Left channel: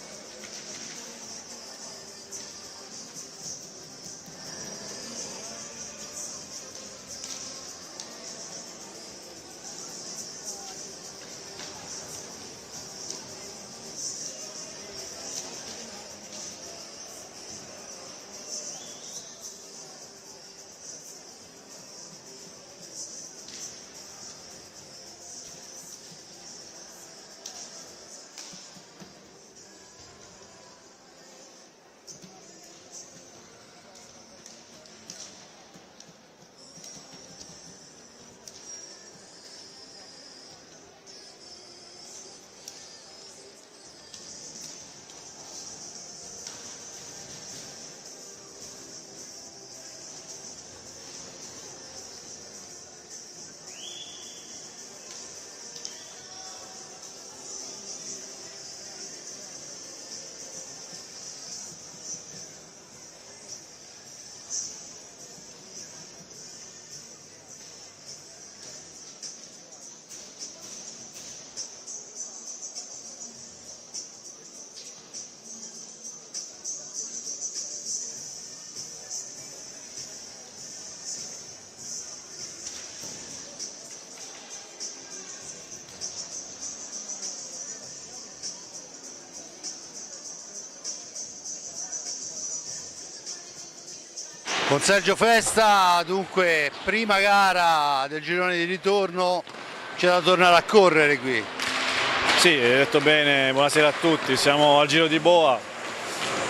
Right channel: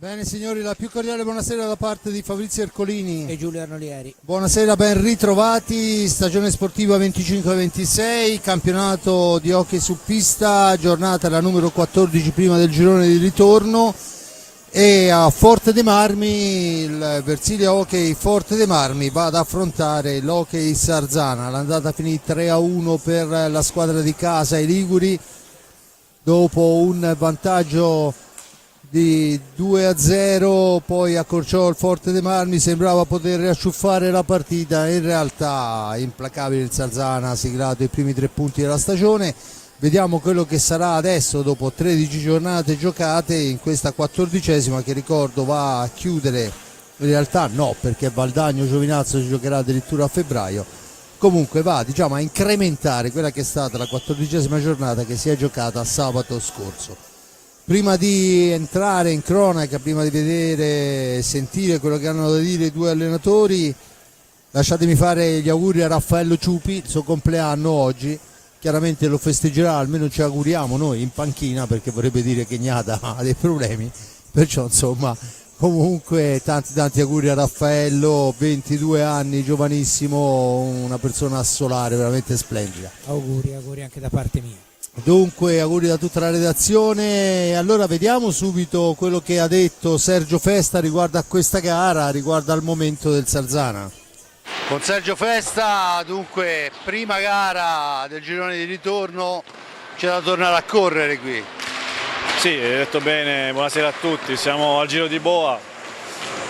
Bene signori, la più cordiale buonasera da parte di Fabrizio Ercolini e Giulio Arnolieri. Buonasera, ben ritrovati, stagione sportiva 25-26, campionato di hockey su pista, giornata la numero 14 prima del girone di ritorno, e a Forte dei Marmi il Versilia Hockey Forte dei Marmi va ad affrontare l'Hockey Sarzana. L'andata finì 3-1 per la squadra di casa, i liguri, dopo un vantaggio di 2-0, poi accorciò il Forte dei Marmi, sembrava poter riacciuffare la partita, in realtà implacabile il Sarzana ha siglato i primi 3 punti della stagione. Vediamo quello che sarà adesso dopo 13 giornate giocate in questa 14ª, che ricordo va a chiudere, in realtà no, perché Valdagno Giovinazzo si giocherà addirittura a febbraio. Comunque va, diciamo, a incrementare quella che è stata la 14ª giornata che si è giocata sabato scorso. Prima di entrare in cronaca, prima di vedere e sentire quello che hanno da dire i due allenatori, lasciatemi fare gli auguri a Raffaello Ciupi, il suo compleanno oggi. Chiaramente lo festeggerà, almeno ci auguriamo noi, in panchina, perché vorrebbe dire che Gnada ha dei problemi, perciò insomma comunque tanti auguri a Raffaello, 22 anni, giovanissimo, una persona solare, veramente splendida. Auguri anche da parte mia. Dunque auguri da tutta la redazione. Allora vediamo subito quello che ha detto Sergio Festa riguardo a questa gara, riguardo al momento del Sarzana. Con Sergio Festa, dunque prima gara del girone di ritorno, c'è da tornare a correre qui. Sì, hai detto bene, buonasera a tutti, siamo al Giro di Boa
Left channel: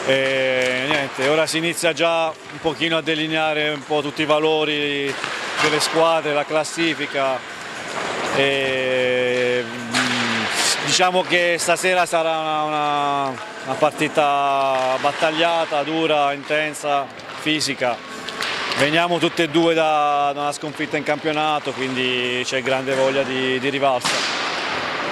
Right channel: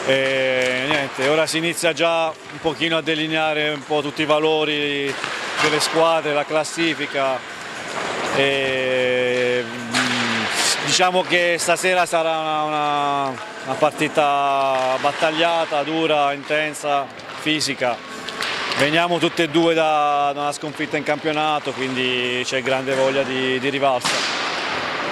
e niente, ora si inizia già un pochino a delineare un po' tutti i valori delle squadre, la classifica. E diciamo che stasera sarà una partita battagliata, dura, intensa, fisica. Veniamo tutte e due da una sconfitta in campionato, quindi c'è grande voglia di rivalsa.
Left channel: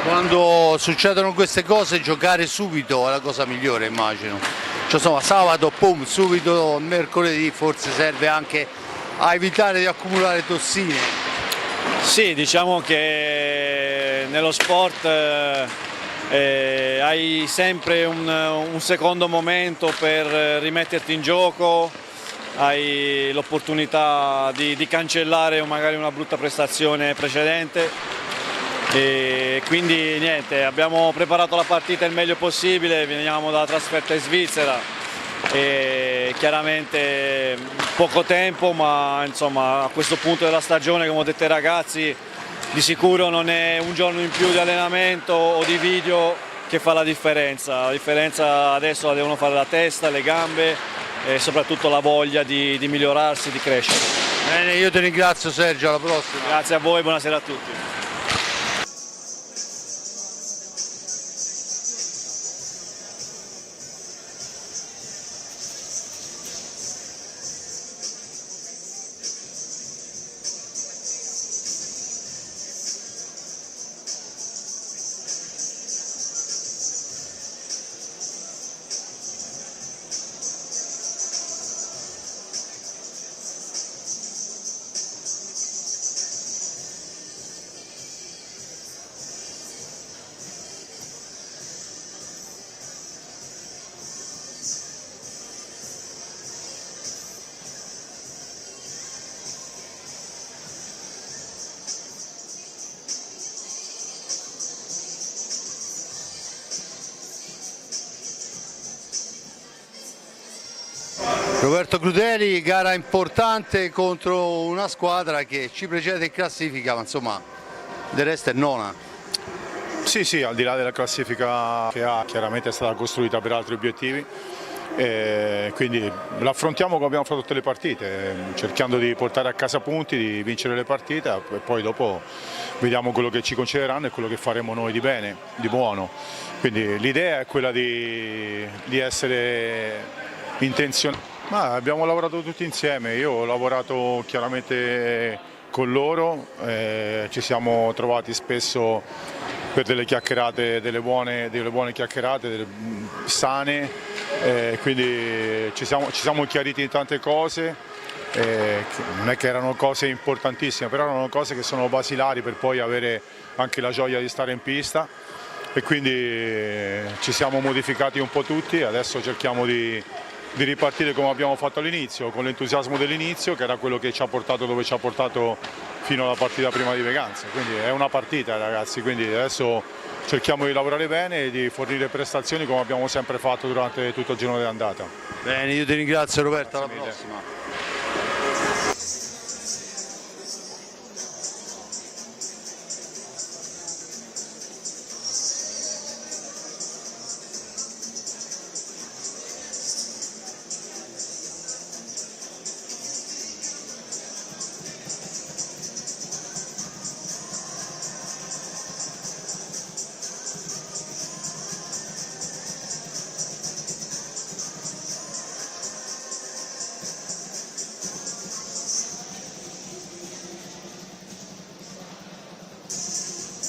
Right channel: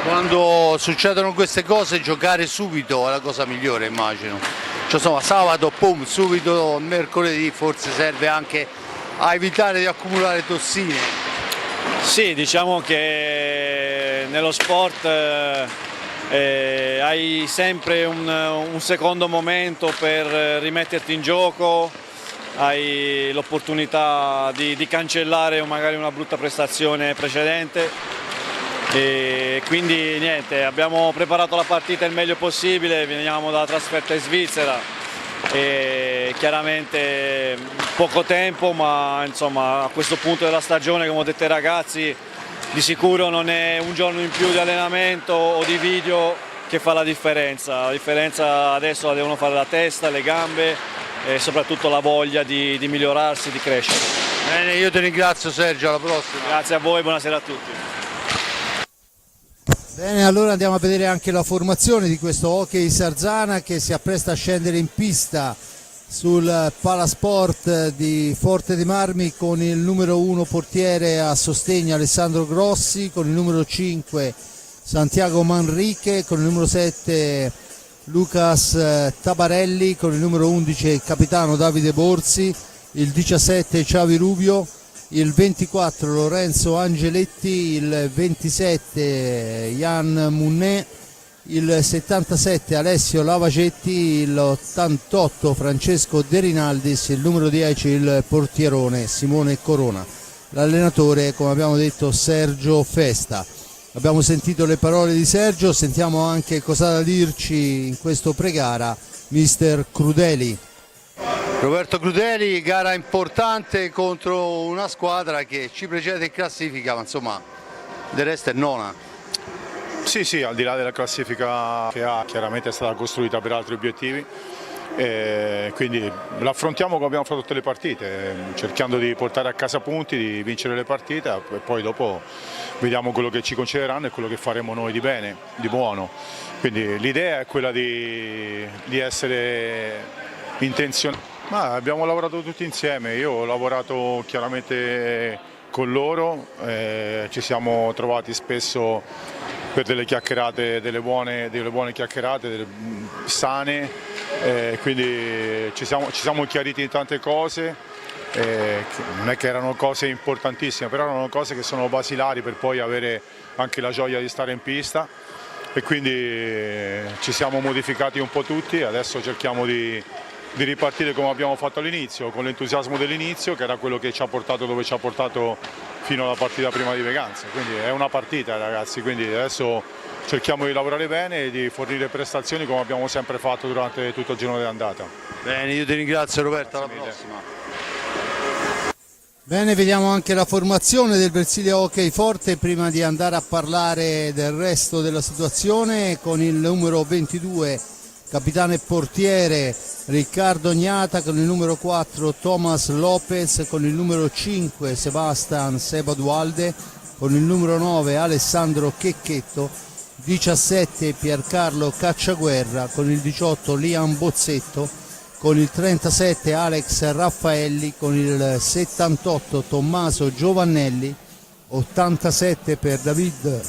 Quando succedono queste cose, giocare subito è la cosa migliore, immagino. Cioè, insomma, sabato, pum, subito, mercoledì forse serve anche a evitare di accumulare tossine. Sì, diciamo che nello sport hai sempre un secondo momento per rimetterti in gioco, hai l'opportunità di cancellare magari una brutta prestazione precedente e quindi niente, abbiamo preparato la partita il meglio possibile, veniamo dalla trasferta in Svizzera e chiaramente poco tempo, ma insomma a questo punto della stagione, come ho detto ai ragazzi, di sicuro non è un giorno in più di allenamento o di video che fa la differenza adesso la devono fare la testa, le gambe e soprattutto la voglia di migliorarsi, di crescere. Bene, io ti ringrazio Sergio, alla prossima. Grazie a voi, buonasera a tutti. Bene, allora andiamo a vedere anche la formazione di questo Hockey Sarzana che si appresta a scendere in pista sul Palasport di Forte dei Marmi con il numero 1 portiere a sostegno Alessandro Grossi, con il numero 5 Santiago Manrique, con il numero 7 Lucas Tabarelli, con il numero 11 il capitano Davide Borsi, il 17 Xavi Rubio, il 24 Lorenzo Angeletti, il 27 Jan Munnet, il 77 Alessio Lavagetti, l'88 Francesco De Rinaldis, il numero 10 il portierone Simone Corona. L'allenatore, come abbiamo detto, Sergio Festa. Abbiamo sentito le parole di Sergio, sentiamo anche cosa da dirci in questo pregara mister Crudeli. Roberto Crudeli, gara importante contro una squadra che ci precede in classifica, ma insomma del resto è nona. Sì, al di là della classifica che ha, chiaramente è stata costruita per altri obiettivi, quindi l'affrontiamo come abbiamo fatto tutte le partite, cercando di portare a casa punti, di vincere le partite e poi dopo vediamo quello che ci concederanno e quello che faremo noi di bene, di buono. Quindi l'idea è quella di essere intenzionati. Ma abbiamo lavorato tutti insieme, io ho lavorato chiaramente con loro, ci siamo trovati spesso per delle chiacchierate, delle buone chiacchierate, sane, quindi ci siamo chiariti in tante cose, non è che erano cose importantissime, però erano cose che sono basilari per poi avere anche la gioia di stare in pista. e quindi ci siamo modificati un po' tutti, adesso cerchiamo di ripartire come abbiamo fatto all'inizio, con l'entusiasmo dell'inizio, che era quello che ci ha portato dove ci ha portato fino alla partita prima di Veganza. Quindi è una partita, ragazzi, quindi adesso cerchiamo di lavorare bene e di fornire prestazioni come abbiamo sempre fatto durante tutto il girone d'andata. Bene, io ti ringrazio Roberto, alla prossima. Bene, vediamo anche la formazione del Versilia Hockey Forte prima di andare a parlare del resto della situazione, con il numero 22 capitano e portiere Riccardo Gnata, con il numero 4 Thomas Lopez, con il numero 5 Sebastian Sebadualde, con il numero 9 Alessandro Checchetto, 17 Piercarlo Cacciaguerra, con il 18 Liam Bozzetto, con il 37 Alex Raffaelli, con il 78 Tommaso Giovannelli, 87 per David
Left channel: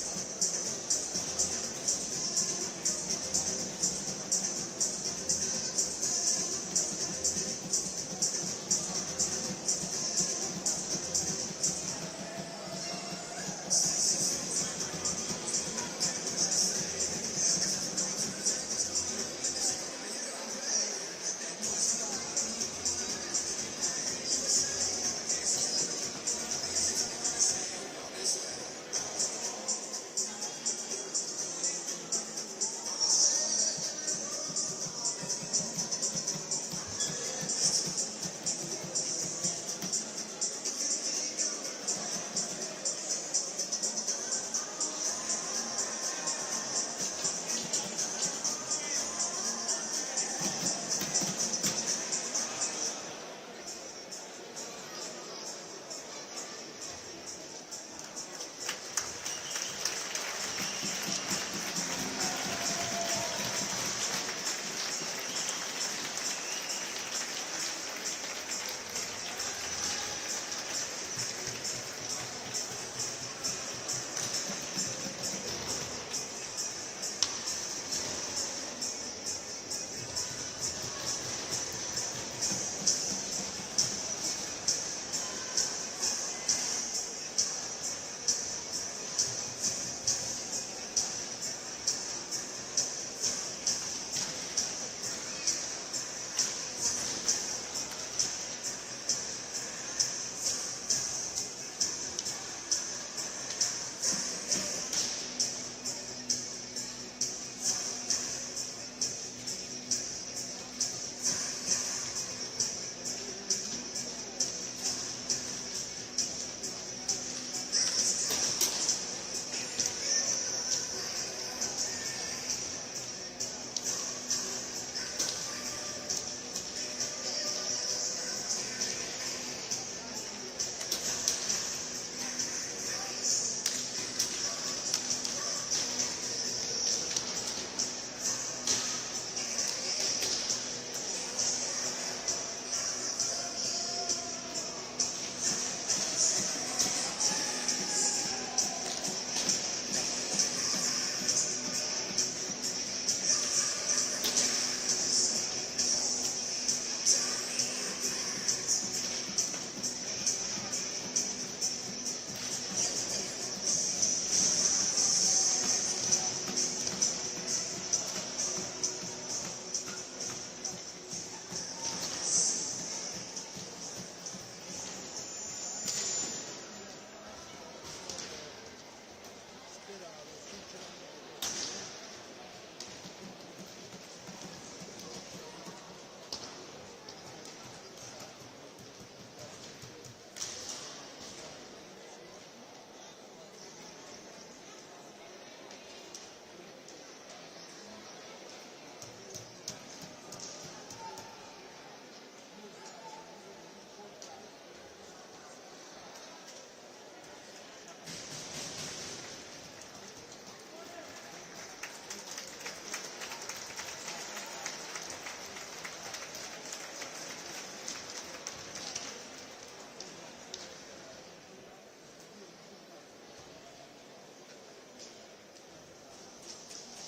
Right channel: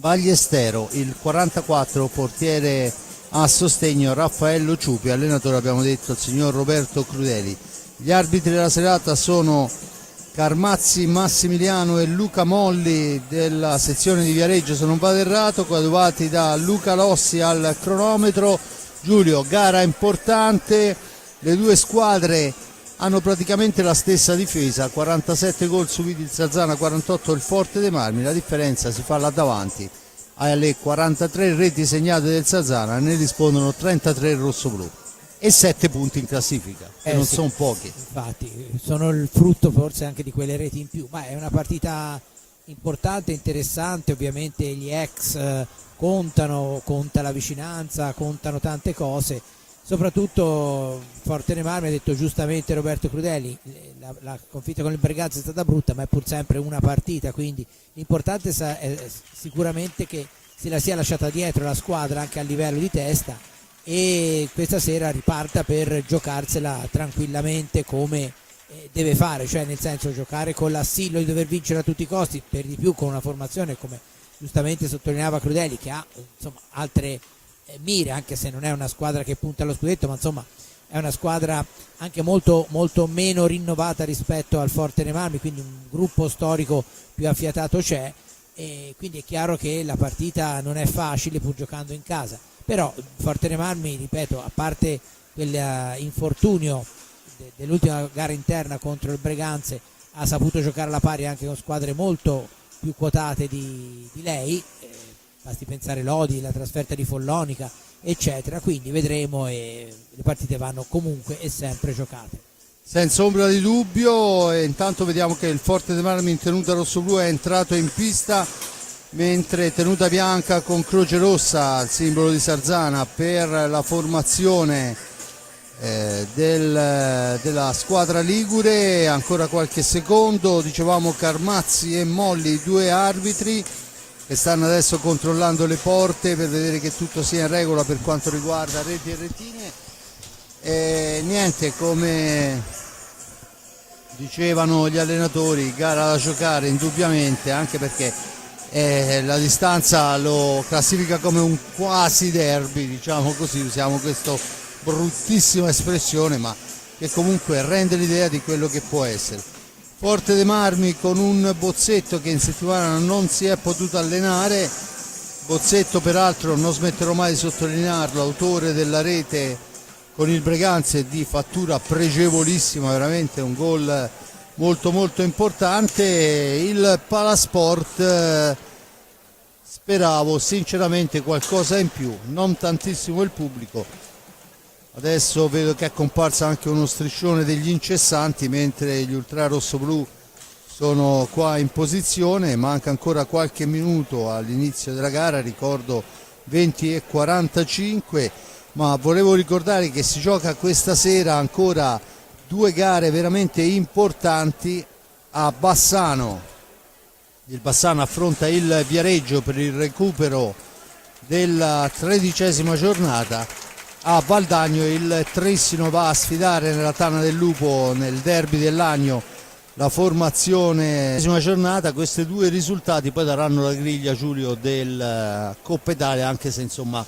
Bagliestero, il 44 portiere a sostegno Raffaello Ciupi, allenatore abbiamo detto il signor Roberto Crudeli. Gli arbitri della serata sono Carmazzi Massimiliano e Luca Molli della sezione di Viareggio, se non vado errato, coadiuvati da Luca Lossi al cronometro. Giulio, gara importante, le due squadre hanno praticamente la stessa difesa, 47 gol subiti il Sarzana, 48 il Forte dei Marmi, la differenza si fa là davanti. Alle 43 reti segnate del Sarzana ne rispondono 33 rossoblù e 7 punti in classifica, che non sì, sono pochi. Infatti sono il frutto forse anche di quelle reti in più, ma è una partita importante, interessante. Ovviamente gli ex contano, conta la vicinanza, contano tante cose, soprattutto Forte dei Marmi. Ha detto giustamente Roberto Crudeli, la sconfitta con il Bergazzo è stata brutta, ma è pur sempre una partita, quindi l'importante è sicuramente che se la sia lasciata dietro la squadra anche a livello di testa, e questa sera riparta per giocarsela tranquillamente come deve fare, cioè nel senso giocare con l'assillo di dover vincere a tutti i costi, per di più con una formazione come giustamente sottolineava Crudeli, che ha insomma, altre mire, anche se non è una squadra che punta allo scudetto, ma insomma è una squadra anche molto, molto meno rinnovata rispetto al Forte dei Marmi, quindi un gruppo storico più affiatato c'è, e quindi è chiaro che la partita non è facile pur giocando in casa. Però Forte dei Marmi, ripeto, a parte quell'infortunio dell'ultima gara interna contro il Breganze, ha saputo giocare alla pari anche con squadre molto più quotate di lei, basti pensare Lodi, la trasferta di Follonica eccetera, quindi vedremo, e le partite vanno comunque e sempre giocate senza ombra di dubbio. E intanto vediamo che il Forte dei Marmi in tenuta rossoblu è entrato in pista, mentre tenuta bianca con croce rossa, il simbolo di Sarzana, per la formazione della squadra ligure. Ancora qualche secondo, dicevamo Carmazzi e Molli, i due arbitri che stanno adesso controllando le porte per vedere che tutto sia in regola per quanto riguarda reti e retine. E niente, come dicevano gli allenatori, gara da giocare indubbiamente, anche perché la distanza lo classifica come un quasi derby, diciamo così, usiamo questa bruttissima espressione, ma che comunque rende l'idea di quello che può essere. Forte dei Marmi con un Bozzetto che in settimana non si è potuto allenare, Bozzetto peraltro non smetterò mai di sottolinearlo, autore della rete con il Breganze di fattura pregevolissima, veramente un gol molto molto importante. Il Palasport speravo sinceramente qualcosa in più, non tantissimo il pubblico. Adesso vedo che è comparsa anche uno striscione degli incessanti, mentre gli ultra rossoblù sono qua in posizione. Manca ancora qualche minuto all'inizio della gara, ricordo 20:45, ma volevo ricordare che si gioca questa sera ancora due gare veramente importanti a Bassano. Il Bassano affronta il Viareggio per il recupero della 13ª giornata. A Valdagno il Trissino va a sfidare nella Tana del Lupo, nel derby dell'Agno, la formazione 13ª giornata. Questi due risultati poi daranno la griglia, Giulio, del Coppa Italia, anche se insomma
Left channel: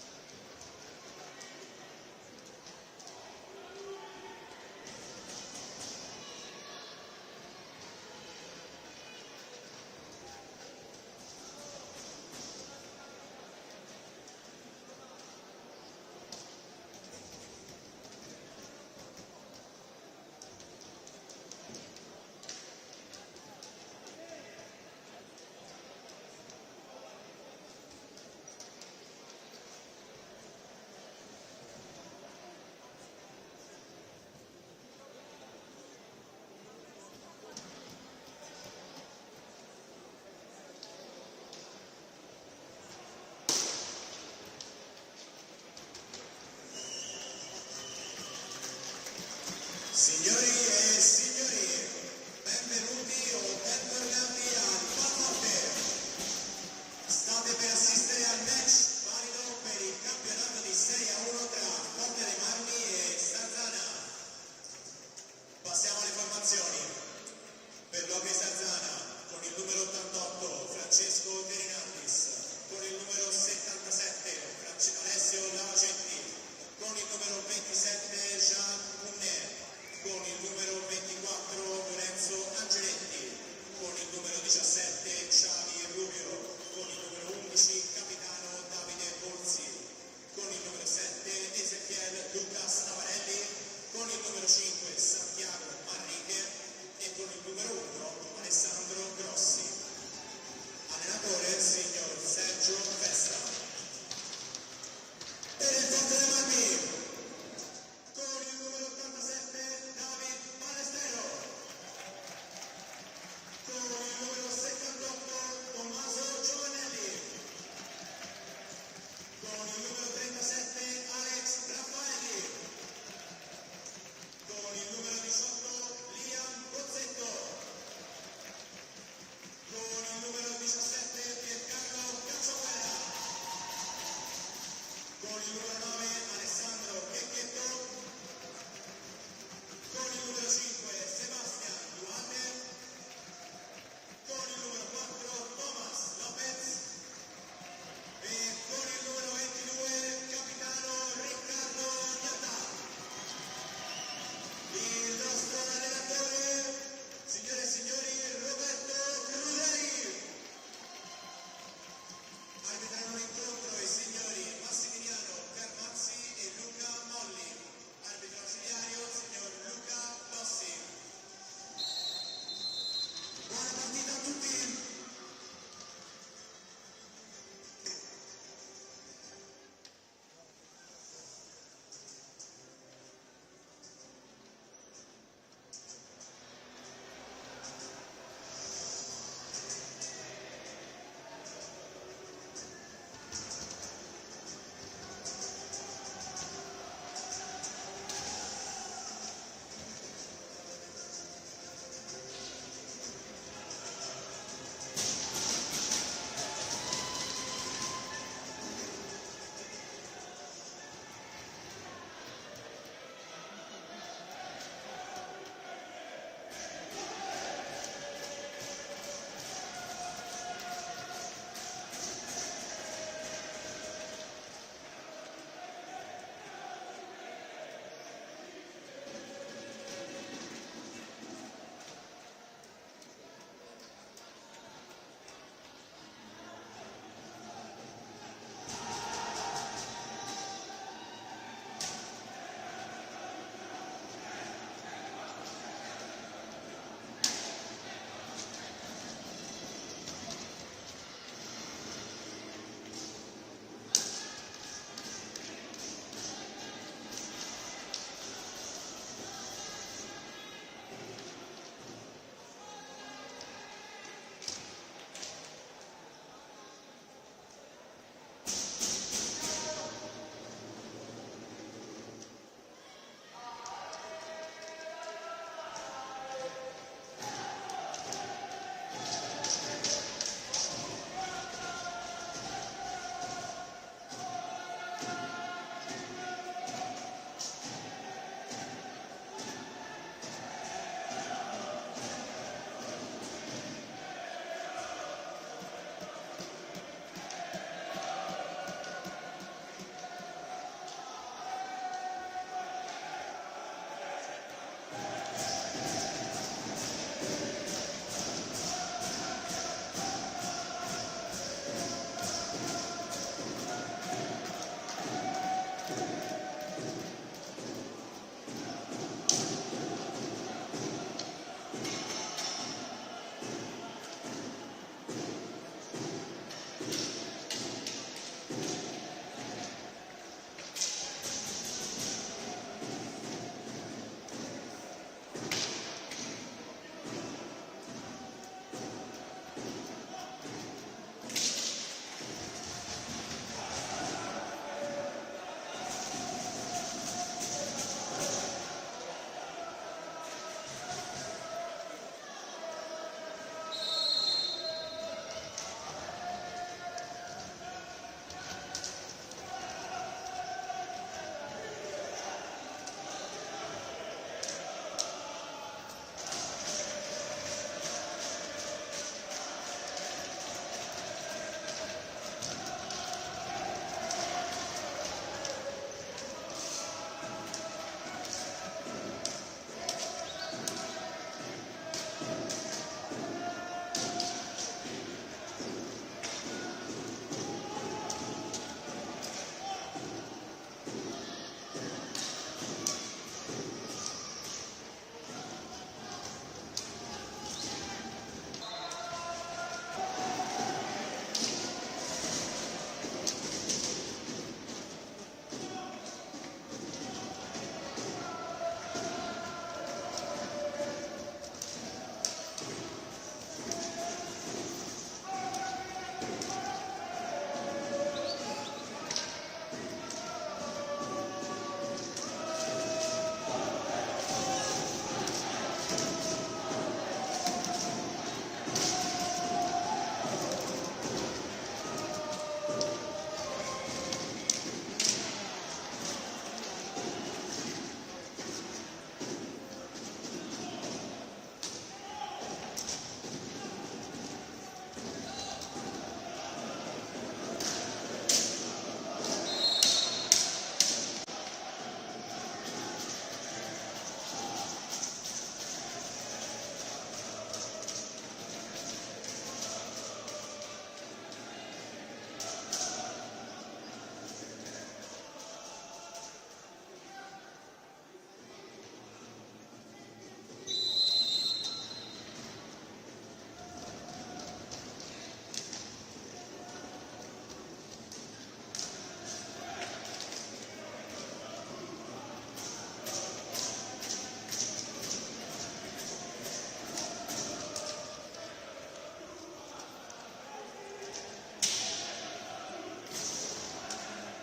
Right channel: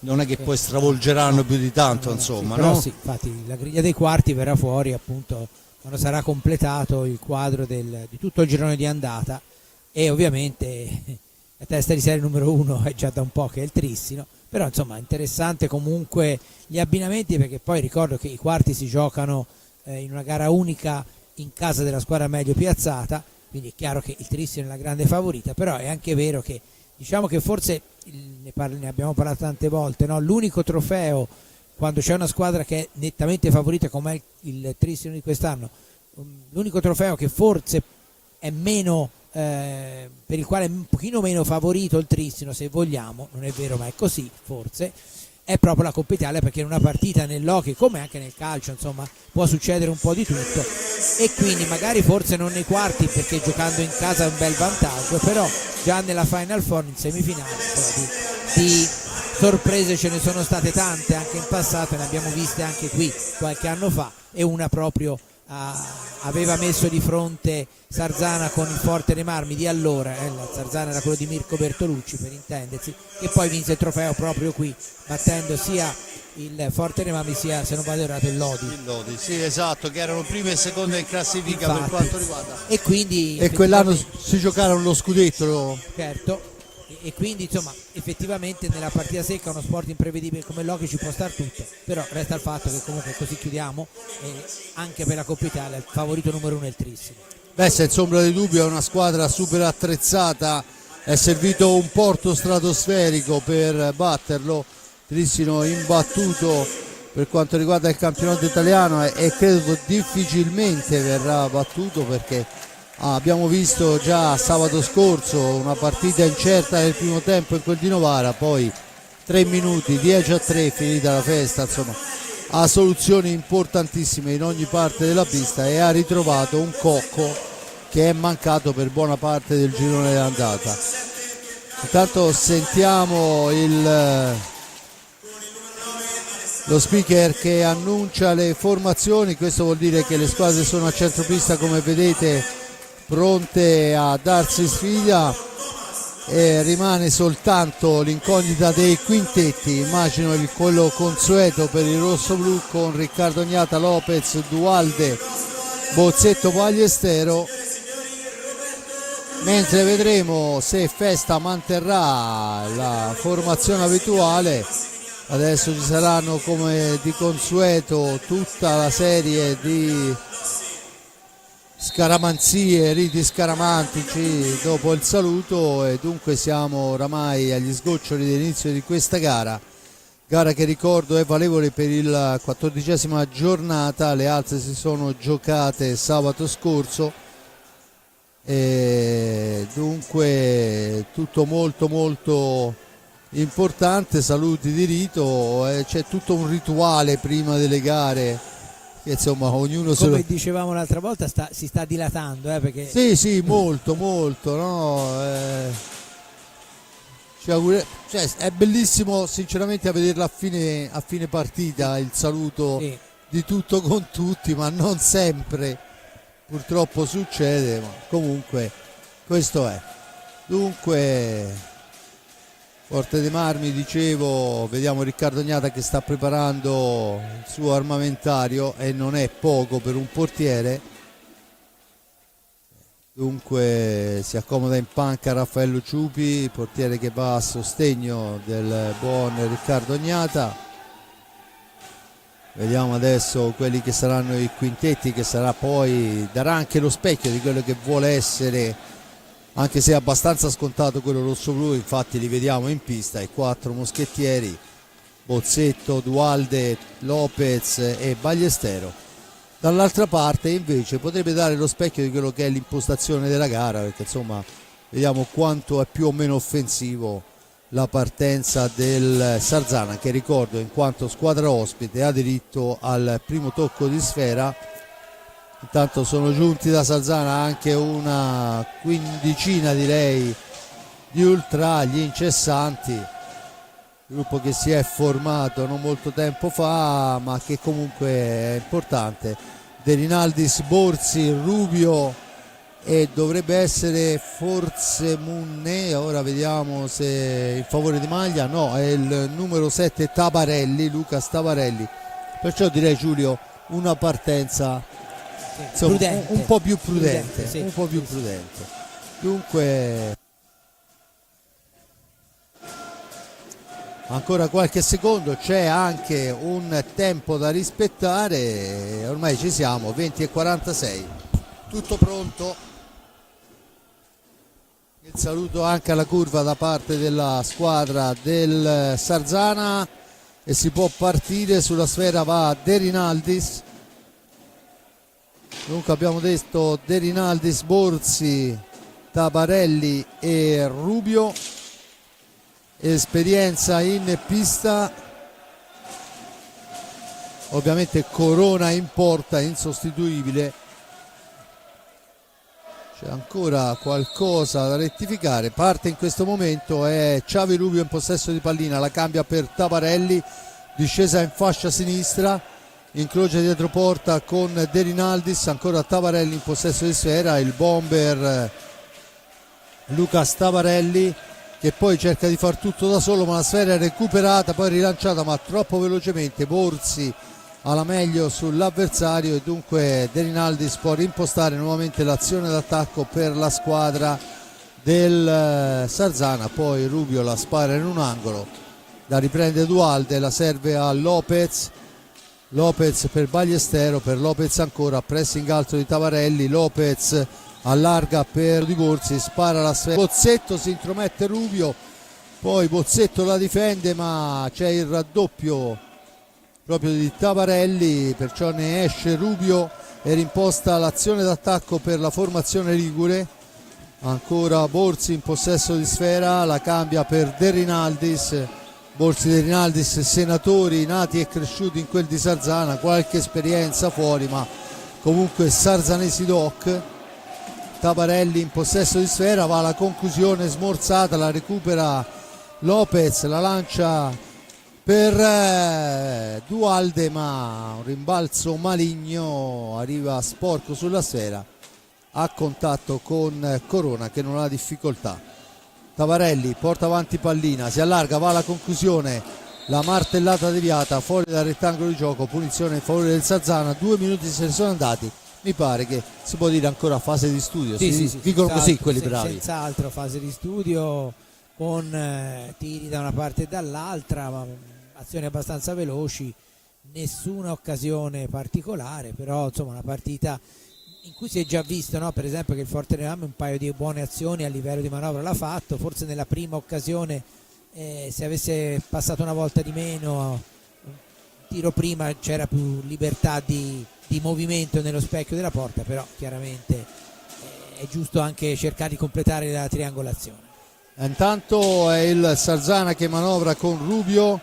non è che poi stravolgeranno più di tanto, insomma, sì, no? però sì, infatti la griglia dei quarti verrà fuori appunto quando sarà completato il quadro di tutto il girone di andata, e ovviamente testa di serie numero 1 è già da un po' che è il Trissino, però insomma interessante comunque gli abbinamenti, perché poi ricordo che i quarti si giocano in una gara unica in casa della squadra meglio piazzata, quindi è chiaro che il Trissino è la grande favorita, però è anche vero che diciamo che forse ne abbiamo parlato tante volte, no? L'unico trofeo quando c'è una squadra che è nettamente favorita come è il Trissino di quest'anno, l'unico trofeo che forse è meno per il quale è un pochino meno favorito il Trissino, se vogliamo, non è vero ma è così forse, è proprio la Coppa Italia, perché in una partita nell'hockey come anche nel calcio insomma può succedere un po' di tutto, e quindi magari forse non nei quarti perché giocando in casa è un bel vantaggio, però già nella Final Four, in semifinale, di sorprese ce ne sono state tante anche in passato, ne abbiamo viste anche qui qualche anno fa, e una proprio aveva messo di fronte Sarzana con il Forte dei Marmi di allora, la Sarzana era quello di Mirko Bertolucci per intendersi, che poi vinse il trofeo proprio qui battendo sia il Forte dei Marmi sia, se non vado errato, il Lodi. Sì, esatto, che erano prima e seconda in classifica. Infatti, per quanto riguarda, e quindi e quell'anno si giocarono lo scudetto. Certo, e quindi insomma effettivamente nella partita secca uno sport imprevedibile come l'hockey ci può star tutto, però resta il fatto che comunque così chiudiamo, e anche per la Coppa Italia il favorito numero 1 è il Trissino. Beh, senza ombra di dubbio è una squadra super attrezzata, è servito un porto stratosferico per batterlo, Trissino imbattuto per quanto riguarda il campionato italiano, e credo difficilmente verrà battuto, perché abbiamo visto già sabato scorso una partita incerta nel primo tempo in quel di Novara, poi 3 minuti, 10-3 finita la festa, insomma ha soluzioni importantissime in ogni parte della pista e ha ritrovato un cocco che è mancato per buona parte del girone d'andata. Intanto sentiamo lo speaker che annuncia le formazioni, questo vuol dire che le squadre sono a centropista come vedete, pronte a darsi sfida, e rimane soltanto l'incognita dei quintetti, immagino quello consueto per il rossoblu con Riccardo Gnata, Lopez, Dualde, Bozzetto, Pagliestero, mentre vedremo se Festa manterrà la formazione abituale. Adesso ci saranno come di consueto tutta la serie di scaramanzie, riti scaramantici dopo il saluto, e dunque siamo oramai agli sgoccioli dell'inizio di questa gara che ricordo è valevole per il 14ª giornata, le altre si sono giocate sabato scorso, e dunque tutto molto molto importante. Saluti di rito, c'è tutto un rituale prima delle gare, insomma ognuno come dicevamo l'altra volta si sta dilatando, perché sì molto no? Cioè, è bellissimo sinceramente a vederla a fine partita, il saluto sì, di tutto con tutti, ma non sempre purtroppo succede, ma comunque questo è. Dunque Forte dei Marmi, dicevo, vediamo Riccardo Gnata che sta preparando il suo armamentario, e non è poco per un portiere. Dunque si accomoda in panca Raffaello Ciupi, portiere che va a sostegno del buon Riccardo Gnata. Vediamo adesso quelli che saranno i quintetti, che sarà poi darà anche lo specchio di quello che vuole essere, anche se è abbastanza scontato quello rosso-blu, infatti li vediamo in pista, i 4 moschettieri, Bozzetto, Dualde, Lopez e Bagliestero. Dall'altra parte invece potrebbe dare lo specchio di quello che è l'impostazione della gara, perché insomma vediamo quanto è più o meno offensivo la partenza del Sarzana, che ricordo in quanto squadra ospite ha diritto al primo tocco di sfera. Intanto sono giunti da Sarzana anche una quindicina direi di ultra, gli incessanti, gruppo che si è formato non molto tempo fa ma che comunque è importante. De Rinaldis, Borzi, Rubio e dovrebbe essere forse Munne, ora vediamo se in favore di maglia, no, è il numero 7 Tabarelli, Luca Tabarelli, perciò direi Giulio una partenza insomma, un po' più prudente, sì. un po' più prudente. Dunque ancora qualche secondo, c'è anche un tempo da rispettare, ormai ci siamo, 20:46, tutto pronto. Il saluto anche alla curva da parte della squadra del Sarzana e si può partire. Sulla sfera va De Rinaldis. Dunque abbiamo detto De Rinaldis, Borzi, Tabarelli e Rubio. Esperienza in pista, ovviamente Corona in porta, insostituibile. C'è ancora qualcosa da rettificare. Parte in questo momento è Xavi Rubio in possesso di pallina, la cambia per Tabarelli, discesa in fascia sinistra, incrocia dietro porta con De Rinaldis, ancora Tabarelli in possesso di sfera, il bomber Lucas Tabarelli che poi cerca di far tutto da solo, ma la sfera è recuperata, poi rilanciata ma troppo velocemente. Borzi alla meglio sull'avversario e dunque De Rinaldis può rimpostare nuovamente l'azione d'attacco per la squadra del Sarzana. Poi Rubio la spara in un angolo, la riprende Dualde, la serve a Lopez, Lopez per Ballestero, per Lopez ancora, pressing alto di Tabarelli, Lopez allarga per Di Borzi, spara la sfera, Bozzetto, si intromette Rubio, poi Bozzetto la difende ma c'è il raddoppio proprio di Tabarelli, perciò ne esce Rubio e rimposta l'azione d'attacco per la formazione ligure. Ancora Borzi in possesso di sfera, la cambia per De Rinaldis, Borzi, De Rinaldis, senatori nati e cresciuti in quel di Sarzana, qualche esperienza fuori ma comunque sarzanesi doc. Tabarelli in possesso di sfera, va alla conclusione smorzata, la recupera Lopez, la lancia per Dualde ma un rimbalzo maligno, arriva sporco sulla sfera a contatto con Corona che non ha difficoltà. Tabarelli porta avanti pallina, si allarga, va alla conclusione, la martellata deviata fuori dal rettangolo di gioco, punizione in favore del Sarzana. 2 minuti se ne sono andati, mi pare che si può dire ancora fase di studio, sì, dicono così quelli bravi. Senz'altro fase di studio con tiri da una parte e dall'altra, ma azioni abbastanza veloci, nessuna occasione particolare, però insomma una partita in cui si è già visto, no? Per esempio che il Forterename un paio di buone azioni a livello di manovra l'ha fatto, forse nella prima occasione se avesse passato una volta di meno, tiro prima, c'era più libertà di movimento nello specchio della porta, però chiaramente è giusto anche cercare di completare la triangolazione. Intanto è il Sarzana che manovra con Rubio,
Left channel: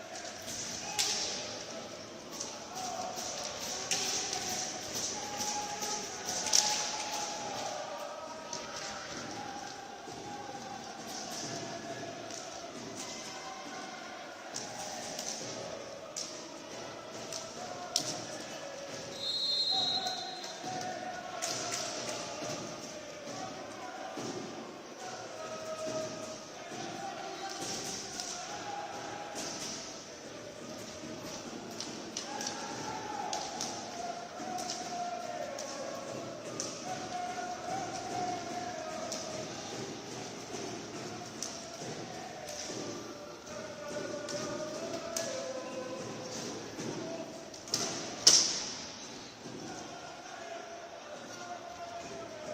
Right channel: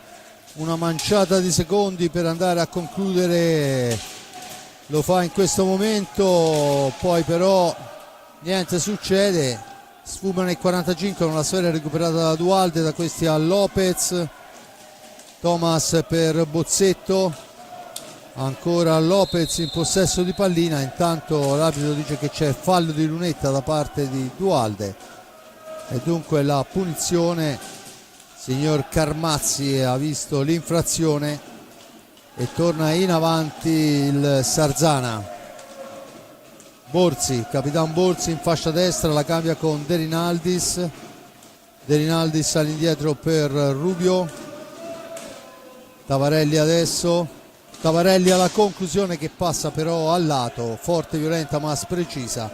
una manciata di secondi per andare a concludere, lo fa in questo momento, poi però niente succede, sfumano i 45 con la sfera recuperata da Dualde, da questi a Lopez, Thomas per Bozzetto, ancora Lopez in possesso di pallina, intanto l'arbitro dice che c'è fallo di lunetta da parte di Dualde e dunque la punizione, signor Carmazzi ha visto l'infrazione e torna in avanti il Sarzana. Borzi, Capitan Borzi in fascia destra, la cambia con De Rinaldis, De Rinaldis all'indietro per Rubio, Tabarelli adesso, Tabarelli alla conclusione che passa però al lato, forte, violenta ma precisa,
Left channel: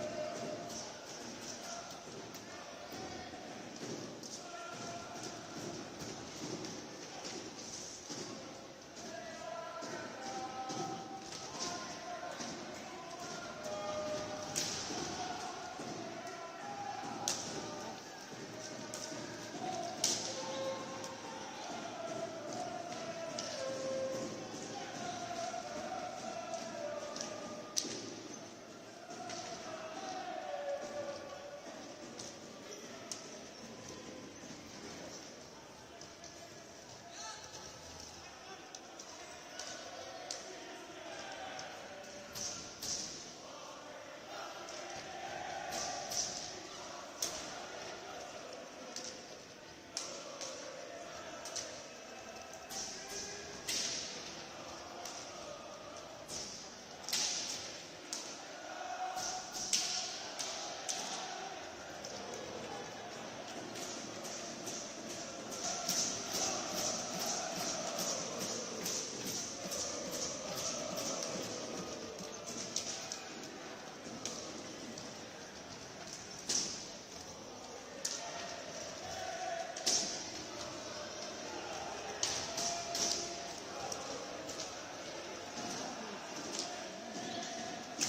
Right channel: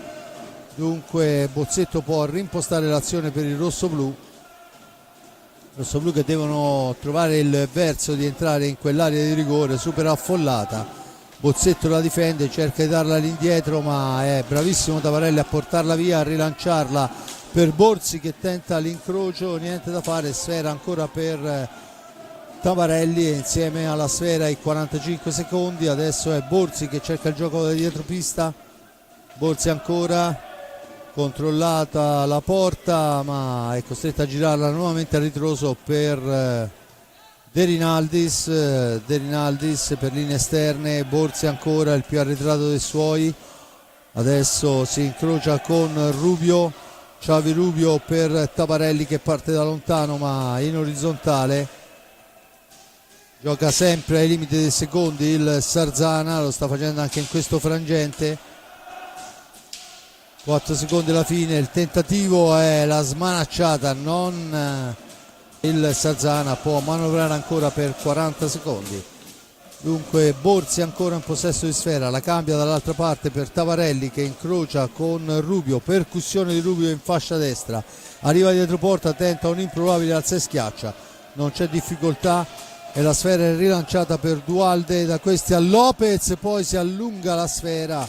dunque Bozzetto può rimpostare l'azione per il rossoblu che devono trovare il verso di entrare in quell'area di rigore super affollata. Bozzetto la difende, cerca di darla all'indietro ma è bravissimo Tabarelli a portarla via, a rilanciarla per Borzi che tenta l'incrocio, niente da fare, sfera ancora per Tabarelli e insieme alla sfera i 45 secondi, adesso è Borzi che cerca il gioco da dietro pista, Borzi ancora, controllata la porta ma è costretta a girarla nuovamente a ritroso per De Rinaldis, De Rinaldis per linee esterne, Borzi ancora il più arretrato dei suoi, adesso si incrocia con Rubio, Xavi Rubio per Tabarelli che parte da lontano ma in orizzontale, gioca sempre ai limiti dei secondi il Sarzana, lo sta facendo anche in questo frangente. 4 secondi alla fine, il tentativo è la smanacciata, non Il Sarzana può manovrare ancora per 40 secondi. Dunque Borzi ancora in possesso di sfera, la cambia dall'altra parte per Tavarelli che incrocia con Rubio, percussione di Rubio in fascia destra, arriva dietro porta, tenta un improbabile alza e schiaccia, non c'è difficoltà e la sfera è rilanciata per Dualde, da questi a Lopez, poi si allunga la sfera,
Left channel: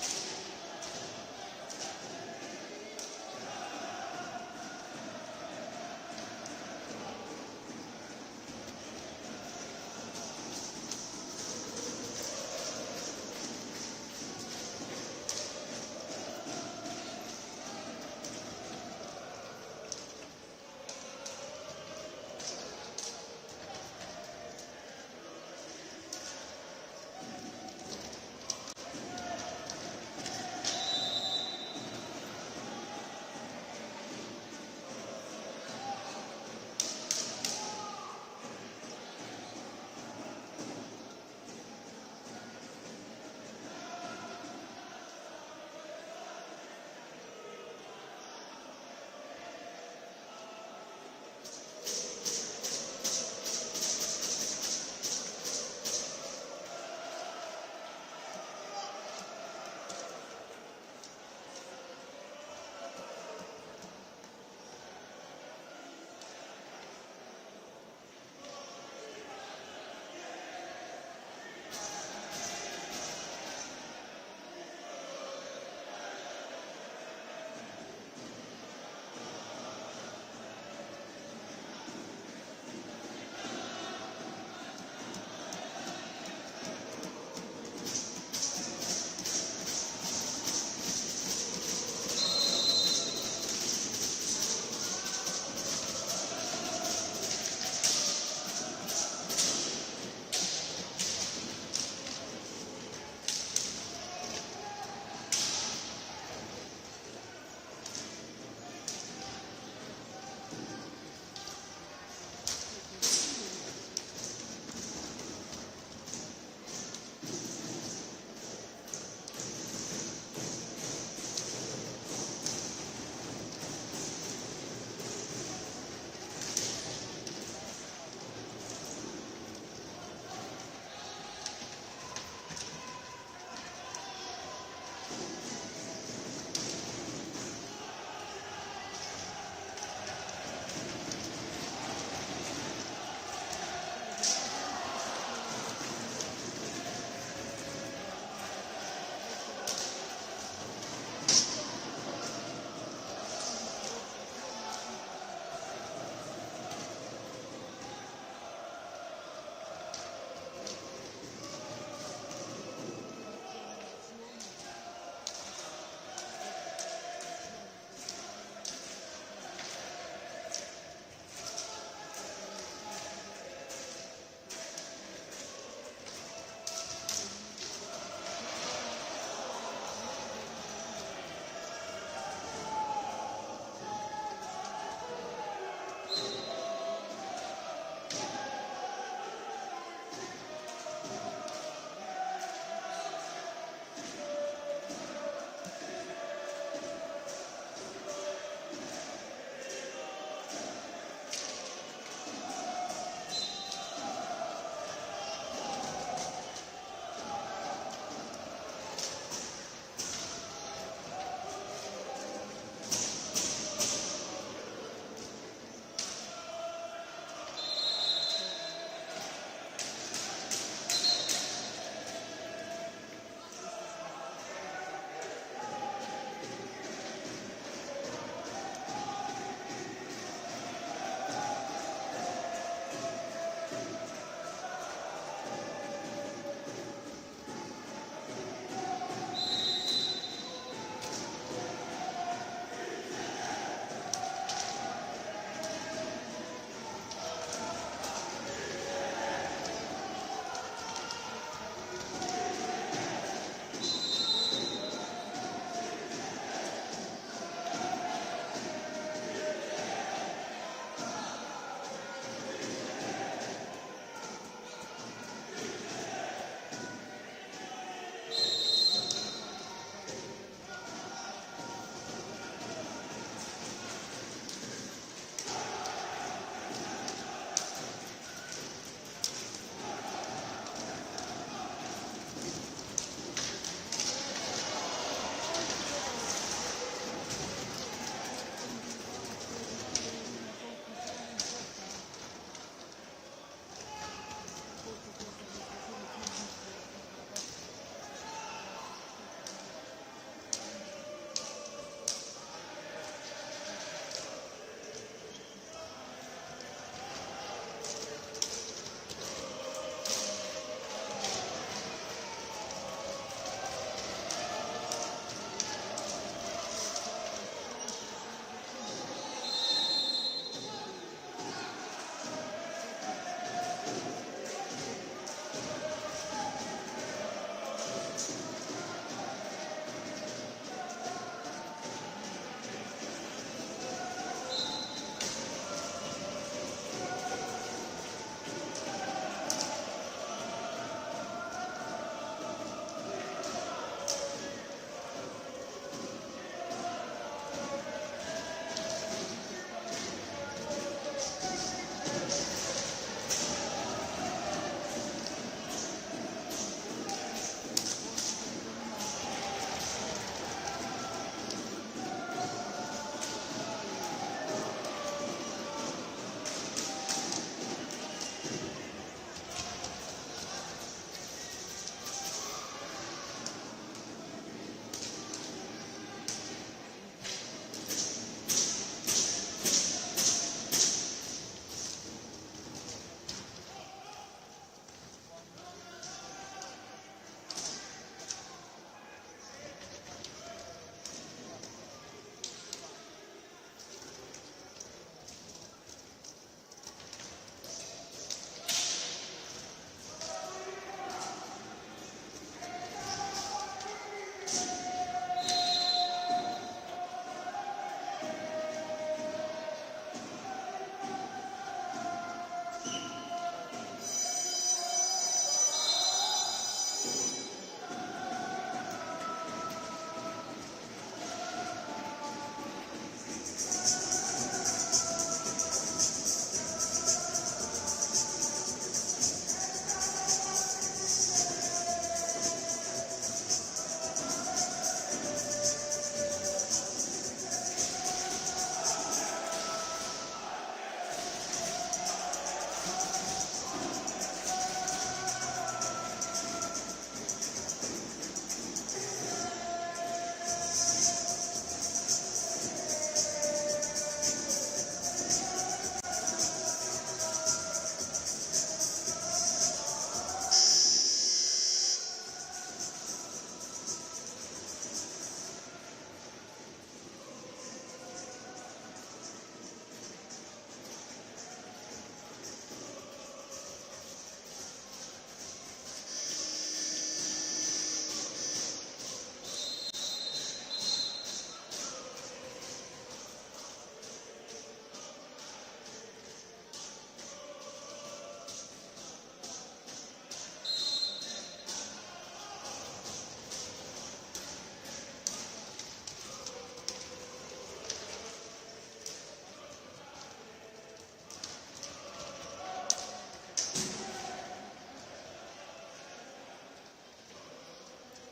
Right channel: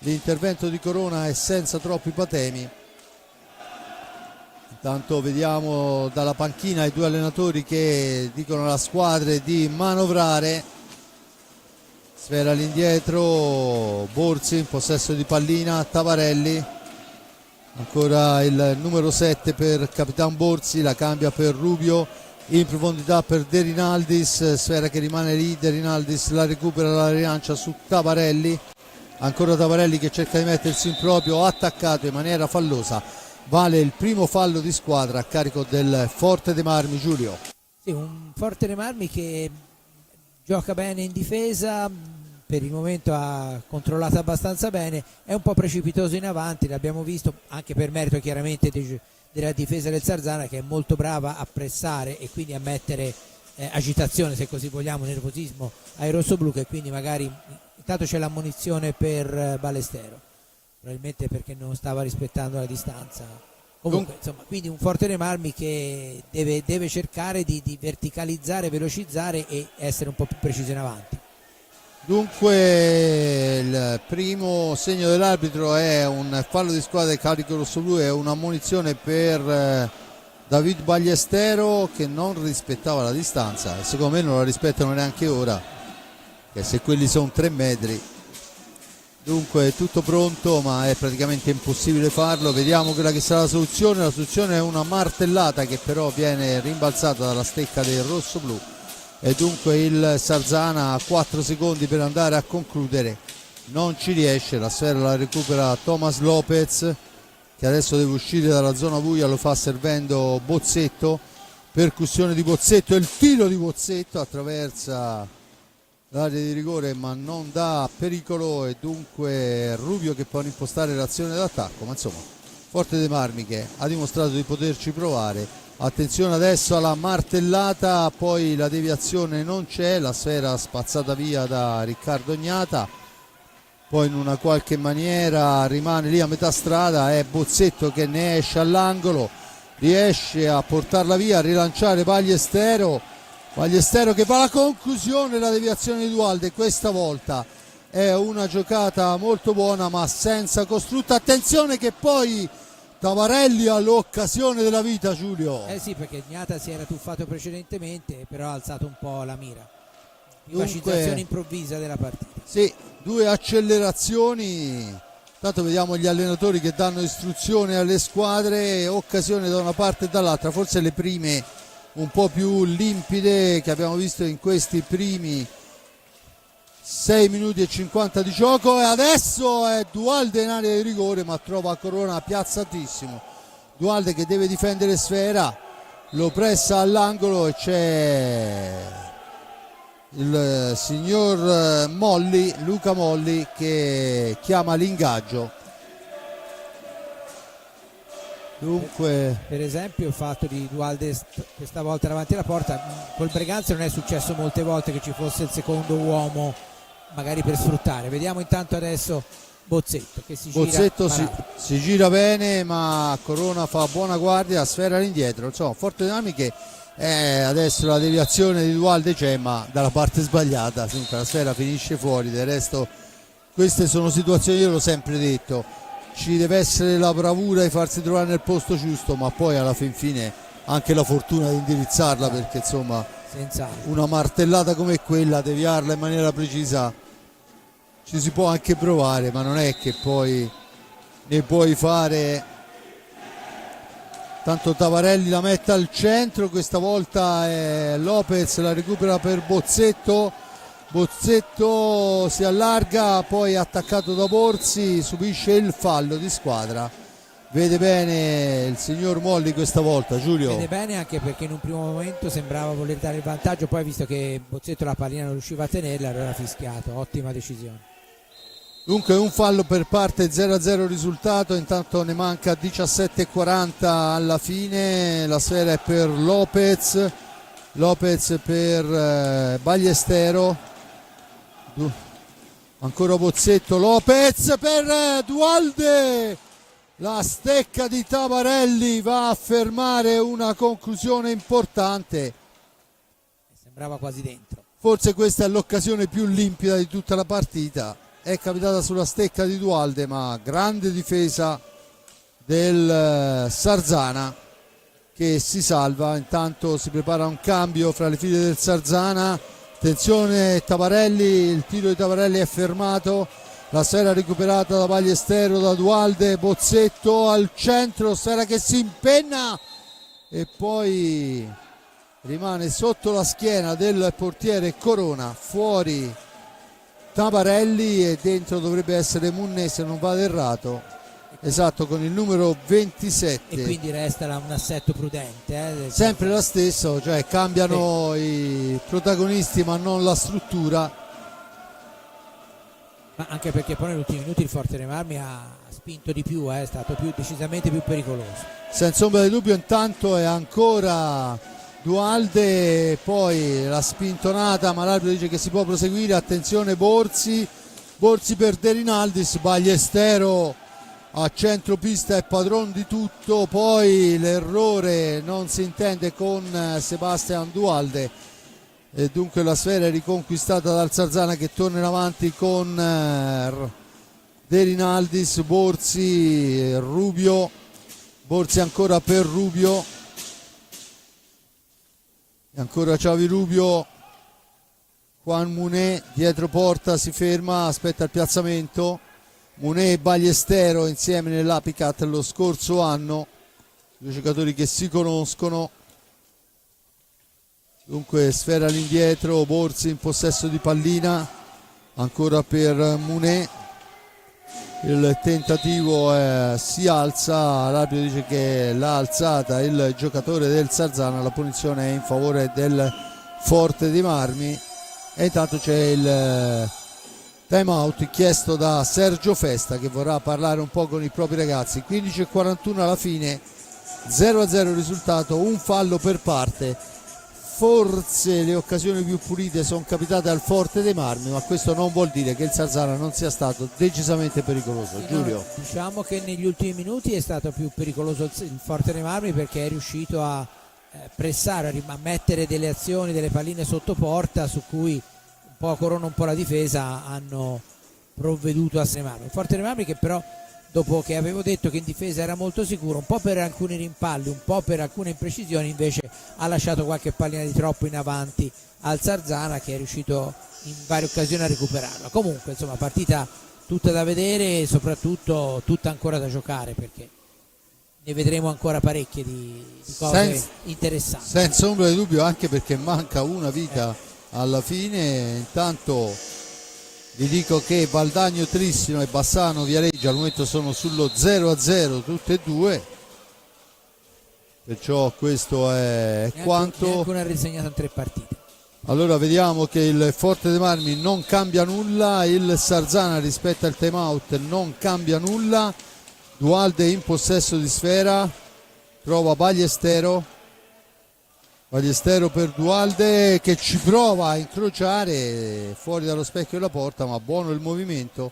l'intervento di Corona è senza troppi patemi. Intanto vediamo dalla panchina i due allenatori che dicono alla squadra di manovrare. Sfera all'indietro, Borzi in possesso di pallina, Tavarelli, ancora il numero 7 per Capitan Borzi, la cambia per Rubio, in profondità per De Rinaldis, sfera che rimane lì, De Rinaldis la recupera, la rilancia su Tavarelli, ancora Tavarelli che cerca di mettersi in proprio, attaccato in maniera fallosa, vale il primo fallo di squadra a carico del Forte dei Marmi. Giulio. Un Forte dei Marmi che gioca bene in difesa, per il momento ha controllato abbastanza bene, è un po' precipitoso in avanti, l'abbiamo visto anche per merito chiaramente della difesa del Sarzana, che è molto brava a pressare e quindi a mettere agitazione, se così vogliamo, nervosismo ai rossoblù, che quindi magari intanto c'è l'ammonizione per Ballestero, probabilmente perché non stava rispettando la distanza. Comunque, insomma, quindi un Forte dei Marmi che deve cercare di verticalizzare, velocizzare e essere un po' più preciso in avanti. Dunque il primo segno dell'arbitro è un fallo di squadra di carico rossoblù, è un'ammonizione per David Ballestero che non rispettava la distanza e secondo me non la rispettano neanche ora, che se quelli sono 3 metri. Dunque è tutto pronto, ma è praticamente impossibile farlo. Vediamo quella che sarà la soluzione. La soluzione è una martellata che però viene rimbalzata dalla stecca del rossoblù e dunque il Sarzana ha 4 secondi per andare a concludere, non ci riesce. La sfera la recupera Thomas Lopez che adesso deve uscire dalla zona buia, lo fa servendo Bozzetto, percussione di Bozzetto, il tiro di Bozzetto attraversa l'area di rigore ma non dà pericolo e dunque Rubio che può impostare l'azione d'attacco, ma insomma Forte dei Marmi che ha dimostrato di poterci provare. Attenzione adesso alla martellata, poi la deviazione non c'è, la sfera spazzata via da Riccardo Gnata, poi in una qualche maniera rimane lì a metà strada, è Bozzetto che ne esce all'angolo, riesce a portarla via, a rilanciare Ballestero che va alla conclusione, la deviazione di Dualde questa volta è una giocata molto buona ma senza costrutto. Attenzione che poi Tavarelli ha l'occasione della vita, Giulio. Sì, perché Gnata si era tuffato precedentemente, però ha alzato un po' la mira. Facilitazione improvvisa della partita. Sì, 2 accelerazioni. Intanto vediamo gli allenatori che danno istruzione alle squadre, occasione da una parte e dall'altra, forse le prime un po' più limpide che abbiamo visto in questi primi 6 minuti e 50 di gioco, e adesso è Dualde in area di rigore ma trova Corona piazzatissimo. Dualde che deve difendere sfera, lo pressa all'angolo e c'è il signor Molli, Luca Molli, che chiama l'ingaggio. Dunque, per esempio il fatto di Dualde questa volta davanti alla porta, col Breganze non è successo molte volte che ci fosse il secondo uomo magari per sfruttare. Vediamo intanto adesso Bozzetto che si gira bene ma Corona fa buona guardia, sfera all'indietro, insomma Forte dei Marmi che adesso la deviazione di Dualde c'è ma dalla parte sbagliata, la sfera finisce fuori. Del resto queste sono situazioni, io l'ho sempre detto, ci deve essere la bravura di farsi trovare nel posto giusto ma poi alla fin fine anche la fortuna di indirizzarla, perché insomma una martellata come quella, deviarla in maniera precisa, ci si può anche provare ma non è che poi ne puoi fare. Tanto Tavarelli la mette al centro, questa volta Lopez la recupera per Bozzetto si allarga, poi attaccato da Borzi, subisce il fallo di squadra. Vede bene il signor Molli questa volta, Giulio. Vede bene anche perché in un primo momento sembrava voler dare il vantaggio, poi visto che Bozzetto la pallina non riusciva a tenerla allora ha fischiato. Ottima decisione. Dunque un fallo per parte, 0-0 risultato, intanto ne manca 17:40 alla fine, la sfera è per Lopez per Ballestero, ancora Bozzetto, Lopez per Dualde, la stecca di Tabarelli va a fermare una conclusione importante, sembrava quasi dentro. forse questa è l'occasione più limpida di tutta la partita. È capitata sulla stecca di Dualde, ma grande difesa del Sarzana che si salva. Intanto si prepara un cambio fra le file del Sarzana, attenzione Tabarelli, il tiro di Tabarelli è fermato, la sfera recuperata da Ballestero, da Dualde, Bozzetto al centro, sfera che si impenna e poi rimane sotto la schiena del portiere Corona, fuori Tabarelli e dentro dovrebbe essere Munné se non vado errato, esatto, con il numero 27. E quindi resta un assetto prudente. Sempre lo stesso, cioè cambiano i protagonisti ma non la struttura. Ma anche perché poi negli ultimi minuti il Forte dei Marmi ha spinto di più, è stato decisamente più pericoloso. Senza ombra di dubbio, intanto è ancora Dualde, poi la spintonata ma l'arbitro dice che si può proseguire, attenzione Borzi per De Rinaldis, Ballestero a centropista è padrone di tutto, poi l'errore non si intende con Sebastian Dualde e dunque la sfera è riconquistata dal Sarzana che torna in avanti con De Rinaldis, Borzi, Rubio, Borzi ancora per Rubio, ancora Xavi Rubio, Juan Munné dietro porta, si ferma, aspetta il piazzamento, Munné e Ballestero insieme nell'Apicat lo scorso anno, due giocatori che si conoscono. Dunque sfera all'indietro, Borzi in possesso di pallina, ancora per Munné, il tentativo si alza, l'arbitro dice che l'ha alzata il giocatore del Sarzana, la punizione è in favore del Forte dei Marmi e intanto c'è il time out chiesto da Sergio Festa che vorrà parlare un po' con i propri ragazzi. 15:41 alla fine, 0-0 risultato, un fallo per parte. Forse le occasioni più pulite sono capitate al Forte dei Marmi, ma questo non vuol dire che il Sarzana non sia stato decisamente pericoloso. Giulio. Diciamo che negli ultimi minuti è stato più pericoloso il Forte dei Marmi perché è riuscito a pressare, a mettere delle azioni, delle palline sotto porta su cui un po' Corona, un po' la difesa hanno provveduto a semare. Il Forte dei Marmi che però, dopo che avevo detto che in difesa era molto sicuro, un po' per alcuni rimpalli, un po' per alcune imprecisioni, invece ha lasciato qualche pallina di troppo in avanti al Sarzana che è riuscito in varie occasioni a recuperarla. Comunque insomma partita tutta da vedere e soprattutto tutta ancora da giocare perché ne vedremo ancora parecchie di cose interessanti. Senza ombra di dubbio, anche perché manca una vita alla fine. Intanto vi dico che Valdagno Trissino e Bassano Viareggio al momento sono sullo 0-0 tutte e due, perciò questo è quanto. Neanche una risegnata in 3 partite. Allora vediamo che il Forte dei Marmi non cambia nulla, il Sarzana rispetto al time out non cambia nulla. Dualde in possesso di sfera, trova Ballestero per Dualde che ci prova a incrociare fuori dallo specchio della porta, ma buono il movimento.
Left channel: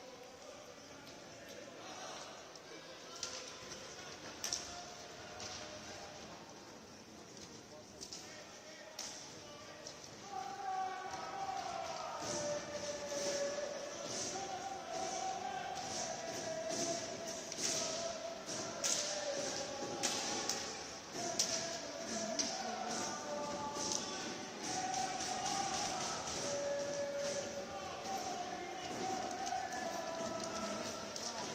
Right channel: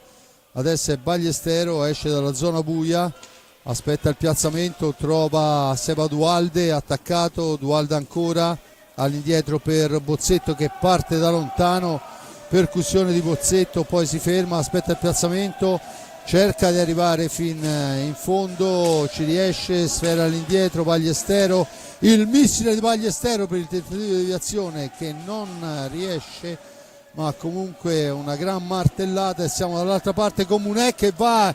Adesso è Ballestero, esce dalla zona buia, aspetta il piazzamento, trova Seba Dualde attaccato, Dualde ancora all'indietro per Bozzetto che parte da lontano, percussione di Bozzetto, poi si ferma, aspetta il piazzamento, cerca di arrivare fin in fondo, ci riesce, sfera all'indietro, Ballestero, il missile di Ballestero per il tentativo di deviazione che non riesce, ma comunque una gran martellata e siamo dall'altra parte con Munné che va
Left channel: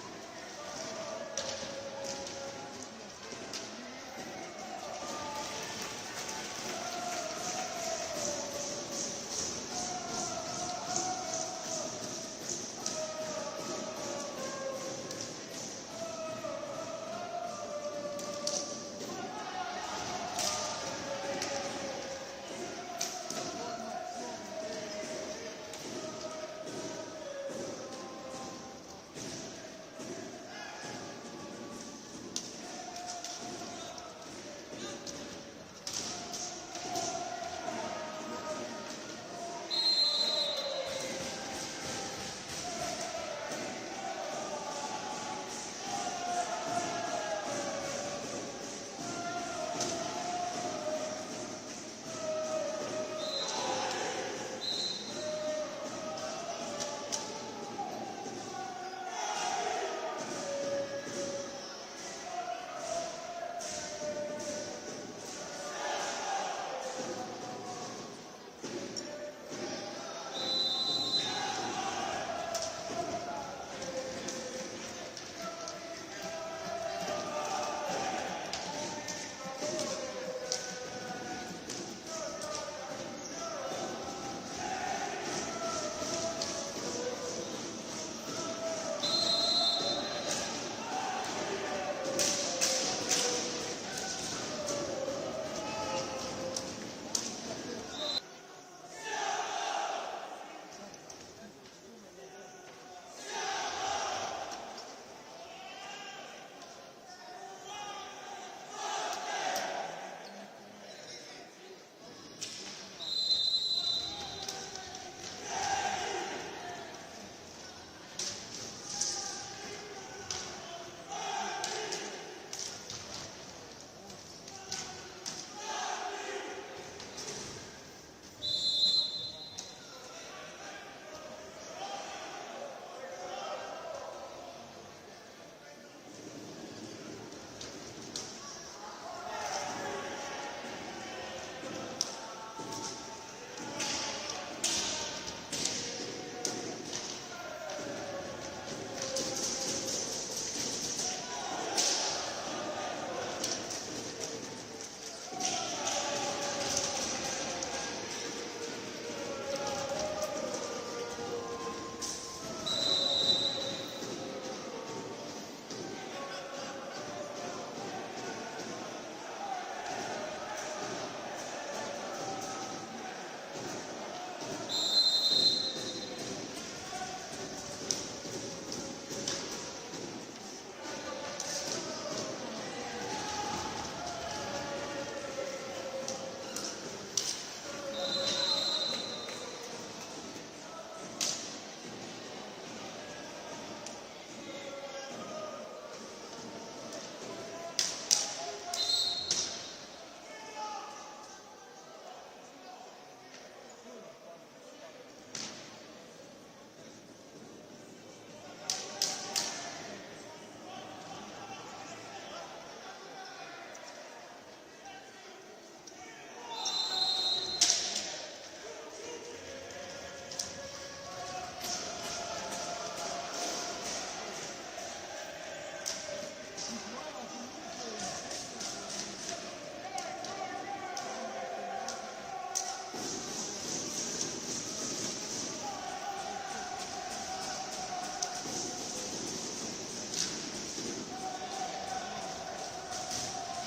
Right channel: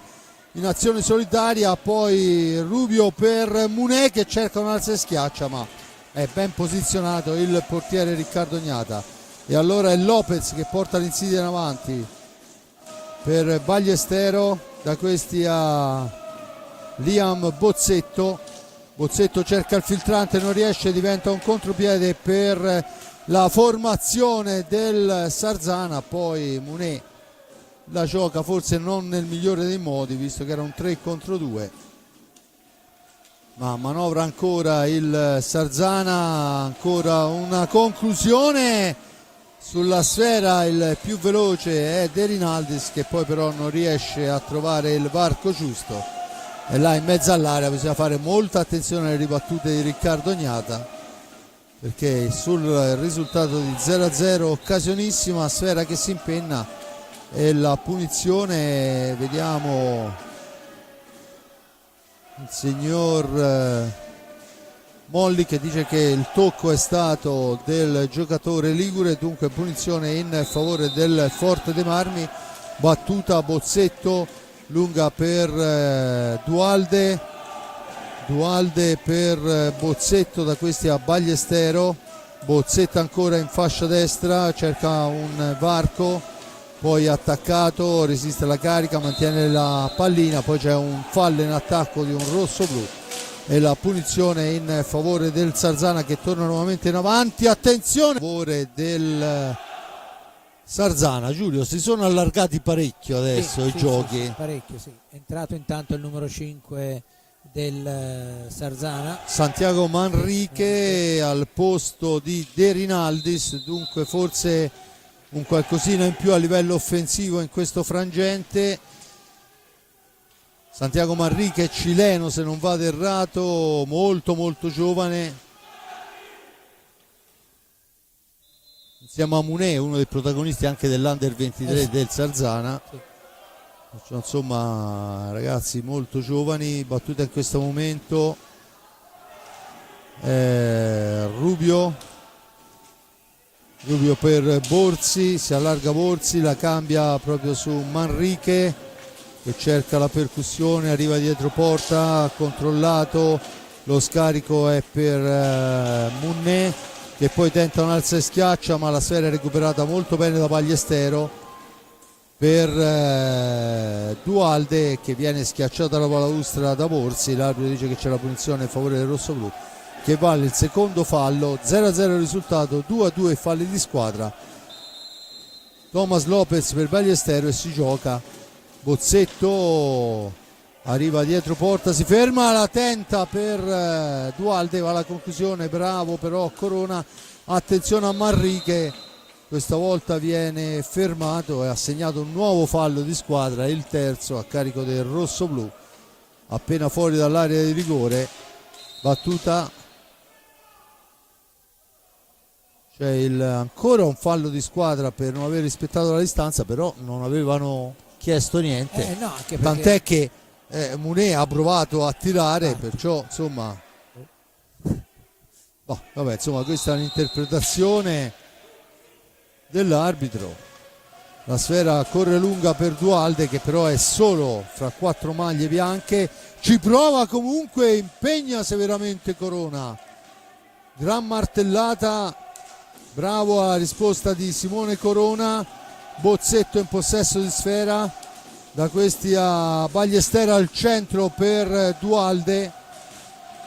in azione solitaria, poi Rubio per Munné che cerca un'alza e schiaccia, ma è ben posizionato il portiere Riccardo Gnata e allora è Lopez che porta l'insidia in avanti per Ballestero, da questi a Liam Bozzetto cerca il filtrante, non riesce, diventa un contropiede per la formazione del Sarzana, poi la gioca forse non nel migliore dei modi, visto che era un 3 contro 2, ma manovra ancora il Sarzana. Ancora una conclusione sulla sfera, il più veloce è De Rinaldis, che poi però non riesce a trovare il varco giusto, e là in mezzo all'area bisogna fare molta attenzione alle ribattute di Riccardo Gnata, perché sul risultato di 0-0 occasionissima, sfera che si impenna e la punizione, vediamo il signor Molli che dice che il tocco è stato del giocatore ligure, dunque punizione in favore del Forte dei Marmi. Battuta Bozzetto lunga per Dualde per Bozzetto, da questi a Bagliestero. Bozzetto ancora in fascia destra, cerca un varco, poi attaccato, resiste alla carica, mantiene la pallina, poi c'è un fallo in attacco di un rosso-blu e la punizione in favore del Sarzana, che torna nuovamente in avanti. Attenzione, a favore del Sarzana. Giulio, si sono allargati parecchio adesso i giochi. Sì, parecchio, sì. È entrato intanto il numero 5 del Sarzana, Santiago Manrique, al posto di De Rinaldis, dunque forse un qualcosina in più a livello offensivo in questo frangente. Santiago Manrique, cileno se non vado errato, molto giovane, insieme a Munè, uno dei protagonisti anche dell'Under 23 del Sarzana. Insomma, ragazzi molto giovani. Battuta in questo momento Rubio per Borzi, si allarga Borzi, la cambia proprio su Manrique che cerca la percussione, arriva dietro porta, controllato, lo scarico è per Munè, che poi tenta un alza e schiaccia, ma la sfera è recuperata molto bene da Bagliestero per Dualde, che viene schiacciata la balaustra da Borzi. L'arbitro dice che c'è la punizione in favore del rossoblu, che vale il secondo fallo. 0-0 il risultato, 2-2 falli di squadra. Thomas Lopez per Bagliestero e si gioca. Bozzetto arriva dietro porta, si ferma, la tenta per Dualde, va alla conclusione, bravo però Corona. Attenzione a Manrique, questa volta viene fermato e ha segnato un nuovo fallo di squadra, il terzo a carico del rossoblu, appena fuori dall'area di rigore. Battuta, c'è ancora un fallo di squadra per non aver rispettato la distanza, però non avevano chiesto niente, no, anche perché... tant'è che Munè ha provato a tirare, perciò insomma vabbè, insomma questa è un'interpretazione dell'arbitro. La sfera corre lunga per Dualde, che però è solo fra 4 maglie bianche, ci prova comunque, impegna severamente Corona, gran martellata, bravo alla risposta di Simone Corona. Bozzetto in possesso di sfera, da questi a Bagliestero al centro per Dualde,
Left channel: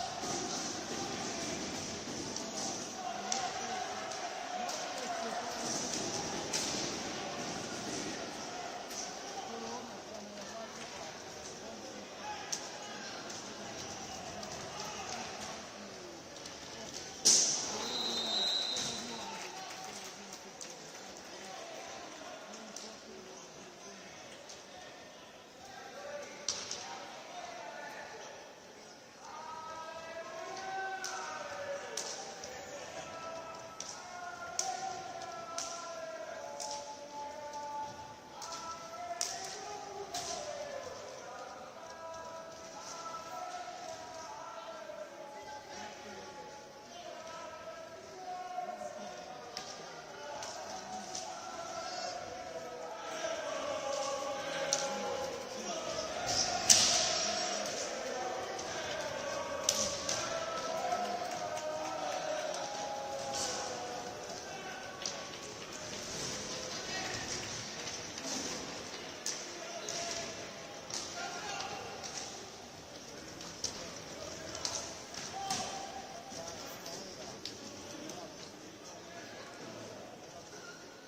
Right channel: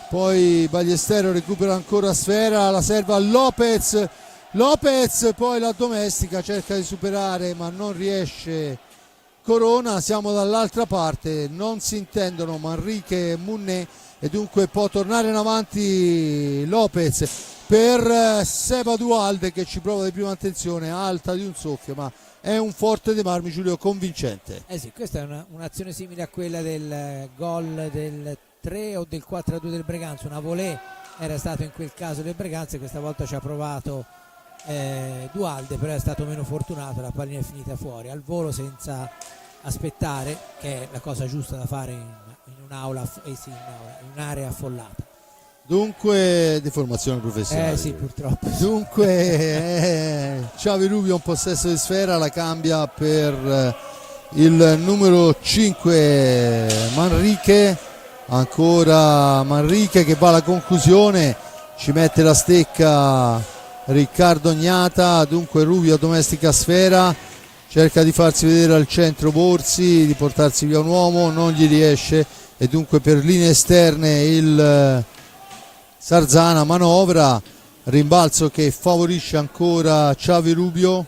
poi Bagliestero recupera ancora sfera, la serve a Lopez, poi la domestica, cerca di superare ma non riesce Corona. Siamo dall'altra parte, non si intendono Manrique e Munè, e dunque può tornare in avanti Lopez per Seba Dualde, che ci prova di prima attenzione, alta di un soffio, ma è un Forte dei Marmi, Giulio, convincente. Sì, questa è un'azione simile a quella del gol del 3 o del 4-2 del Breganza. Una volée era stato in quel caso del Breganza, questa volta ci ha provato Dualde, però è stato meno fortunato, la pallina è finita fuori al volo senza aspettare, che è la cosa giusta da fare in un'aula, in un'area affollata. Dunque, di formazione professionale. Sì, purtroppo. Dunque, Xavi Rubio in possesso di sfera, la cambia per il numero 5 Manrique. Ancora Manrique che va alla conclusione, ci mette la stecca Riccardo Gnata. Dunque Rubio domestica sfera, cerca di farsi vedere al centro Borzi, di portarsi via un uomo, non gli riesce, e dunque per linee esterne il Sarzana manovra, rimbalzo che favorisce ancora Xavi Rubio.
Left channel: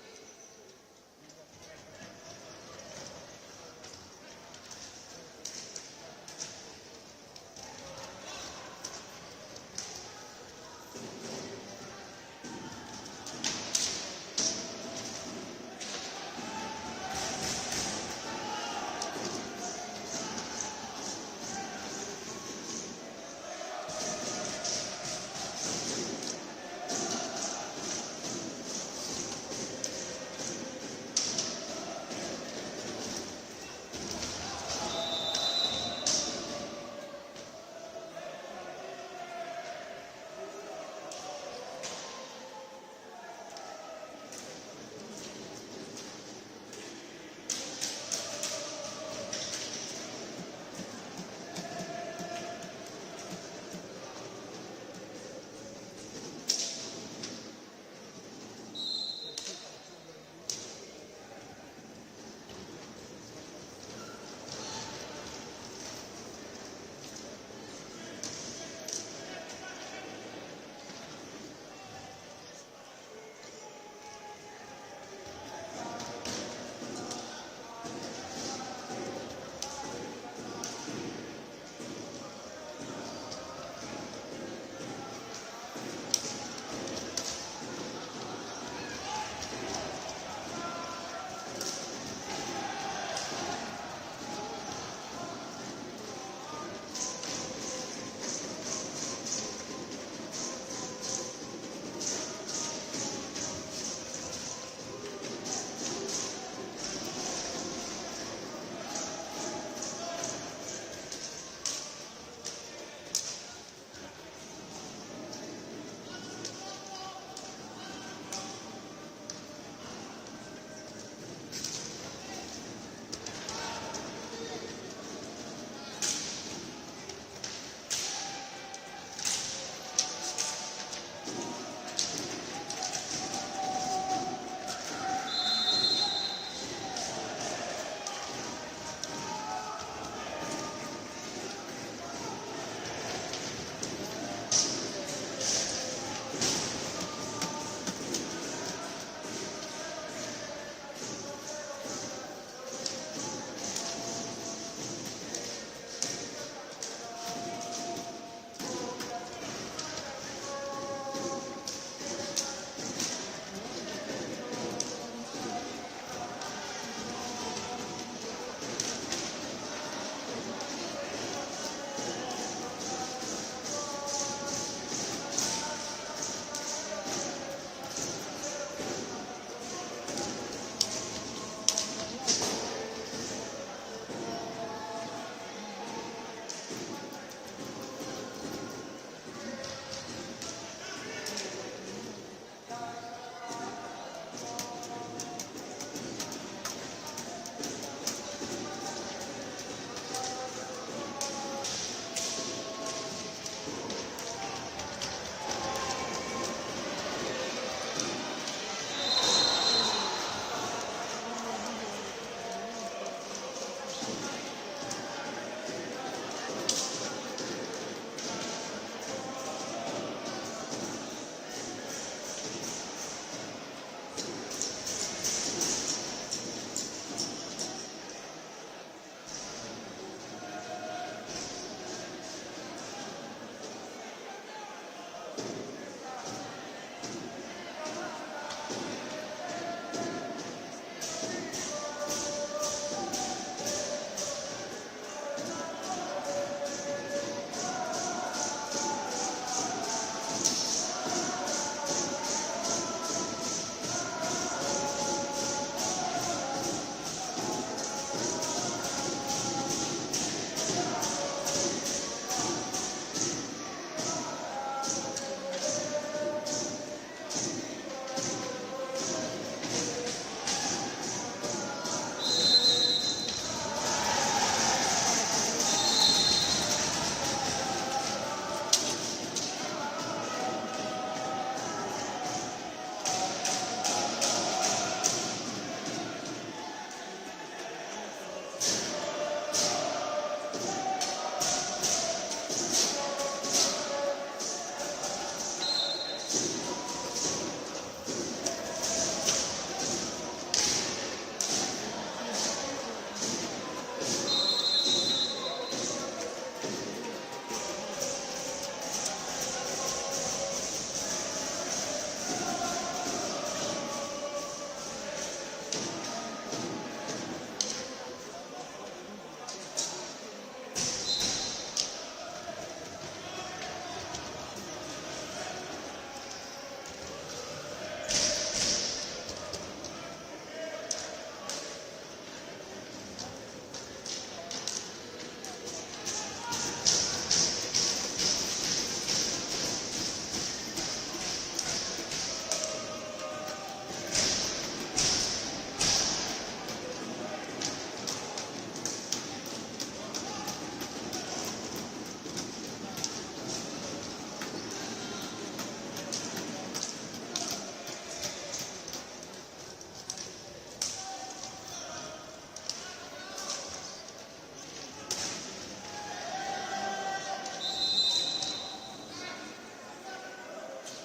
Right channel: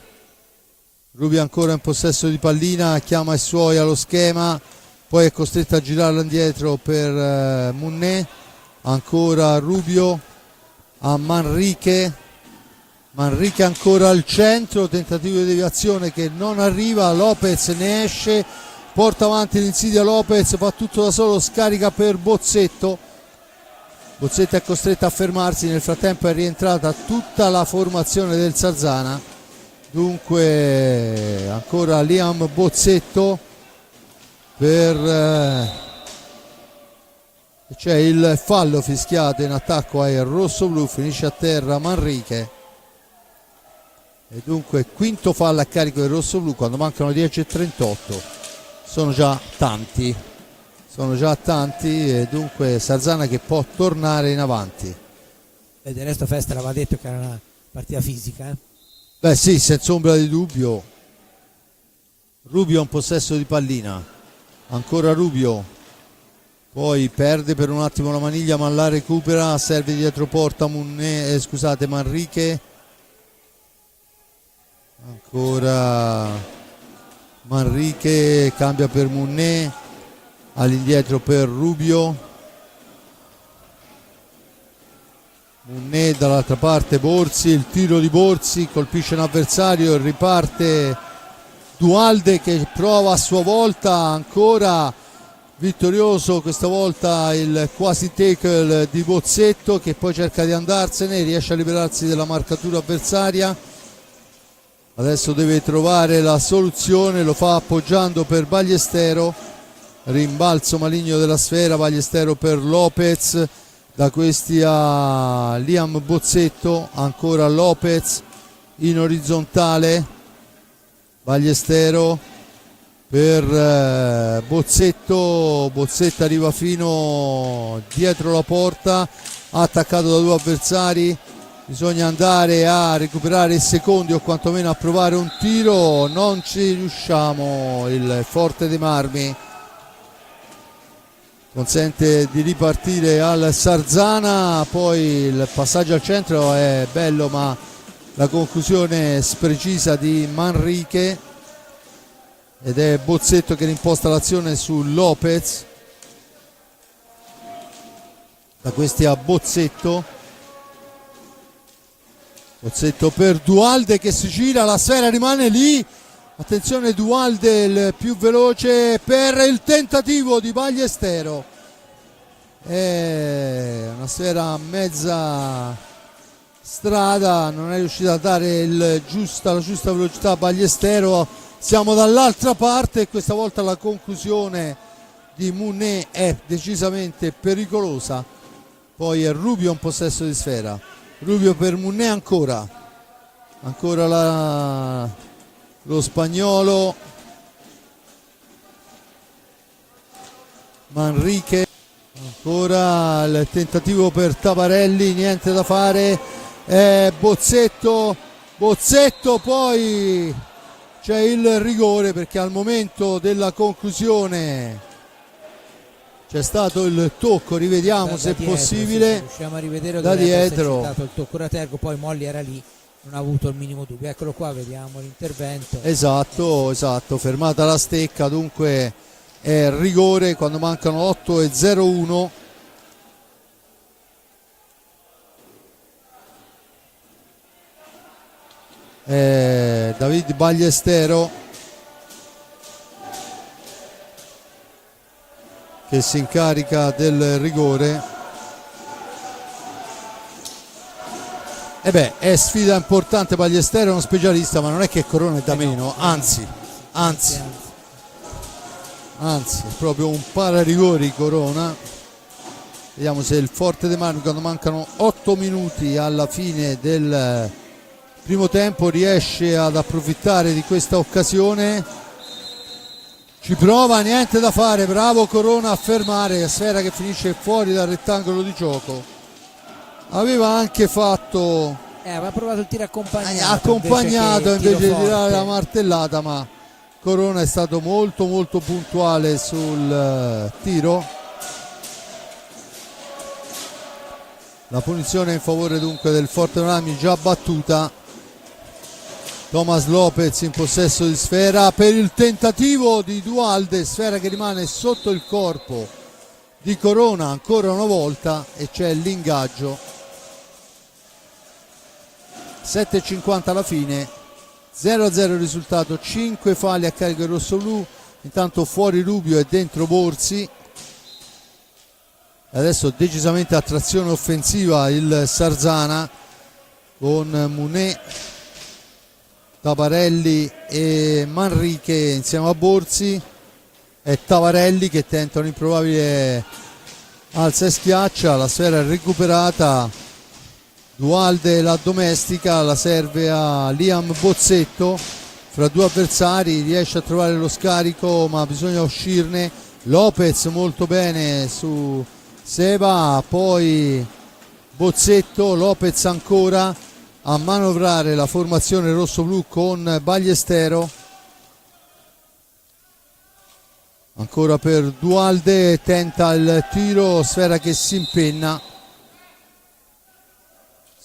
Rubio ancora in possesso di pallina, chiama i suoi allo schema, poi è costretto a girarla indietro per Munné, ancora Rubio a Manrique ancora al centro, tentativo di deviazione che non arriva, Lopez ne esce, porta avanti l'insidia Lopez, fa tutto da solo, scarica per Bozzetto è costretto a fermarsi, nel frattempo è rientrata tutta la formazione del Sarzana, dunque ancora Liam Bozzetto c'è il fallo fischiato in attacco ai rossoblu, finisce a terra Manrique e dunque quinto fallo a carico del rossoblu quando mancano 10:38. Sono già tanti e dunque Sarzana che può tornare in avanti. E del resto Festa l'aveva detto che era una partita fisica. Beh sì, senza ombra di dubbio. Rubio in possesso di pallina, ancora Rubio, poi perde per un attimo la maniglia ma la recupera, serve dietro porta Manrique, ancora Manrique, cambia per Munné, all'indietro per Rubio, Munné dall'altra parte Borzi, il tiro di Borzi colpisce un avversario e riparte Dualde che prova a sua volta, ancora vittorioso questa volta il quasi tackle di Bozzetto che poi cerca di andarsene, riesce a liberarsi della marcatura avversaria, adesso deve trovare la soluzione, lo fa appoggiando per Ballestero, rimbalzo maligno della sfera, Ballestero per Lopez, da questi a Liam Bozzetto, ancora Lopez in orizzontale, Ballestero per Bozzetto arriva fino dietro la porta, attaccato da due avversari, bisogna andare a recuperare i secondi o quantomeno a provare un tiro, non ci riusciamo, il Forte dei Marmi consente di ripartire al Sarzana, poi il passaggio al centro è bello ma la conclusione sprecisa di Manrique ed è Bozzetto che rimposta l'azione su Lopez, da questi a Bozzetto per Dualde che si gira, la sfera rimane lì, attenzione Dualde il più veloce per il tentativo di Ballestero, è una sfera a mezza strada, non è riuscito a dare la giusta velocità a Ballestero, siamo dall'altra parte e questa volta la conclusione di Munné è decisamente pericolosa, poi è Rubio in possesso di sfera, Rubio per Munné ancora lo spagnolo, Manrique, ancora il tentativo per Tabarelli, niente da fare, Bozzetto, poi c'è il rigore perché al momento della conclusione c'è stato il tocco, rivediamo se è possibile, riusciamo a rivedere da dietro, c'è stato il tocco Ratergo, poi Molli era lì, non ha avuto il minimo dubbio, eccolo qua, vediamo l'intervento, esatto, fermata la stecca, dunque è rigore quando mancano 8:01. David Ballestero che si incarica del rigore, è sfida importante, Ballestero è uno specialista ma non è che Corona è da meno, anzi proprio un pararigori Corona. Vediamo se il Forte dei Marmi, quando mancano 8 minuti alla fine del primo tempo, riesce ad approfittare di questa occasione, ci prova, niente da fare, bravo Corona a fermare, sfera che finisce fuori dal rettangolo di gioco, aveva anche fatto aveva provato il tiro accompagnato invece di dare la martellata, ma Corona è stato molto puntuale sul tiro. La punizione in favore dunque del Forte dei Marmi già battuta. Thomas Lopez in possesso di sfera per il tentativo di Duhalde, sfera che rimane sotto il corpo di Corona ancora una volta e c'è l'ingaggio. 7,50 alla fine, 0-0 il risultato, 5 falli a carico del rossoblu, intanto fuori Rubio e dentro Borzi. Adesso decisamente a trazione offensiva il Sarzana con Munet, Tabarelli e Manrique insieme a Borzi, e Tavarelli che tenta un'improbabile alza e schiaccia, la sfera è recuperata, Duhalde la domestica, la serve a Liam Bozzetto, fra due avversari riesce a trovare lo scarico ma bisogna uscirne. Lopez molto bene su Seba, poi Bozzetto, Lopez ancora a manovrare la formazione rosso-blu con Ballestero, ancora per Duhalde, tenta il tiro, sfera che si impenna.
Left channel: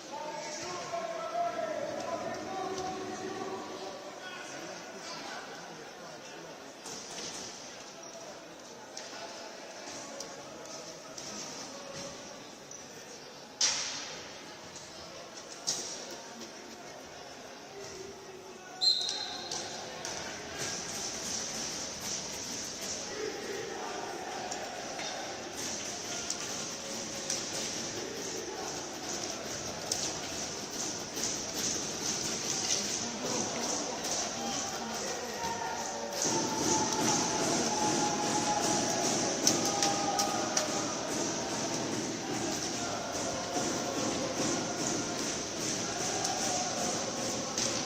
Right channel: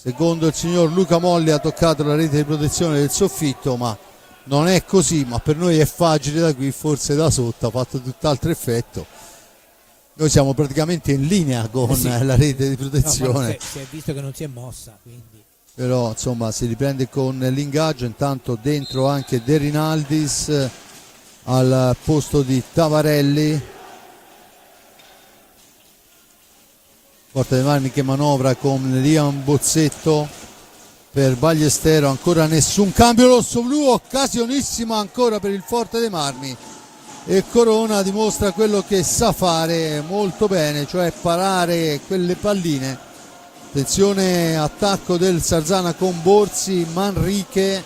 Secondo il signor Luca Molli ha toccato la rete di protezione del soffitto, ma non è così, ma per noi è facile da qui, forse da sotto ha fatto tutt'altro effetto. Noi siamo praticamente in linea con la rete di protezione. No, si è visto che non si è mossa. Quindi. Però insomma si riprende con l'ingaggio, intanto dentro anche De Rinaldis al posto di Tavarelli. Forte dei Marmi che manovra con Liam Bozzetto per Ballestero, ancora nessun cambio rosso-blu, occasionissima ancora per il Forte dei Marmi e Corona dimostra quello che sa fare molto bene, cioè parare quelle palline. Attenzione, attacco del Sarzana con Borzi, Manrique,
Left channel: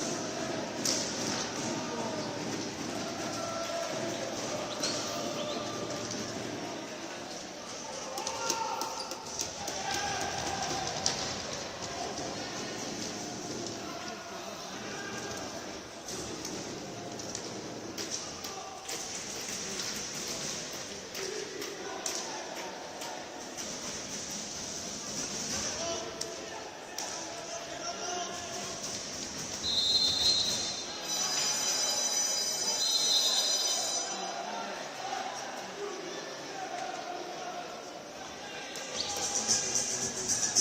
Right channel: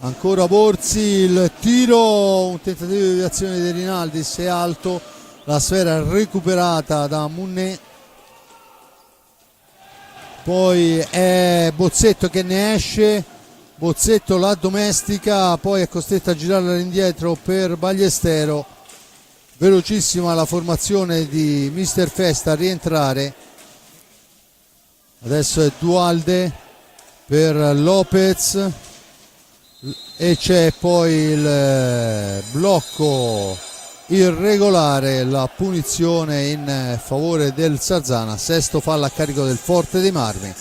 ancora Borzi, il tiro, un tentativo di azione di Rinaldis è alto, la sfera recuperata da Munet, poi è Bozzetto che ne esce, Bozzetto la domestica, poi è costretto a girarla all'indietro per Ballestero, velocissima la formazione di Mister Festa a rientrare. Adesso è Duhalde per Lopez e c'è poi il blocco irregolare, la punizione in favore del Sarzana, sesto fallo a carico del Forte dei Marmi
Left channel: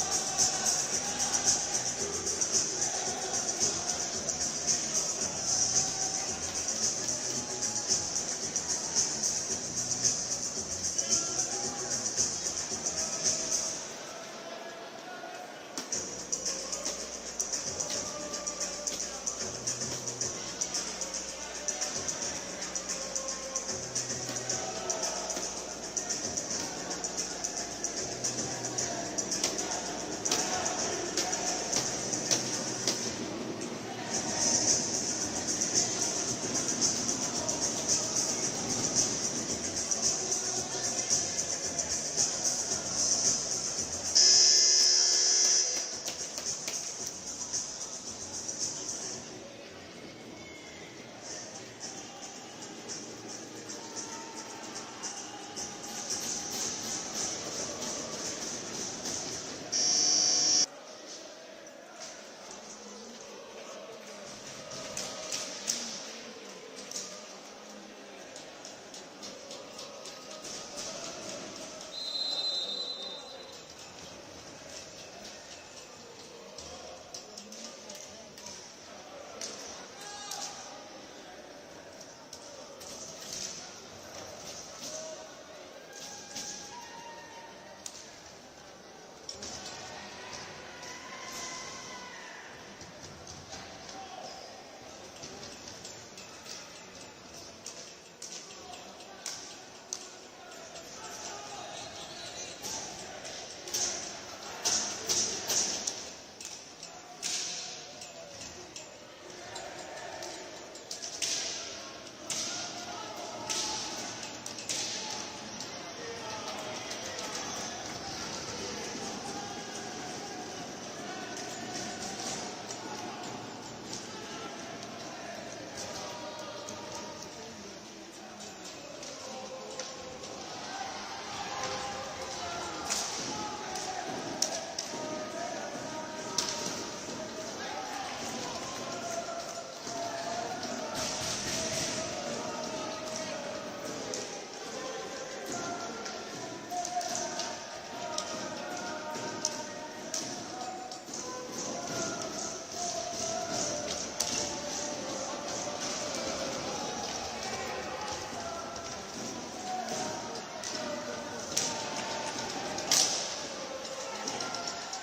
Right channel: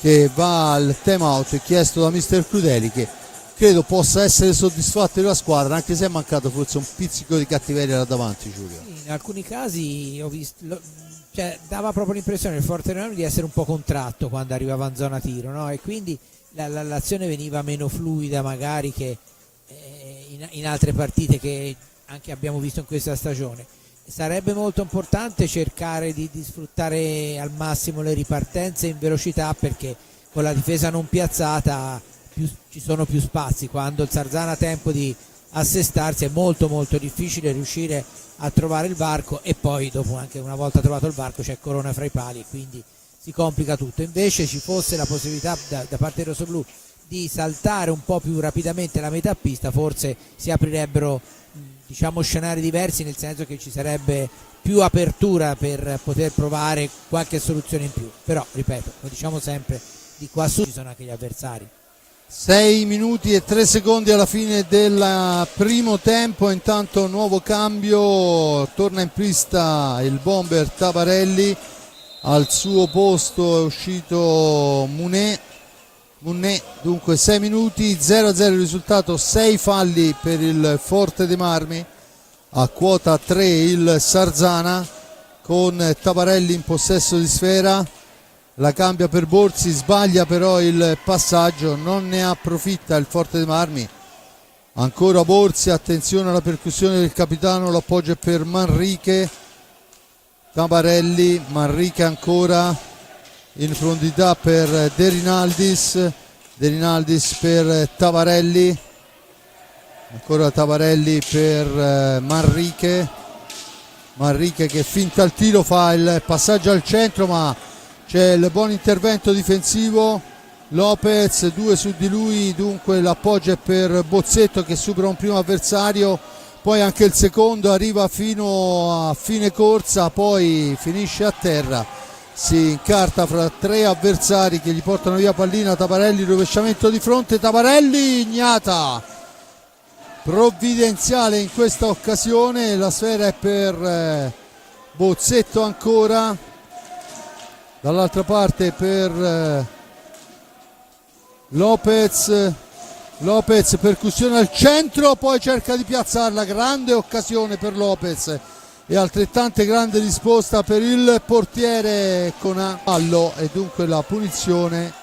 che va al time out chiesto da mister Crudeli, che credo possa essere soddisfatto della squadra, anche se è mancato forse un pizzico di cattiveria da davanti. Giulio, in alcuni casi ho visto, cioè, dava proprio l'impressione il Forte dei Marmi di essere un po' contratto quando arrivava in zona tiro, no? E quindi l'azione veniva meno fluida magari che in altre partite che anche abbiamo visto in questa stagione. Sarebbe molto importante cercare di sfruttare al massimo le ripartenze in velocità, perché con la difesa non piazzata ci sono più spazi. Quando il Sarzana ha tempo di assestarsi è molto difficile riuscire a trovare il varco, e poi dopo, anche una volta trovato il varco, c'è Corona fra i pali, quindi si complica tutto. Invece ci fosse la possibilità da parte del rossoblu di saltare un po' più rapidamente la metà pista, forse si aprirebbero scenari diversi, nel senso che ci sarebbe più apertura per poter provare qualche soluzione in più. Però ripeto, lo diciamo sempre, di qua su ci sono anche gli avversari. 6 minuti e 3 secondi alla fine del primo tempo, intanto nuovo cambio, torna in pista il bomber Tabarelli, al suo posto è uscito Munet, dunque 6 minuti, 0-0 il risultato, 6 falli per il Forte dei Marmi, a quota 3 il Sarzana con Tabarelli in possesso di sfera, la cambia per Borzi, sbaglia però il passaggio, non ne approfitta il Forte dei Marmi, ancora Borzi, attenzione alla percussione del capitano, l'appoggio è per Manrique, Tabarelli, Manrique ancora in profondità per De Rinaldis per Tabarelli, ancora Tabarelli per Manrique che finta il tiro, fa il passaggio al centro, ma c'è il buon intervento difensivo, Lopez, 2 su di lui, dunque l'appoggio è per Bozzetto che supera un primo avversario, poi anche il secondo arriva fino a fine corsa, poi finisce a terra. si incarta fra tre avversari che gli portano via pallina. Tabarelli, rovesciamento di fronte, Tabarelli, Ignata provvidenziale in questa occasione, la sfera è per Bozzetto ancora, dall'altra parte per Lopez, percussione al centro, poi cerca di piazzarla, grande occasione per Lopez e altrettante grande risposta per il portiere Conallo, e dunque la punizione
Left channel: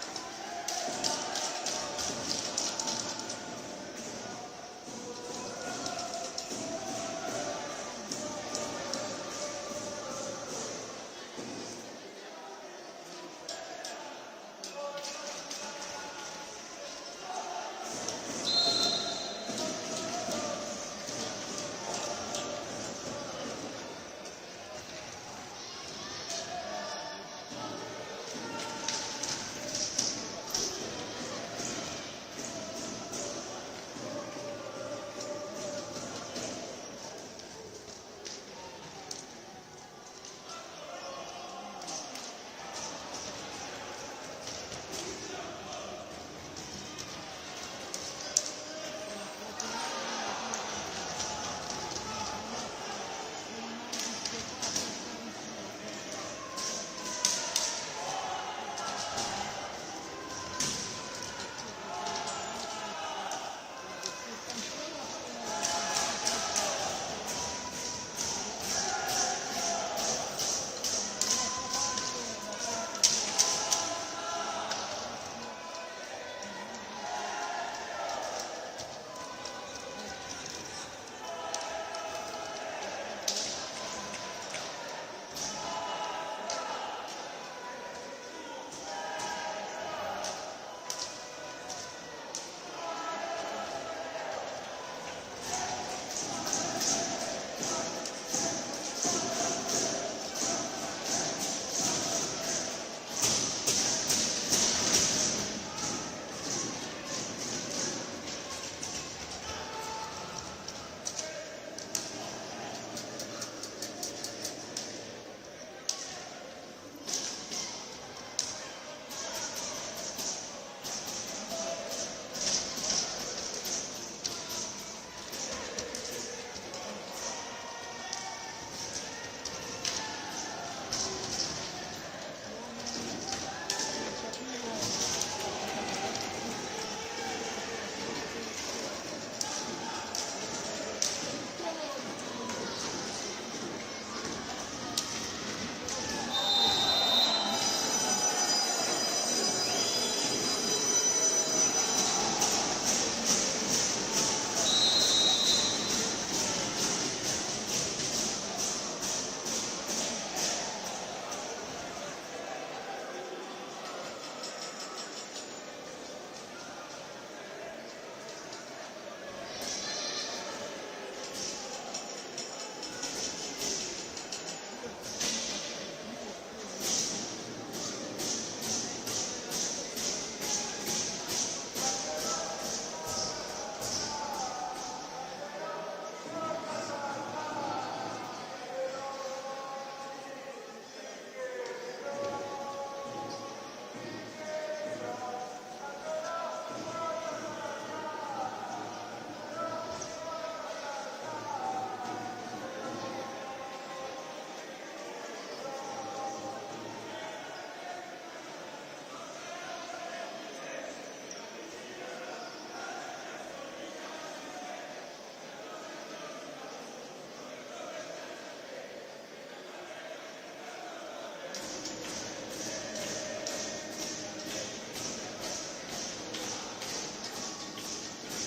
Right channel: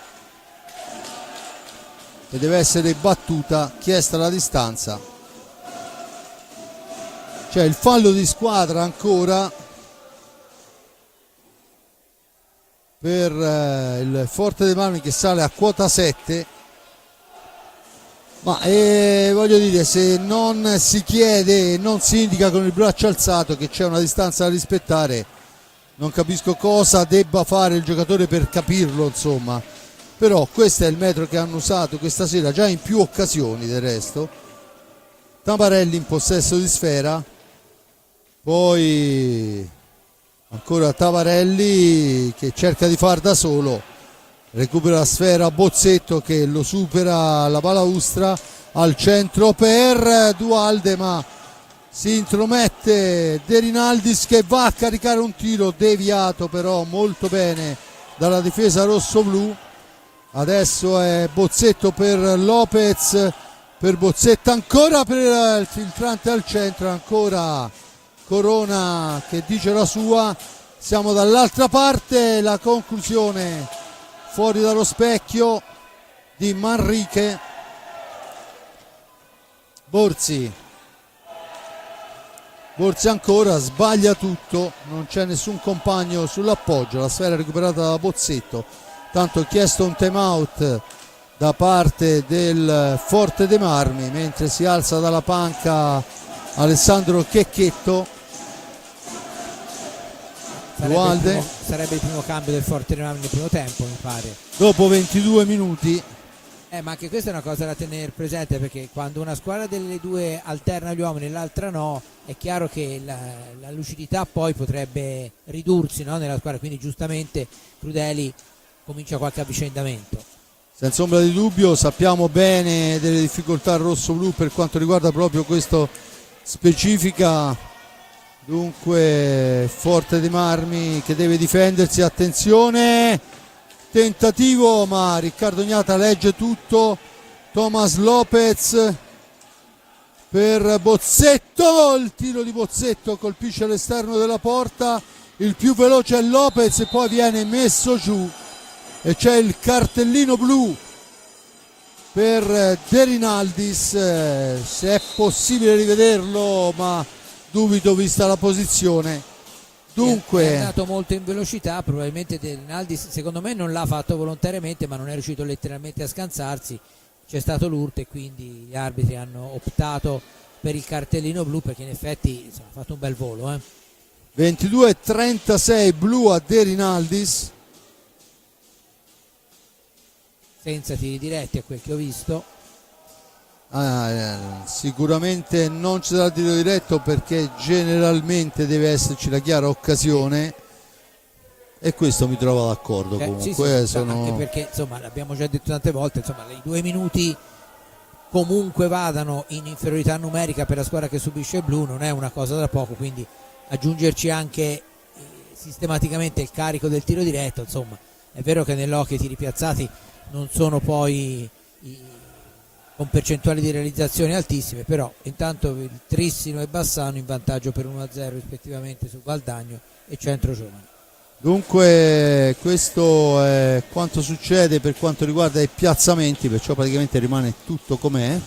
che deve essere battuta, chiesta la distanza. C'è il fallo di squadra ancora per il Forte dei Marmi, che sale a quota 7. Ma voglio dire, se non si chiede, non si indica con il braccio alzato che c'è una distanza da rispettare, non capisco cosa debba fare il giocatore per capirlo, insomma. Però questo è il metro che hanno usato questa sera già in più occasioni. Del resto Tabarelli in possesso di sfera, poi ancora Tabarelli che cerca di far da solo, recupera la sfera Bozzetto che lo supera la balaustra, al centro per Dualde, ma si intromette De Rinaldis che va a caricare un tiro deviato però molto bene dalla difesa rosso-blu. Adesso è Bozzetto per Lopez, per Bozzetto ancora per il filtrante al centro, ancora Corona che dice la sua. Siamo dall'altra parte, la conclusione fuori dallo specchio di Manrique. Borzi ancora, sbaglia tutto, non c'è nessun compagno sull'appoggio, la sfera recuperata da Bozzetto. Tanto chiesto un time out da parte del Forte dei Marmi, mentre si alza dalla panca Alessandro Checchetto. Sarebbe il primo cambio del Forte dei Marmi nel primo tempo, mi pare, dopo 22 minuti. Ma anche questa è una cosa da tenere presente, perché quando una squadra delle due alterna gli uomini e l'altra no, è chiaro che la lucidità poi potrebbe ridursi, no, nella squadra, quindi giustamente Crudeli comincia qualche avvicendamento. Senza ombra di dubbio, sappiamo bene delle difficoltà rosso-blu per quanto riguarda proprio questo specifica. Dunque Forte dei Marmi che deve difendersi, attenzione, tentativo ma Riccardo Ignata legge tutto. Thomas Lopez per Bozzetto, il tiro di Bozzetto colpisce all'esterno della porta, il più veloce è Lopez e poi viene messo giù e c'è il cartellino blu per De Rinaldis. Se è possibile rivederlo, ma dubito vista la posizione. Dunque è andato molto in velocità, probabilmente De Rinaldis secondo me non l'ha fatto volontariamente, ma non è riuscito letteralmente a scansarsi, c'è stato l'urto e quindi gli arbitri hanno optato per il cartellino blu, perché in effetti ha fatto un bel volo. 22-36 blu a De Rinaldis, senza tiri diretti a quel che ho visto. Sicuramente non ci sarà tiro diretto perché generalmente deve esserci la chiara occasione, e questo mi trovo d'accordo. Comunque sì, sono... anche perché insomma l'abbiamo già detto tante volte, insomma i 2 minuti comunque vadano in inferiorità numerica per la squadra che subisce il blu non è una cosa da poco, quindi aggiungerci anche sistematicamente il carico del tiro diretto, insomma è vero che nell'hockey i tiri piazzati non sono poi con percentuali di realizzazione altissime, però intanto Trissino e Bassano in vantaggio per 1-0 rispettivamente su Valdagno e Centro Giovani. Dunque questo è quanto succede per quanto riguarda i piazzamenti, perciò praticamente rimane tutto com'è,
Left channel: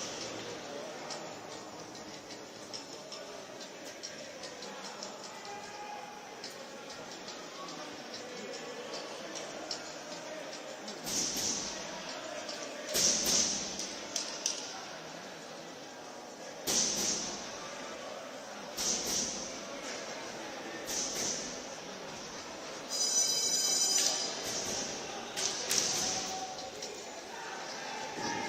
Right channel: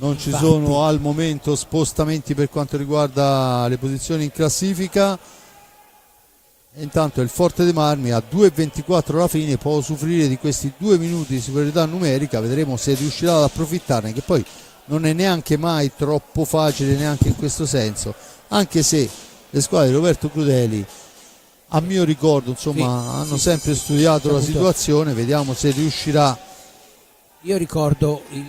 non ci sono al momento spostamenti per quanto riguarda le posizioni in classifica. Intanto il Forte dei Marmi a 2,24 alla fine può usufruire di questi 2 minuti di superiorità numerica, vedremo se riuscirà ad approfittarne, che poi non è neanche mai troppo facile neanche in questo senso, anche se le squadre di Roberto Crudeli a mio ricordo insomma hanno sempre studiato la situazione, vediamo se riuscirà. Io ricordo il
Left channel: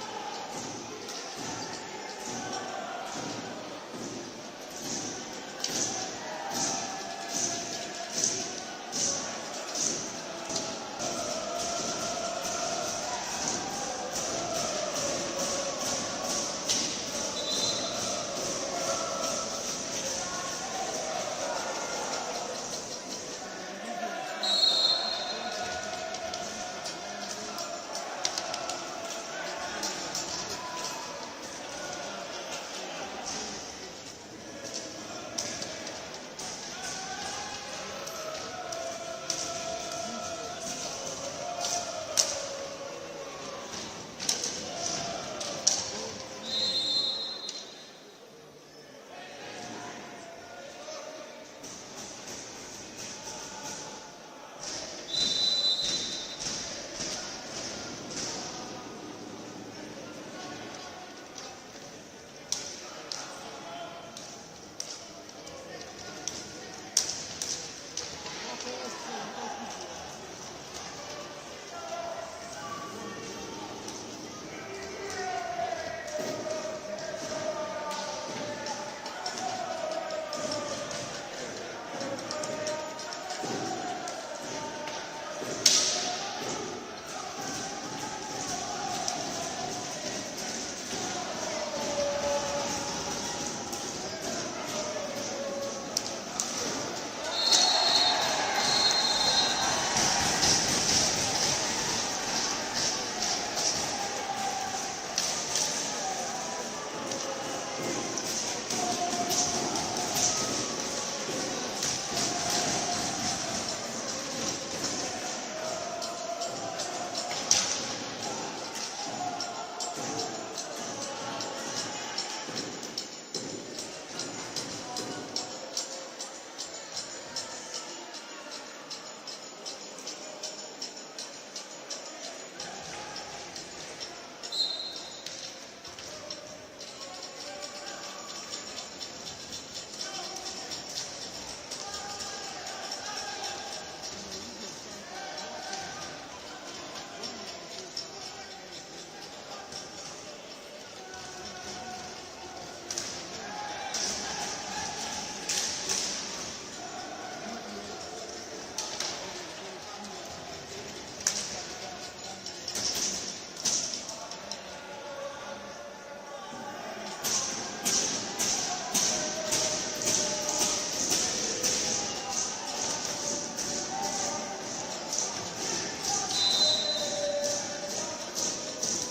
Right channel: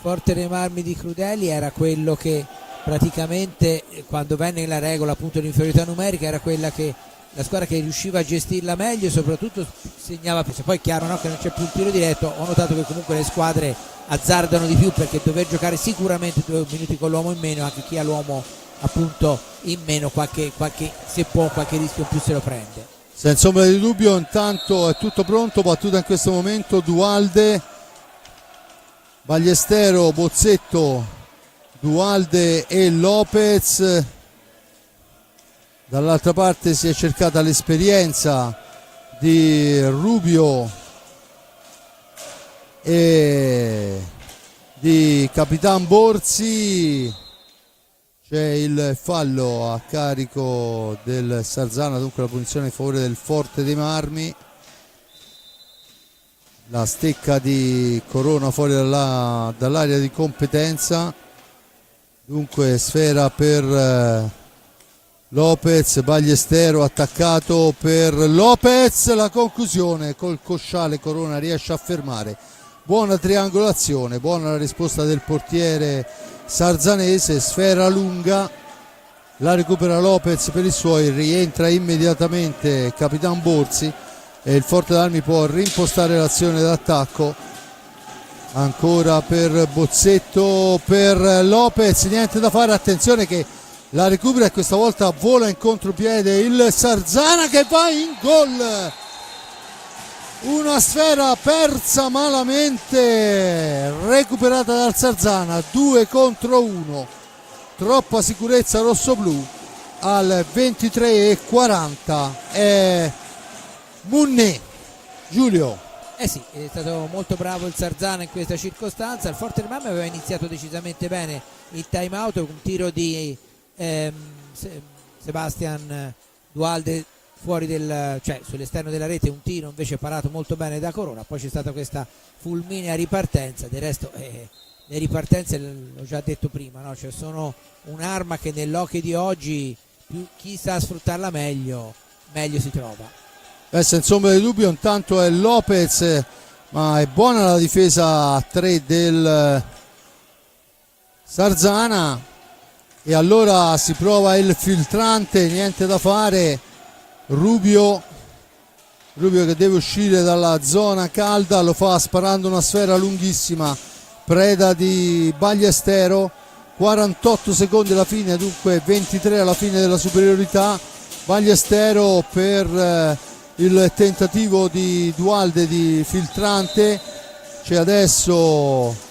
Forte dei Marmi di Crudeli era quello che praticamente quando venne la regola appunto l'inferiorità numerica era quella che la squadra che riusciva a gestirla meglio e soprattutto segnava più. Poi è chiaro, no, che non c'è più il tiro diretto. Ho notato che comunque le squadre azzardano di più, perché dover giocare sicuramente 2 minuti con l'uomo in meno, anche chi ha l'uomo appunto in meno, se può qualche rischio in più se lo prende. Senza ombra di dubbio. Intanto è tutto pronto, battuta in questo momento Dualde, Ballestero, Bozzetto, Dualde e Lopez. Dall'altra parte si è cercata l'esperienza di Rubio e di Capitan Borzi. C'è il fallo a carico del Sarzana, dunque la punizione in favore del Forte dei Marmi. La stecca di Corona fuori dall'area di competenza, dunque sfera per Lopez, Ballestero attaccato per Lopez, la conclusione col cosciale Corona riesce a fermare. Buona triangolazione, buona la risposta del portiere sarzanese, sfera lunga, la recupera Lopez per i suoi, rientra immediatamente Capitan Borzi e il Forte d'Armi può rimpostare l'azione d'attacco. Ancora per Bozzetto, per Lopez, niente da fare, attenzione che la recupera e questa volta vola in contropiede il Sarzana che va in gol. Una sfera persa malamente, recuperata dal Sarzana, 2 contro 1. Troppa sicurezza rossoblù. Al 23:40 è Munné. Giulio. Sì, è stato molto bravo il Sarzana in questa circostanza. Il Forte dei Marmi aveva iniziato decisamente bene il time out, un tiro di Sebastian Dualde fuori cioè sull'esterno della rete, un tiro invece parato molto bene da Corona. Poi c'è stata questa fulminea ripartenza. Del resto le ripartenze, l'ho già detto prima, no? Cioè sono un'arma che nell'hockey di oggi chi sa sfruttarla meglio si trova. Senza ombra di dubbio. Intanto è Lopez, ma è buona la difesa a 3 del Sarzana e allora si prova il filtrante, niente da fare. Rubio che deve uscire dalla zona calda, lo fa sparando una sfera lunghissima, preda di Ballestero. 48 secondi alla fine, dunque 23 alla fine della superiorità. Ballestero per il tentativo di Dualde di filtrante. C'è adesso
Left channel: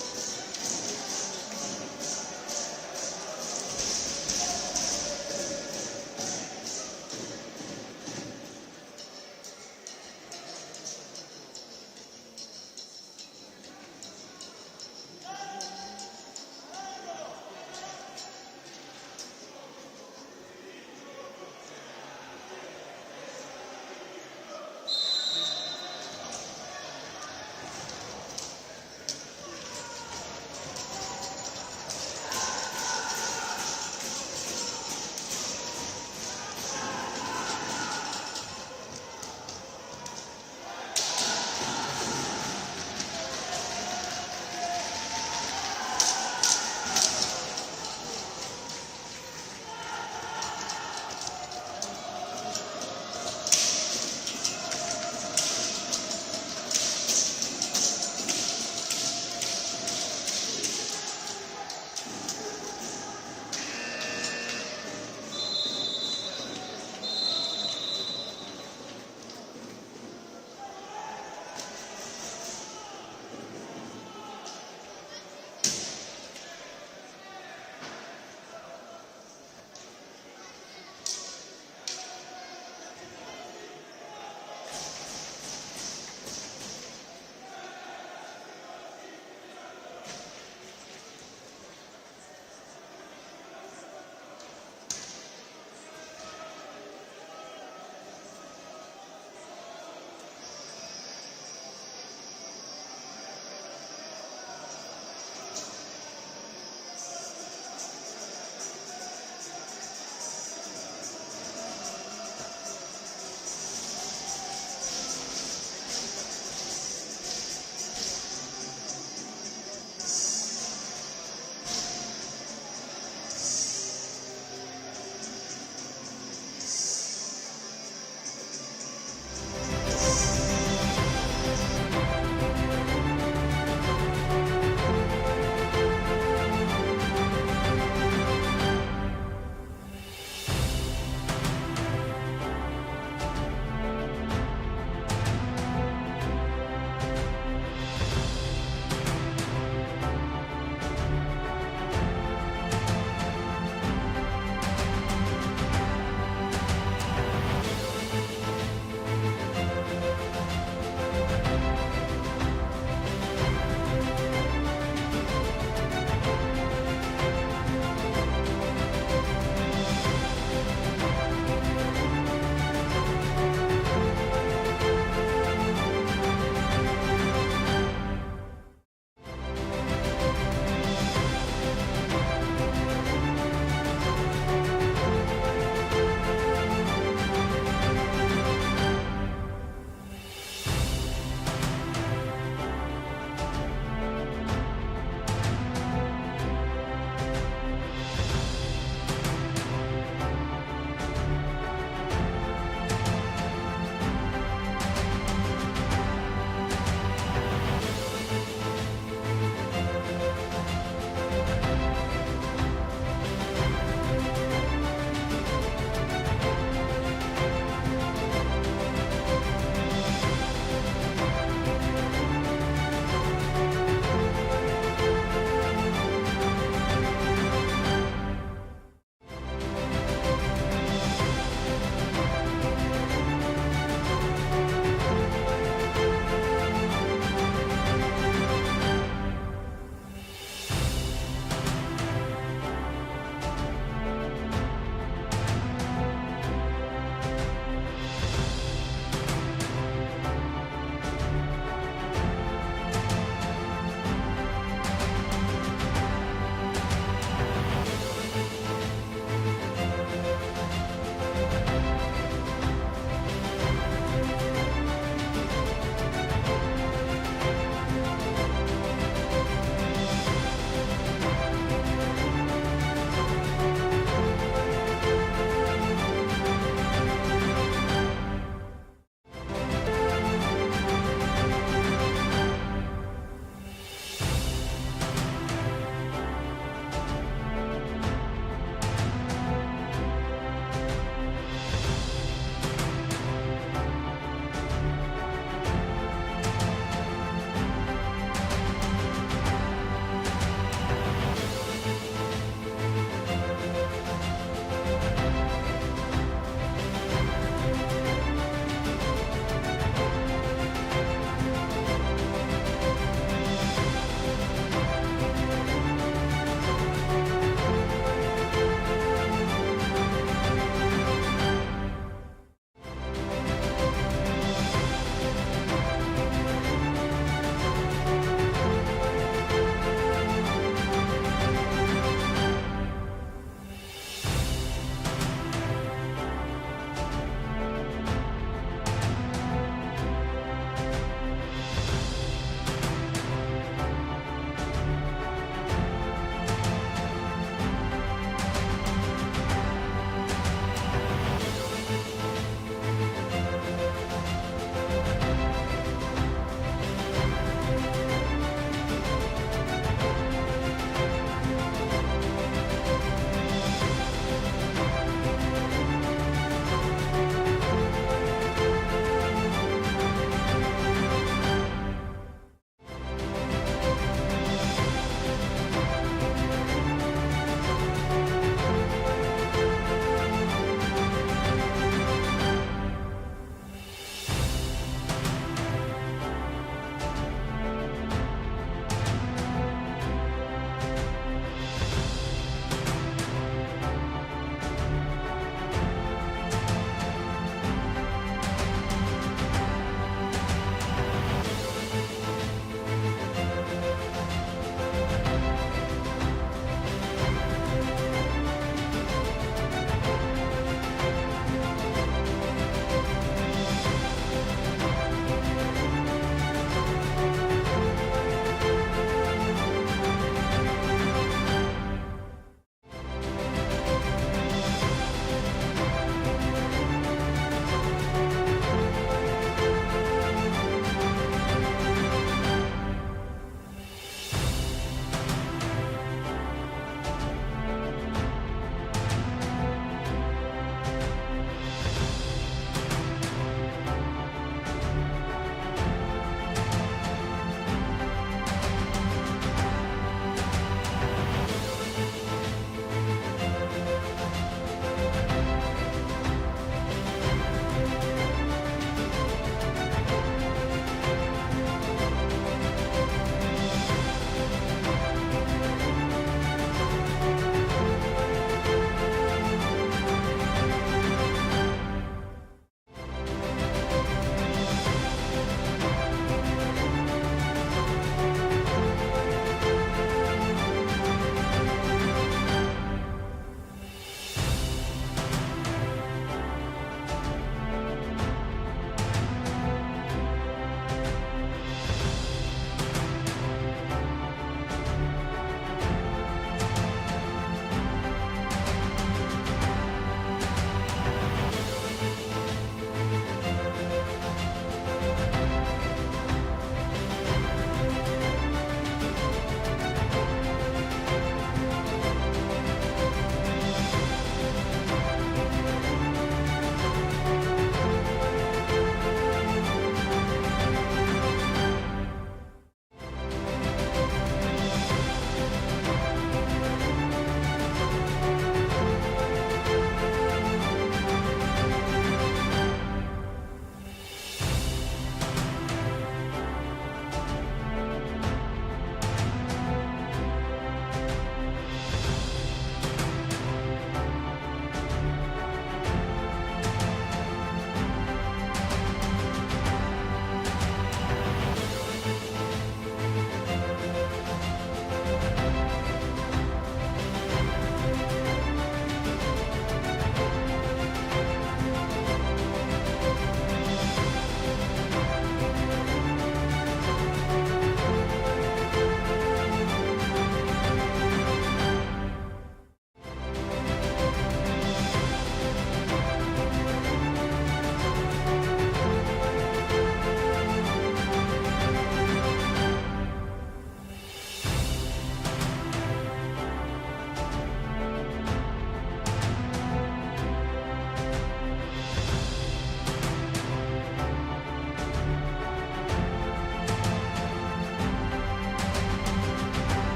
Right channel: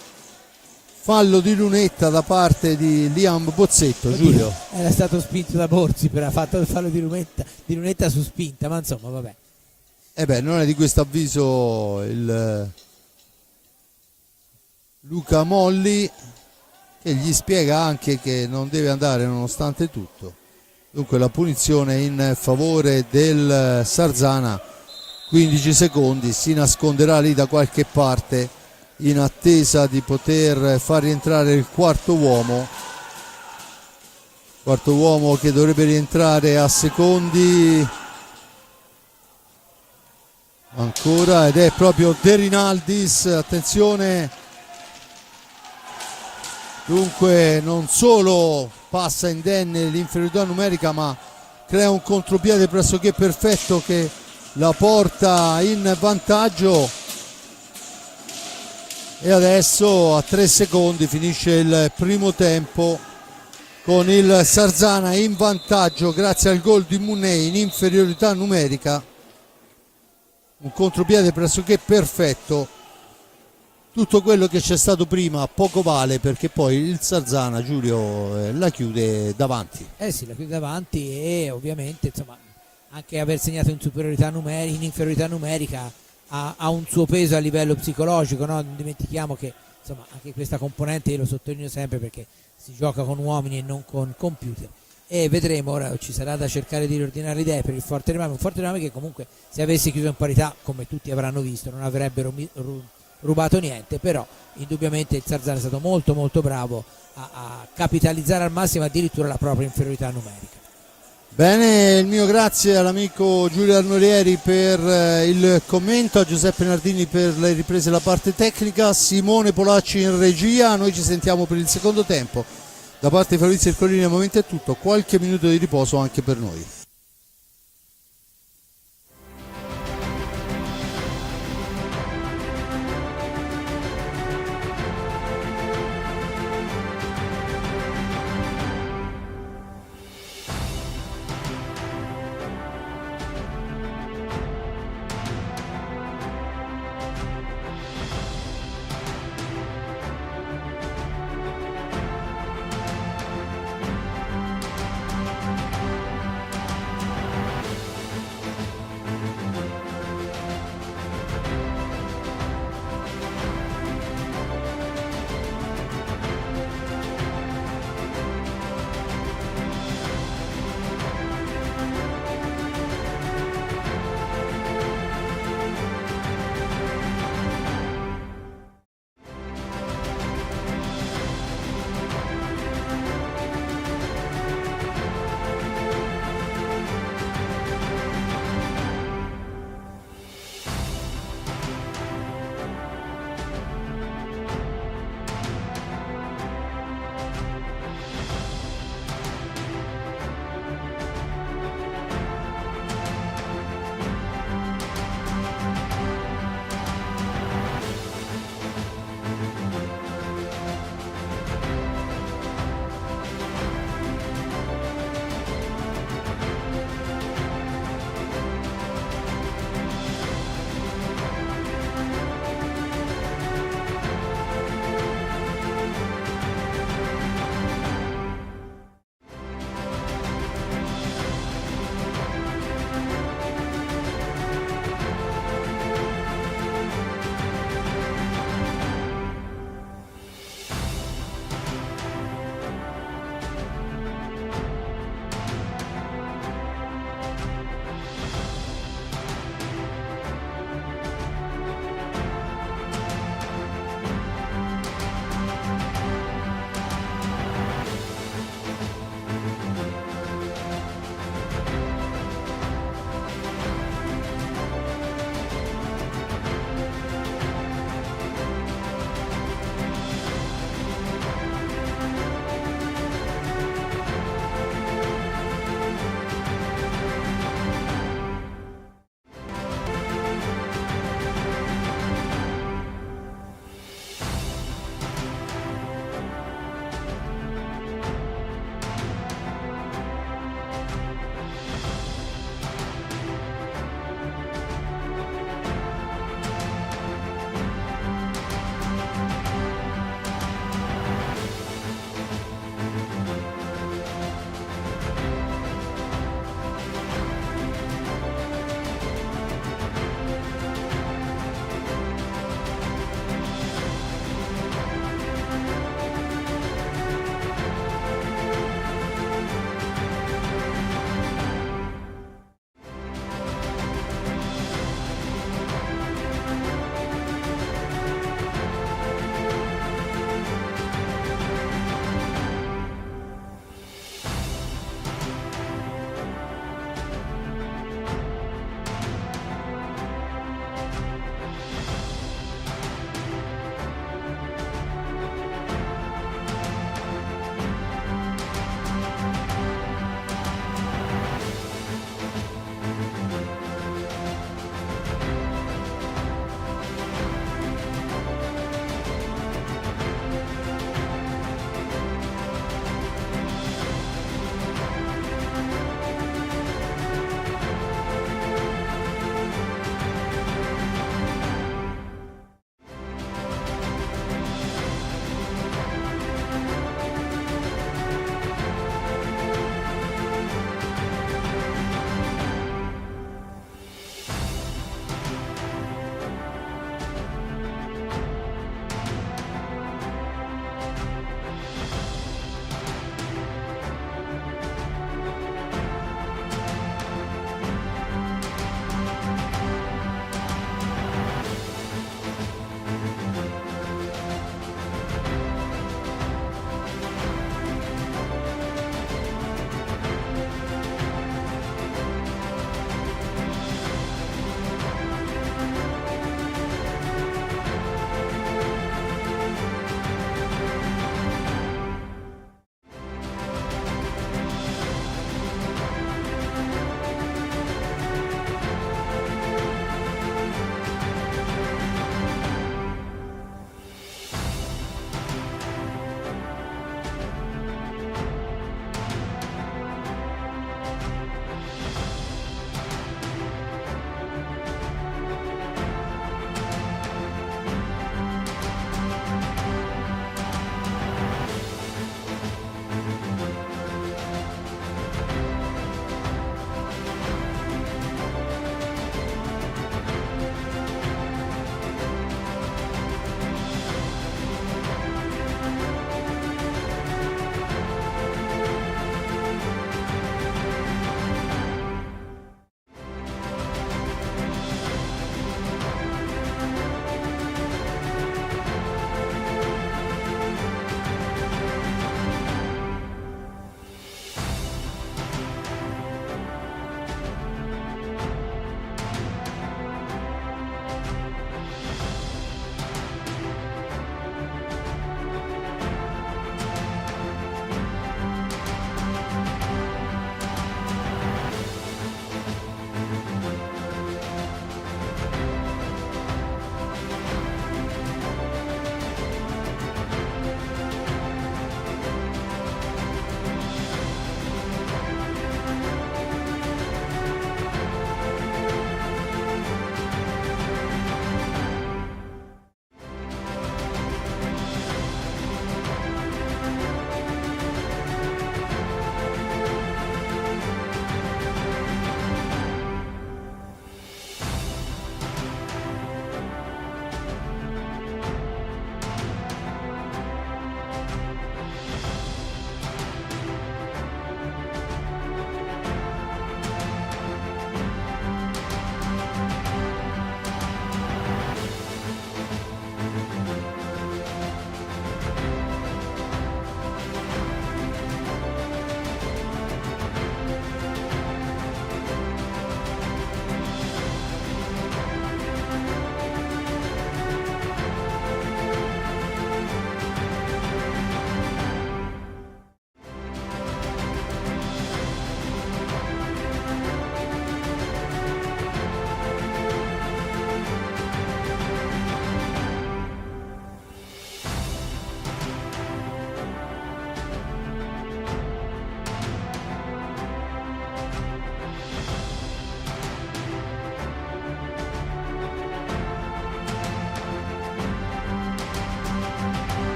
fallo di lunetta da parte di Liam Bozzetto. Giulio, era stato spinto da Borzi, per ha fatto il fallo di lunetta su spinta, ma insomma vabbè. Non è di questo avviso il Luca Molli, e gli spiega anche che non deve andare nonostante tutto. Dunque la punizione in favore del Sarzana, 15 secondi, si nasconderà lì da qualche parte in attesa di poter far rientrare il quarto uomo che dovrebbe rientrare a secondi ancora, ed è proprio De Rinaldis. Attenzione, dunque non solo passa indenne l'inferiorità numerica, ma crea un contropiede pressoché perfetto che la porta in vantaggio. E adesso a 3 secondi finisce il primo tempo con il Sarzana in vantaggio grazie al gol di Munné in inferiorità numerica. Un contropiede pressoché perfetto. Tutto quello che c'è stato prima poco vale, perché poi il Sarzana, Giulio, la chiude davanti. Sì, la chiude davanti, e ovviamente insomma anche aver segnato in inferiorità numerica ha un suo peso a livello psicologico, no? Non dimentichiamo che insomma anche questa componente io lo sottolineo sempre, perché si gioca con uomini e non con computer, e vedremo. Ora ci sarà da cercare di riordinare le idee per il Forte dei Marmi, un Forte dei Marmi che comunque se avesse chiuso in parità, come tutti avranno visto, non avrebbero rubato niente, però indubbiamente il Sarzana è stato molto molto bravo a capitalizzare al massimo addirittura la propria inferiorità numerica. Bene, il mio grazie all'amico Giulio Arnorieri per il commento, a Giuseppe Nardini per le riprese e la parte tecnica, Simone Polacci in regia. Noi ci sentiamo per il secondo tempo. Da parte di Fabrizio Ercolini al momento è tutto, qualche minuto di riposo anche per noi.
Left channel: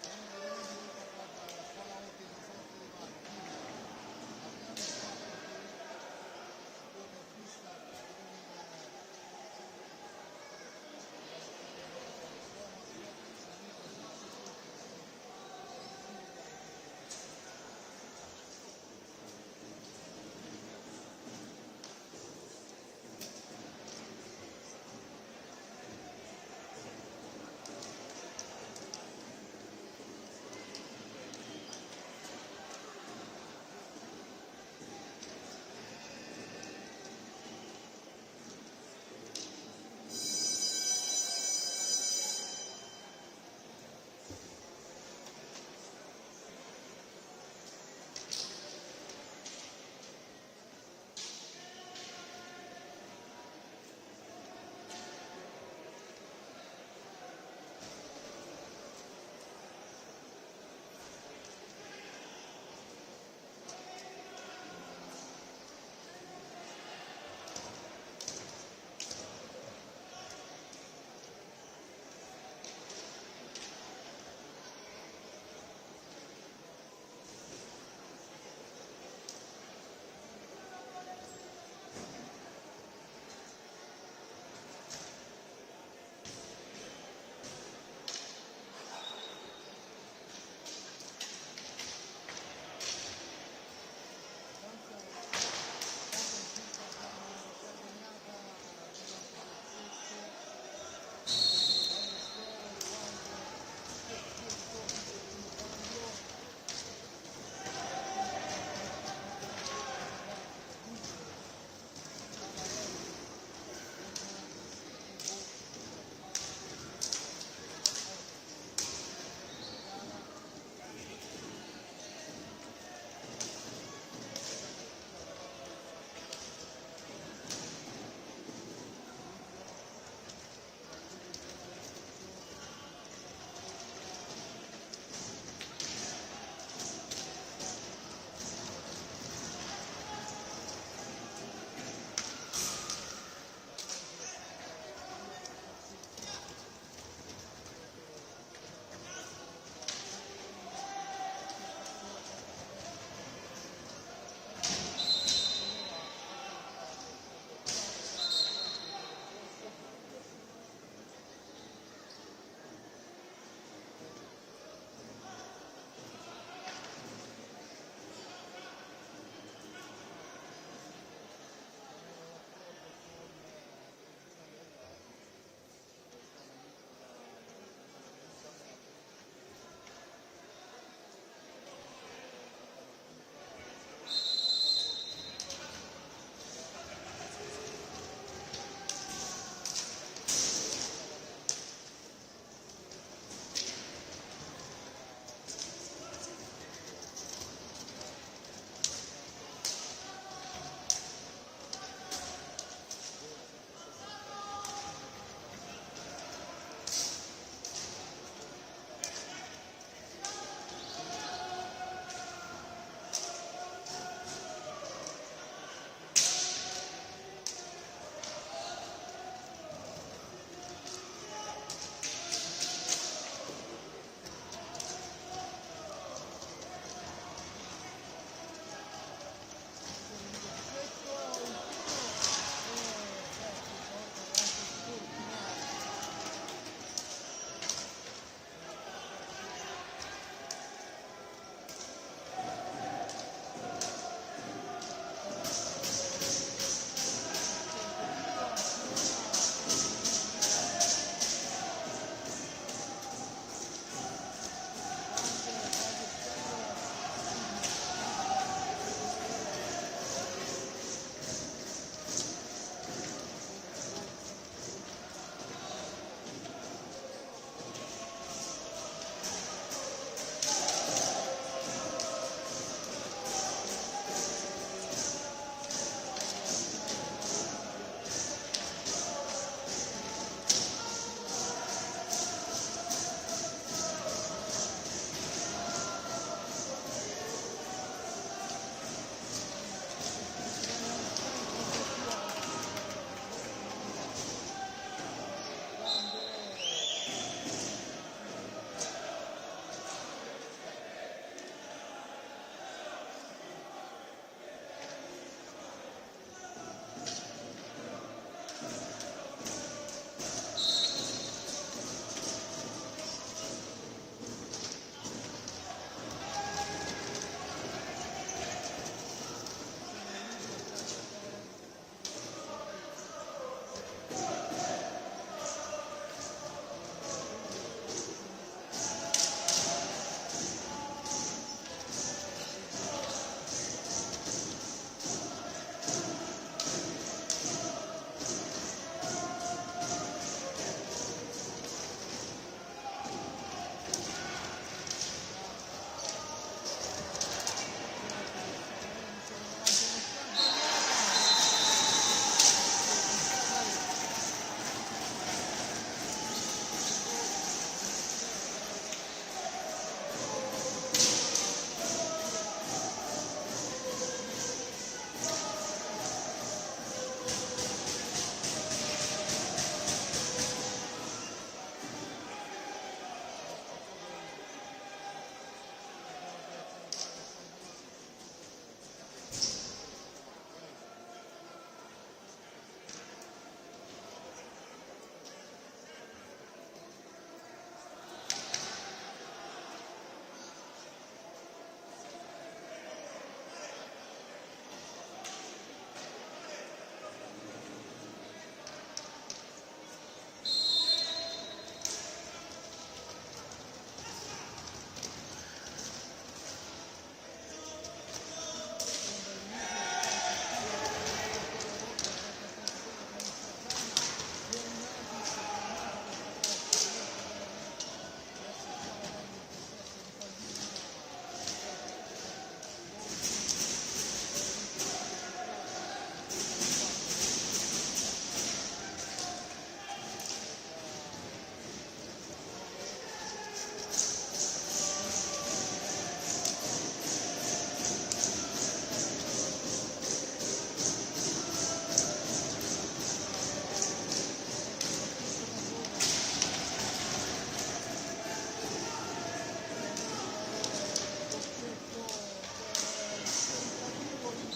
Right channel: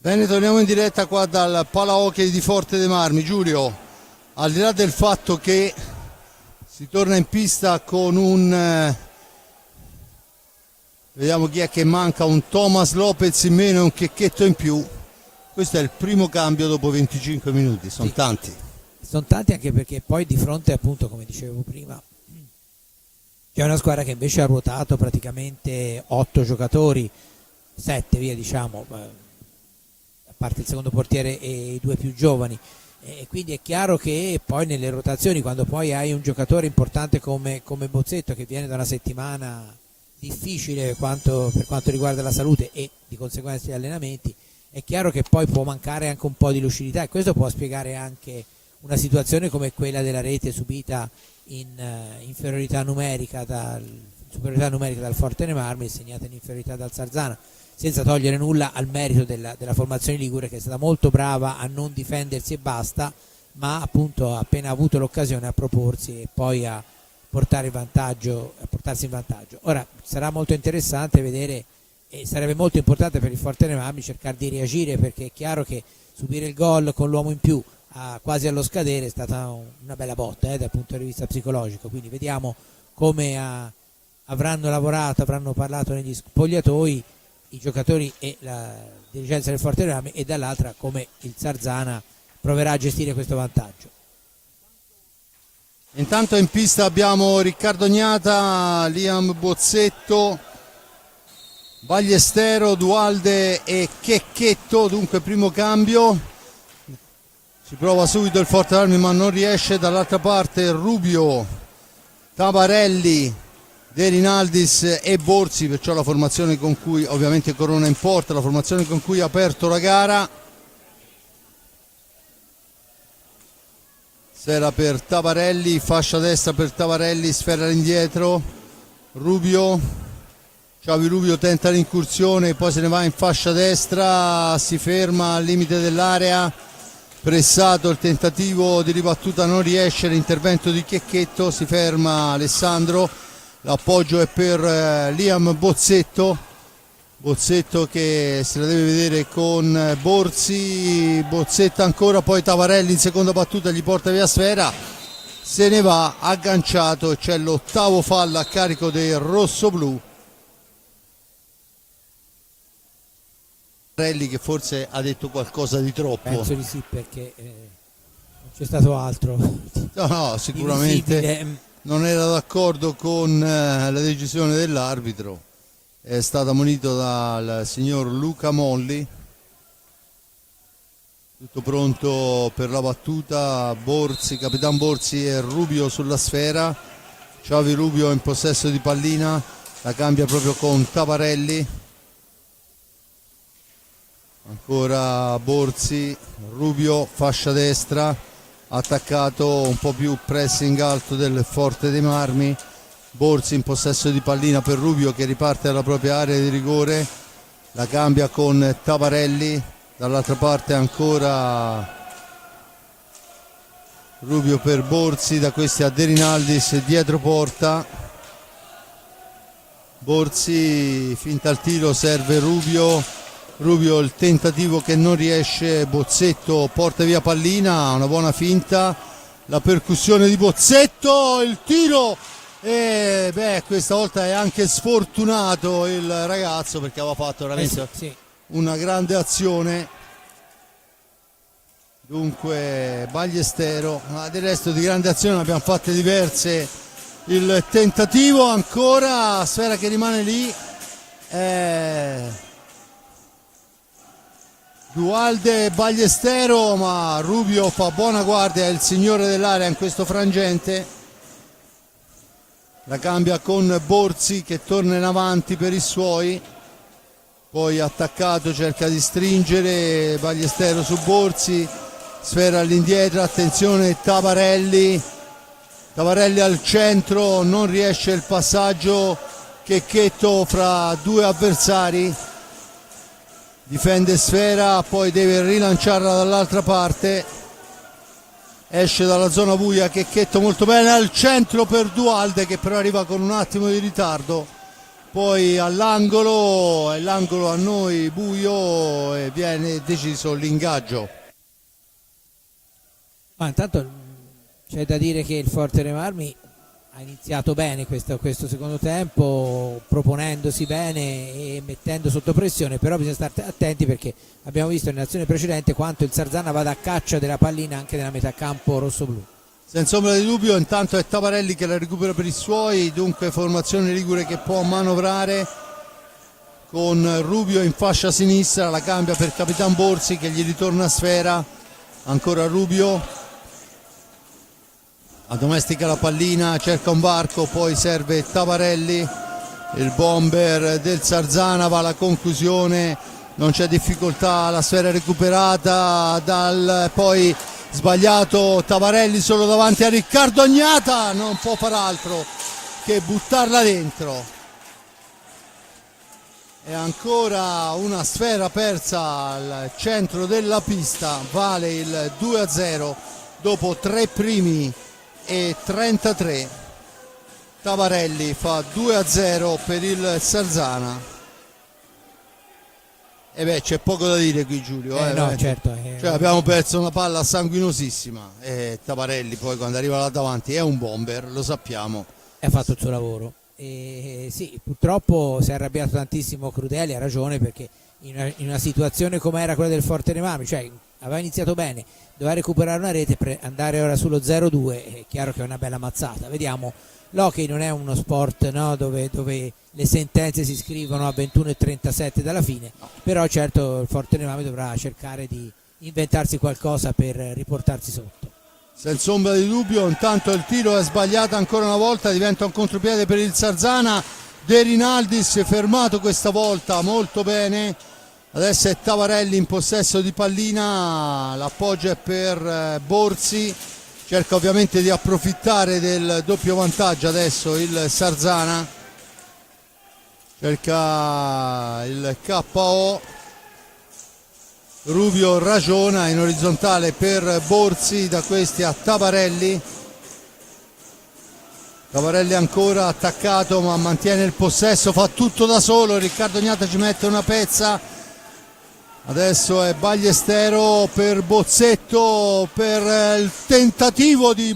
Bene, torniamo in diretta qua dal Palahockey di Forte dei Marmi. Giulio, al di là del fatto che si torna in pista con un vediamo chi è che manca, un Thomas Lopez in meno e un Checchetto in più, questo è il primo cambio dopo 25 minuti, sono tanti. Sono tanti, anche perché poi di fronte, appunto, come dicevo prima, c'è una squadra che invece ha ruotato praticamente 8 giocatori, 7 via diciamo, a parte il secondo portiere e i 2 più giovani, e quindi è chiaro che poi nelle rotazioni, quando poi hai un giocatore importante come Bozzetto, che viene da una settimana difficile per quanto riguarda la salute e di conseguenza gli allenamenti, è chiaro che poi può mancare anche un po' di lucidità, e questo può spiegare anche una situazione come quella della rete subita in superiorità numerica dal Forte dei Marmi e segnata in inferiorità dal Sarzana, senza togliere nulla al merito della formazione ligure, che è stata molto brava a non difendersi e basta, ma appunto appena avuto l'occasione a proporsi e poi a portarsi in vantaggio. Ora sarà molto interessante vedere, e sarebbe molto importante per il Forte dei Marmi cercare di reagire, perché è chiaro che subire il gol con l'uomo in più quasi allo scadere è stata una bella botta dal punto di vista psicologico, quindi vediamo come avranno lavorato, avranno parlato negli spogliatoi i giocatori e la dirigenza del Forte dei Marmi, e dall'altra come il Sarzana proverà a gestire questo vantaggio. Intanto in pista abbiamo Riccardo Gnata, Liam Bozzetto, Ballestero, Dualde e Checchetto, dunque primo cambio. Si prova subito il Forte dei Marmi ma non riesce. Dall'altra parte Rubio, Tabarelli, De Rinaldis e Borzi, perciò la formazione con cui ovviamente Corona in porta, la formazione con cui ha aperto la gara. Sfera per Tabarelli, fascia destra per Tabarelli, sfera all'indietro, Rubio, Xavi Rubio tenta l'incursione, poi se ne va in fascia destra, si ferma al limite dell'area, pressato il tentativo di ribattuta, non riesce, l'intervento di Checchetto, si ferma Alessandro, l'appoggio è per Liam Bozzetto che se la deve vedere con Borzi, Bozzetto ancora, poi Tavarelli in seconda battuta gli porta via sfera, se ne va agganciato e c'è l'ottavo fallo a carico dei rossoblù. Tavarelli che forse ha detto qualcosa di troppo. Penso di sì, perché non c'è stato altro. No, sicuramente non era d'accordo con la decisione dell'arbitro. È stato ammonito dal signor Luca Molli. Tutto pronto per la battuta, Borzi, Capitan Borzi e Rubio sulla sfera. Xavi Rubio in possesso di pallina, la cambia proprio con Tavarelli. Ancora Borzi, Rubio, fascia destra, attaccato, un po' più pressing alto del Forte dei Marmi. Borzi in possesso di pallina per Rubio che riparte dalla propria area di rigore, la cambia con Tavarelli, dall'altra parte ancora Rubio per Borzi, da questi a De Rinaldis dietro porta. Borzi finta al tiro, serve Rubio, il tentativo che non riesce, Bozzetto porta via pallina, una buona finta, la percussione di Bozzetto, il tiro, e questa volta è anche sfortunato il ragazzo perché aveva fatto veramente una grande azione. Dunque Ballestero, ma del resto di grande azione ne abbiamo fatte diverse. Il tentativo ancora, sfera che rimane lì, Dualde e Ballestero, ma Rubio fa buona guardia, è il signore dell'area in questo frangente. La cambia con Borzi che torna in avanti per i suoi, poi attaccato cerca di stringere Ballestero su Borzi, sfera all'indietro, attenzione Tavarelli al centro, non riesce il passaggio, Checchetto fra due avversari, difende sfera, poi deve rilanciarla dall'altra parte, esce dalla zona buia Checchetto molto bene al centro per Dualde che però arriva con un attimo di ritardo, poi all'angolo, e l'angolo a noi buio e viene deciso l'ingaggio. Ma intanto c'è da dire che il Forte Marmi ha iniziato bene questo secondo tempo, proponendosi bene e mettendo sotto pressione, però bisogna stare attenti perché abbiamo visto nell'azione precedente quanto il Sarzana vada a caccia della pallina anche nella metà campo rossoblu. Senza ombra di dubbio, intanto è Tavarelli che la recupera per i suoi, dunque formazione ligure che può manovrare con Rubio in fascia sinistra, la cambia per Capitan Borsi che gli ritorna a sfera, ancora Rubio. Addomestica la pallina, cerca un varco, poi serve Tavarelli, il bomber del Sarzana va alla conclusione, non c'è difficoltà, la sfera recuperata dal poi sbagliato Tavarelli solo davanti a Riccardo Agnata, non può far altro che buttarla dentro. E ancora una sfera persa al centro della pista, vale il 2-0 dopo 3 primi e 33. Tavarelli fa 2-0 per il Sarzana. E beh, c'è poco da dire qui, Giulio. No, certo. Cioè, abbiamo perso una palla sanguinosissima e Tavarelli poi quando arriva là davanti è un bomber, lo sappiamo. Ha fatto il suo lavoro. E sì, purtroppo si è arrabbiato tantissimo Crudeli, ha ragione, perché in una situazione come era quella del Forte Marmi, cioè aveva iniziato bene, doveva recuperare una rete per andare ora sullo 0-2, è chiaro che è una bella mazzata. Vediamo, l'hockey non è uno sport, no, dove le sentenze si scrivono a 21:37 dalla fine, però certo il Forte Marmi dovrà cercare di inventarsi qualcosa per riportarsi sotto. Senza ombra di dubbio, intanto il tiro è sbagliato ancora una volta, diventa un contropiede per il Sarzana. De Rinaldis fermato questa volta molto bene. Adesso è Tavarelli in possesso di pallina, l'appoggio è per Borsi, cerca ovviamente di approfittare del doppio vantaggio adesso il Sarzana, cerca il KO. Rubio ragiona in orizzontale per Borsi, da questi a Tavarelli. Tavarelli ancora attaccato ma mantiene il possesso, fa tutto da solo, Riccardo Agnata ci mette una pezza. Adesso è Ballestero per Bozzetto, per il tentativo di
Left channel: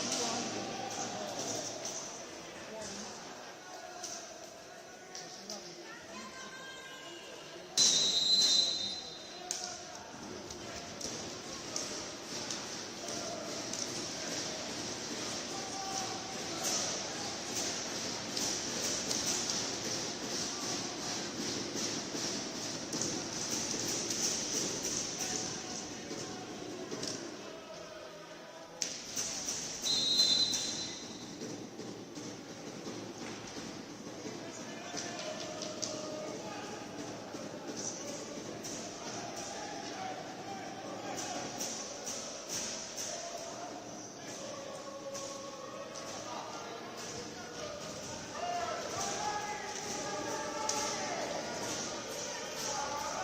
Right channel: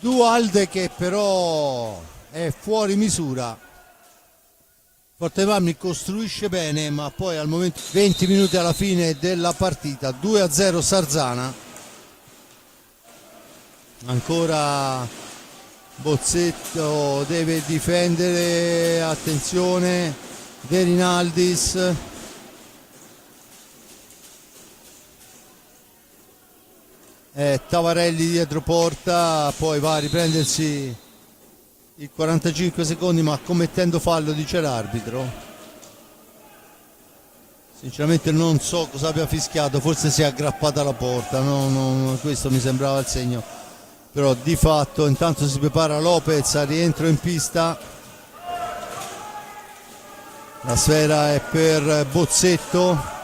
Dualde che però è fuori misura. Forte Marmi costruisce bene ma poi al momento 20 minuti alla fine della partita, 2-0 Sarzana. Ancora Bozzetto deve difendere, attenzione De Rinaldis. Tavarelli dietro porta, poi va a riprendersi il 45 secondi ma commettendo fallo, dice l'arbitro. Sinceramente non so cosa abbia fischiato, forse si è aggrappata alla porta, questo mi sembrava il segno, però di fatto intanto si prepara Lopez a rientro in pista. La sfera è per Bozzetto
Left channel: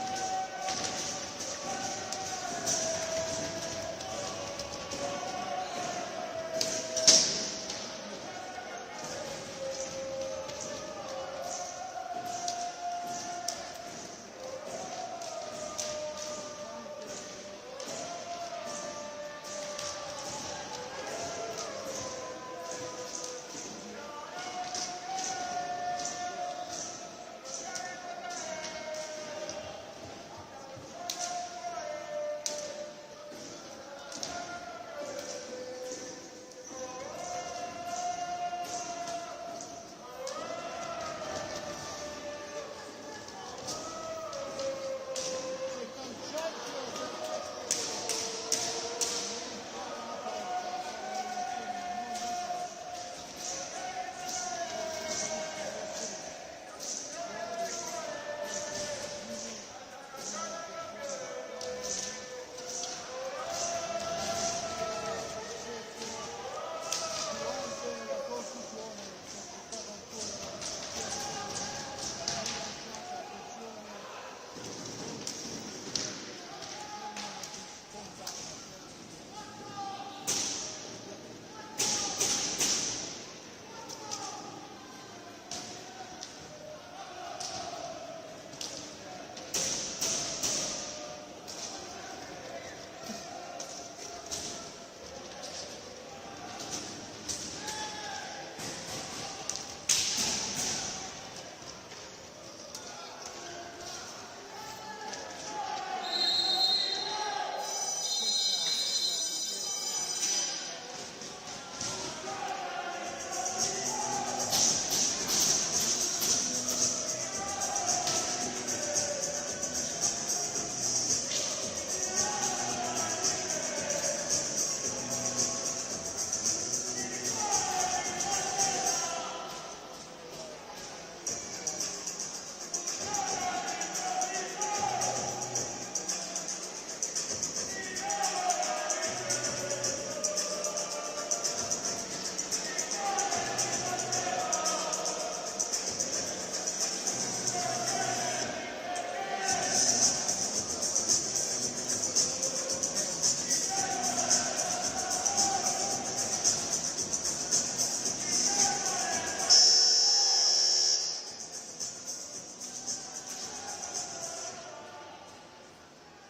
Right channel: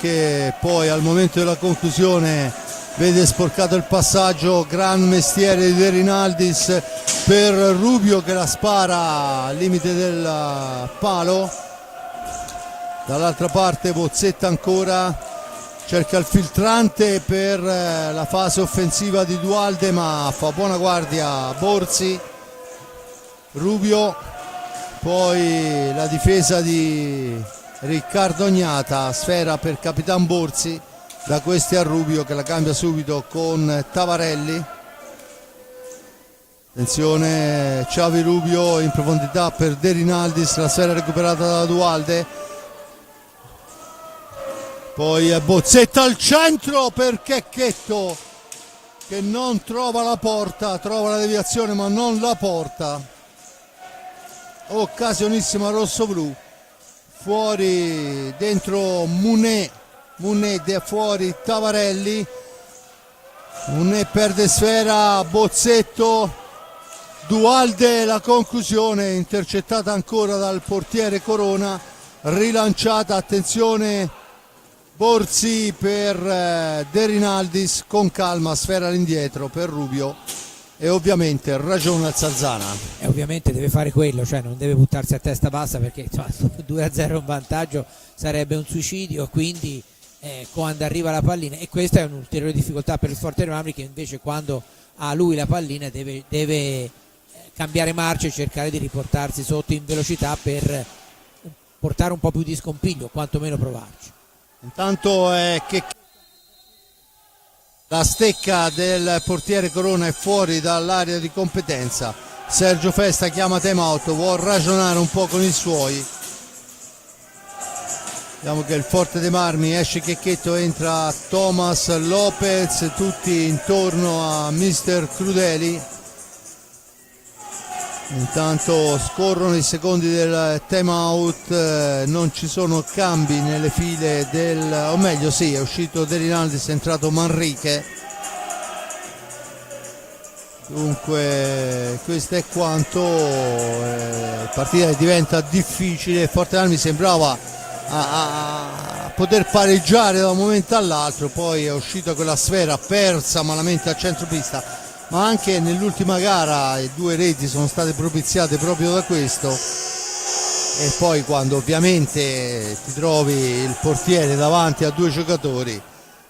che poi al momento della conclusione vede sporcato il passaggio, gran mestiere di De Rinaldis per Rubio che la spara al limite del palo. Dall'altra parte Bozzetta ancora cerca il filtrante per la fase offensiva di Dualde ma fa buona guardia Borsi. Rubio, poi la difesa di Riccardo Agnata, sfera per Capitan Borsi, da questi a Rubio che la cambia subito con Tavarelli. Attenzione, Xavi Rubio in profondità per De Rinaldis, la sfera recuperata da Dualde, poi è Bozzetta al centro per Checchetto che non trova la porta, trova la deviazione ma non la porta. Occasionissima rosso-blu, fuori dentro Munet fuori Tavarelli, Munet perde sfera, Bozzetto, Dualde, la conclusione intercettata ancora dal portiere Corona, rilanciata, attenzione Borsi per De Rinaldis, con calma, sfera all'indietro per Rubio, e ovviamente ragiona il Sarzana. E ovviamente deve fare quello, cioè non deve buttarsi a testa bassa, perché insomma, 2-0 in vantaggio sarebbe un suicidio, quindi quando arriva la pallina, e questa è un'ulteriore difficoltà per il Forte dei Marmi, che invece quando ha lui la pallina deve cambiare marcia e cercare di riportarsi sotto in velocità per portare un po' più di scompiglio, quantomeno provarci. Intanto che la stecca del portiere Corona è fuori dall'area di competenza. Sergio Festa chiama time out, vuol ragionare un po' con i suoi. Vediamo che il Forte dei Marmi esce Checchetto, entra Thomas Lopez, tutti intorno a Mister Crudeli. Intanto scorrono i secondi del time out, non ci sono cambi nelle file o meglio sì, è uscito De Rinaldis, è entrato Manrique. Dunque questo è quanto. La partita diventa difficile, Forte dei Marmi sembrava a poter pareggiare da un momento all'altro, poi è uscito quella sfera persa malamente a centropista, ma anche nell'ultima gara 2 reti sono state propiziate proprio da questo. E poi quando ovviamente ti trovi il portiere davanti a 2 giocatori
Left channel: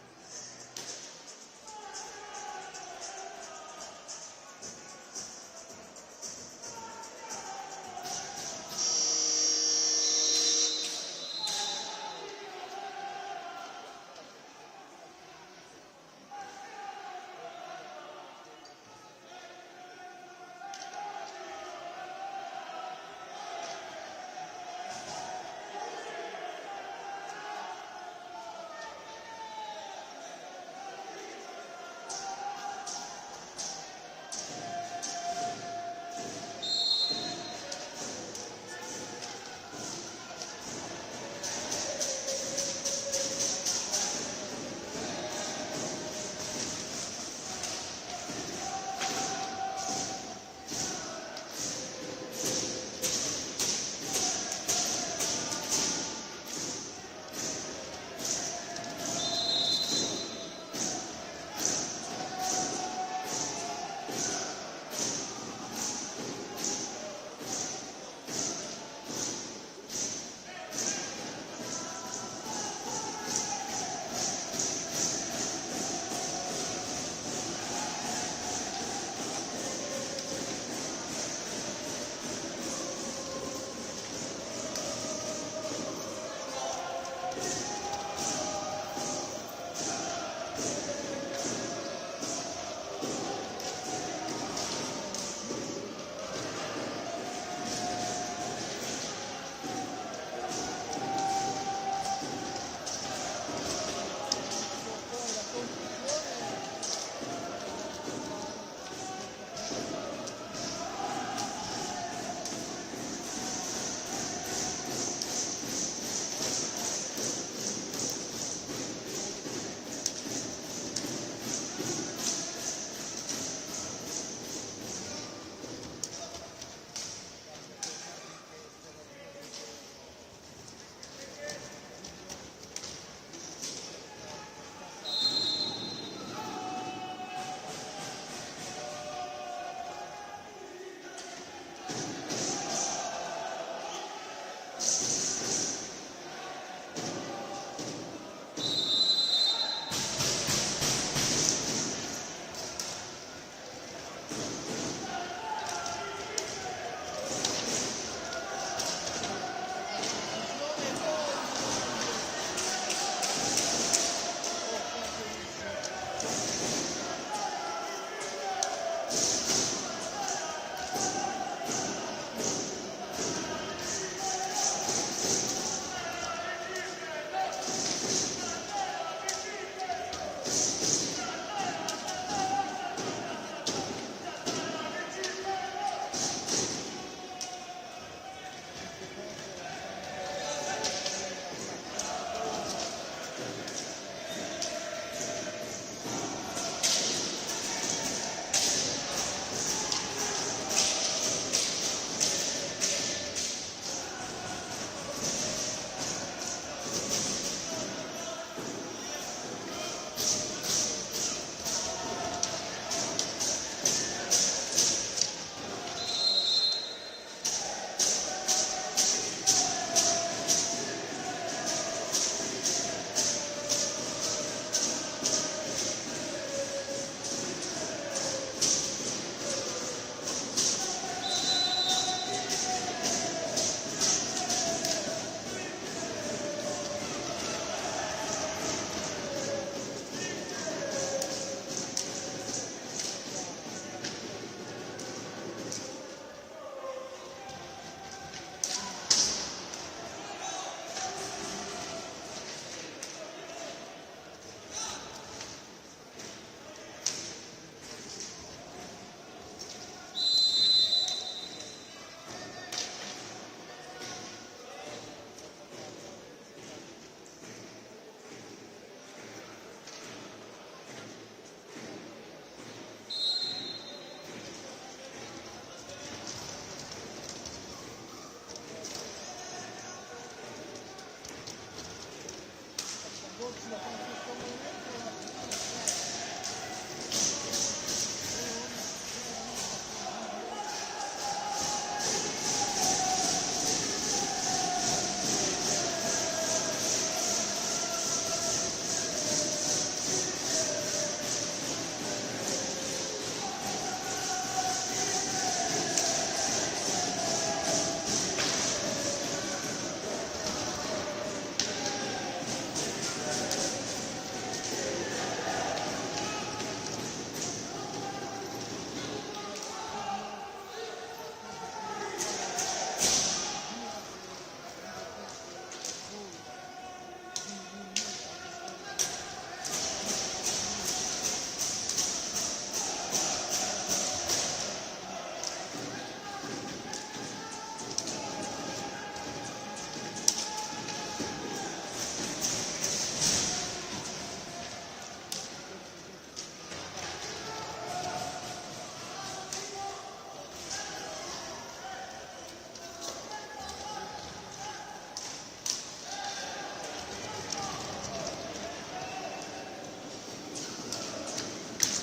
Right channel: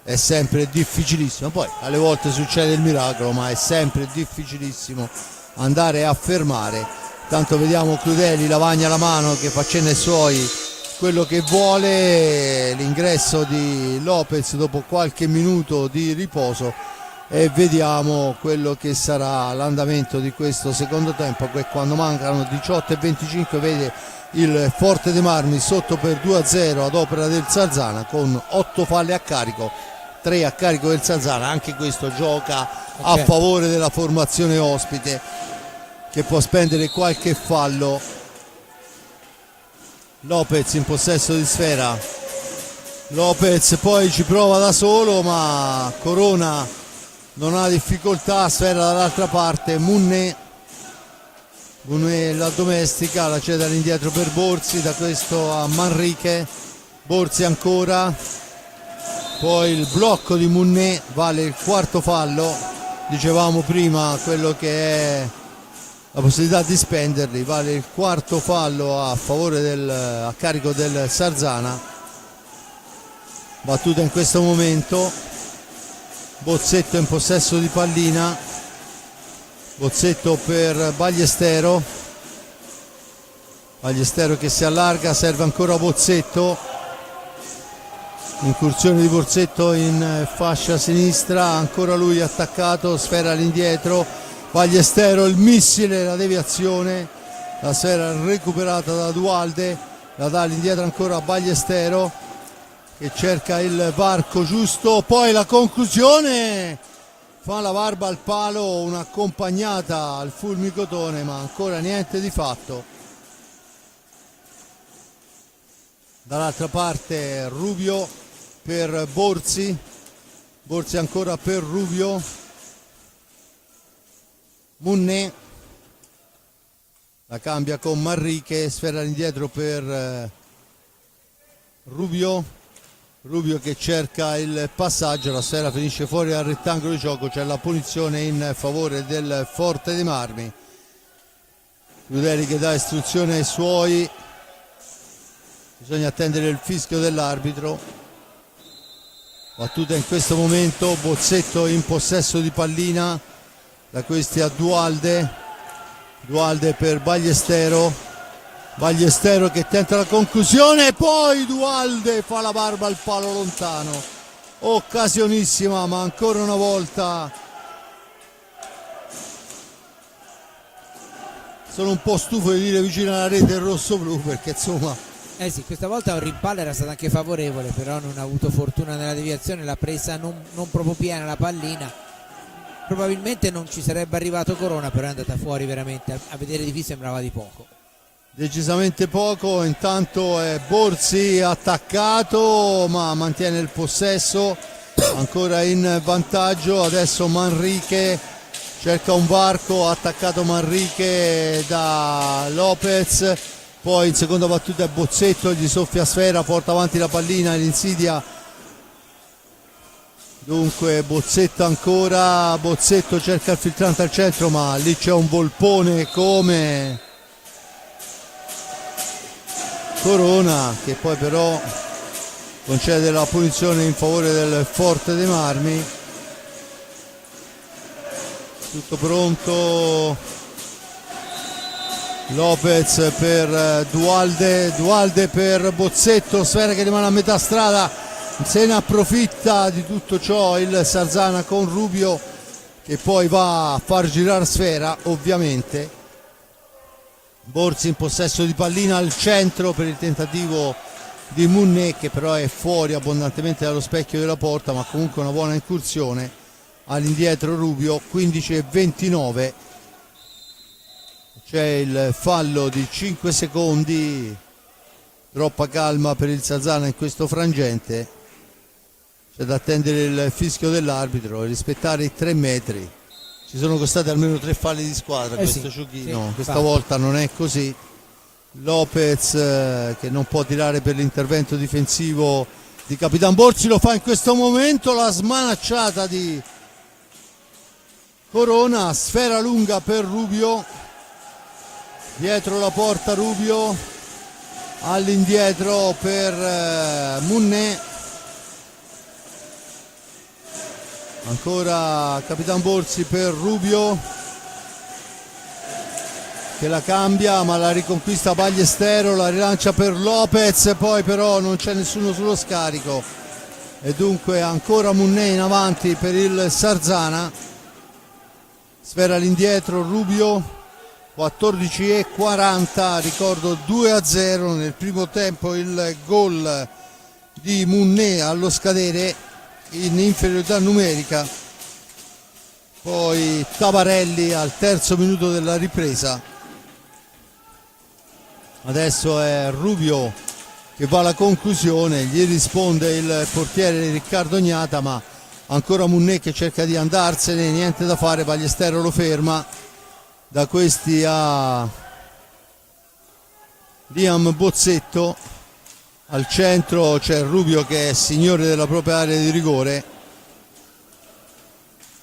è sempre difficilissimo, poi alle volte succede il miracolo, ma è sempre difficilissimo andare a fermare. Tanto vediamo Crudeli, Lavagna alla mano, che fa cenno ai suoi quello che vuole, l'ingresso di Lopez dopo qualche minuto di riposo, e vediamo quello che sarà l'andamento di questo secondo tempo, che quando mancano 18:25 vede il Forte dei Marmi sotto per 2-0 ad opera del Sarzana, con 8 falle a carico, 3 a carico del Sarzana. Anche questo gioca a favore della formazione ospite, che può spendere qualche fallo. Lopez in possesso di sfera, Lopez poi ci prova da solo, ma Corona non ha difficoltà, sfera dall'altra parte, Munné la domestica, la cede all'indietro per Borzi, da questo a Manrique, Borzi ancora, poi il blocco di Munné, vale il 4º fallo, dicevamo prima quello che è la possibilità di spenderli, vale il 4º fallo a favore a carico del Sarzana. Battuta in questo momento, Bozzetto in possesso di pallina, Bozzetto per Ballestero che si allarga, serve ancora Bozzetto, incursione di Bozzetto in fascia sinistra, ancora lui attaccato, sfera all'indietro, Ballestero, il missile, la deviazione, la sfera recuperata da Dualde, la dà all'indietro ancora a Ballestero che cerca il varco giusto, poi la conclusione, fa la barba al palo, un'accompagnata al fulmicotone, ma ancora niente di fatto. Dall'altra parte Rubio per Borzi ancora per Rubio, Munné la cambia con Manrique, sfera all'indietro per Rubio che cerca il passaggio, la sfera finisce fuori dal rettangolo di gioco, c'è la punizione in favore del Forte dei Marmi. Crudeli che dà istruzione ai suoi, bisogna attendere il fischio dell'arbitro. Battuta in questo momento, Bozzetto in possesso di pallina, da questi a Dualde per Ballestero che tenta la conclusione, e poi Dualde fa la barba al palo lontano, occasionissima, ma ancora una volta sono un po' stufo di dire vicino alla rete rosso-blu, perché insomma sì, questa volta un rimpallo era stato anche favorevole, però non ha avuto fortuna nella deviazione, l'ha presa non proprio piena la pallina. Probabilmente non ci sarebbe arrivato Corona, però è andata fuori veramente, a vedere di qui sembrava di poco. Decisamente poco. Intanto è Borzi attaccato, ma mantiene il possesso, ancora in vantaggio. Adesso Manrique cerca un varco, attaccato Manrique da Lopez, poi in seconda battuta è Bozzetto, gli soffia sfera, porta avanti la pallina, l'insidia Dunque Bozzetto ancora, Bozzetto cerca il filtrante al centro, ma lì c'è un Volpone come Corona, che poi però concede la punizione in favore del Forte dei Marmi. Tutto pronto, Lopez per Dualde per Bozzetto, sfera che rimane a metà strada, se ne approfitta di tutto ciò il Sarzana con Rubio, che poi va a far girare sfera ovviamente. Borzi in possesso di pallina al centro per il tentativo di Munné, che però è fuori abbondantemente dallo specchio della porta, ma comunque una buona incursione. All'indietro Rubio, 15:29, c'è il fallo di 5 secondi, troppa calma per il Sarzana in questo frangente, c'è da attendere il fischio dell'arbitro e rispettare i 3 metri. Ci sono costati almeno 3 falli di squadra questo giochino, sì, questa volta non è così. Lopez che non può tirare per l'intervento difensivo di Capitan Borzi, lo fa in questo momento, la smanacciata di Corona, sfera lunga per Rubio, dietro la porta Rubio, all'indietro per Munné, ancora Capitan Borzi per Rubio, che la cambia ma la riconquista Ballestero, la rilancia per Lopez, poi però non c'è nessuno sullo scarico e dunque ancora Munné in avanti per il Sarzana. Sfera all'indietro Rubio, 14:40, ricordo 2-0 nel primo tempo il gol di Munné allo scadere in inferiorità numerica, poi Tabarelli al terzo minuto della ripresa. Adesso è Rubio che va alla conclusione, gli risponde il portiere Riccardo Gnata, ma ancora Munné che cerca di andarsene, niente da fare, Ballestero lo ferma. Da questi a Liam Bozzetto, al centro c'è Rubio che è signore della propria area di rigore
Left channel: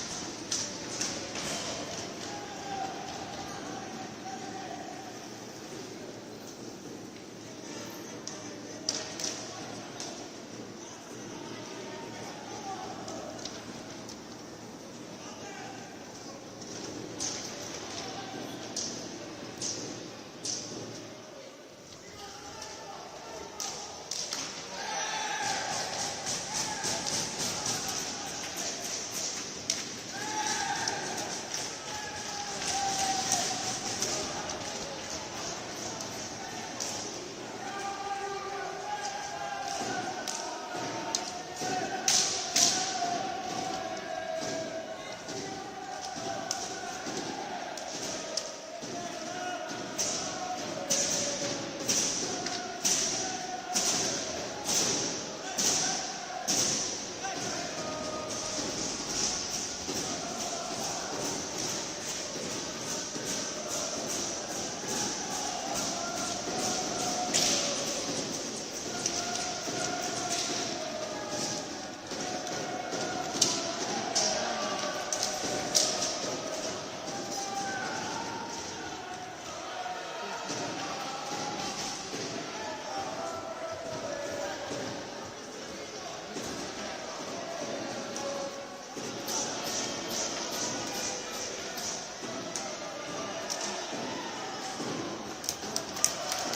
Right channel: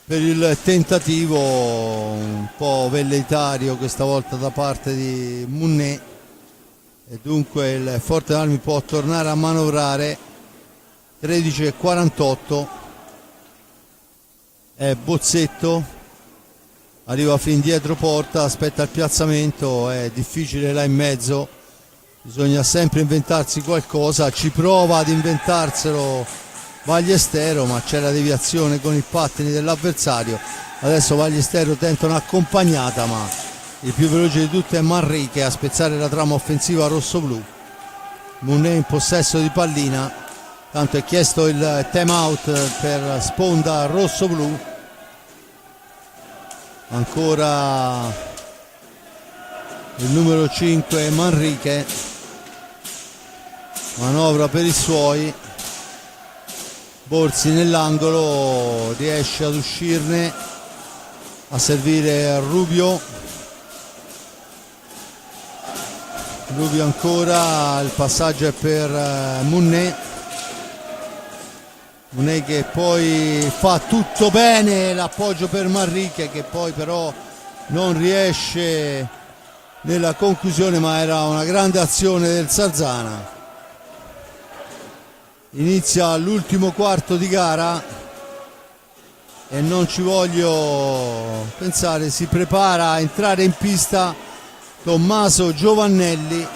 per il tentativo un po' velleitario questa volta da parte di Munné, e dunque il Forte Armi può tornare a manovrare. 13:48, è Bozzetto, arriva fin dietro porta, aspetta il piazzamento, è difficile là in mezzo, bisogna sempre inventarsi qualcosa, ci prova ad inventarselo Ballestero, ma c'è la deviazione con i pattini dell'avversario. Adesso Ballestero tenta un'accompagnata, ma il più veloce di tutti è Manrique a spezzare la trama offensiva rossoblù. Munné in possesso di pallina, tanto è chiesto il time out per sponda rossoblù. Ancora il numero 5 Manrique, manovra per i suoi, Borzi nell'angolo, riesce ad uscirne, a servire Rubio. Rubio ancora, il passaggio è per Munné. Munné che poi fa tutto bene, l'appoggio per Manrique che poi però non riesce nella conclusione, ma era una grande azione del Sarzana. Inizia l'ultimo quarto di gara e non ci voglio pensare, si prepara a entrare in pista Tommaso Giovannelli.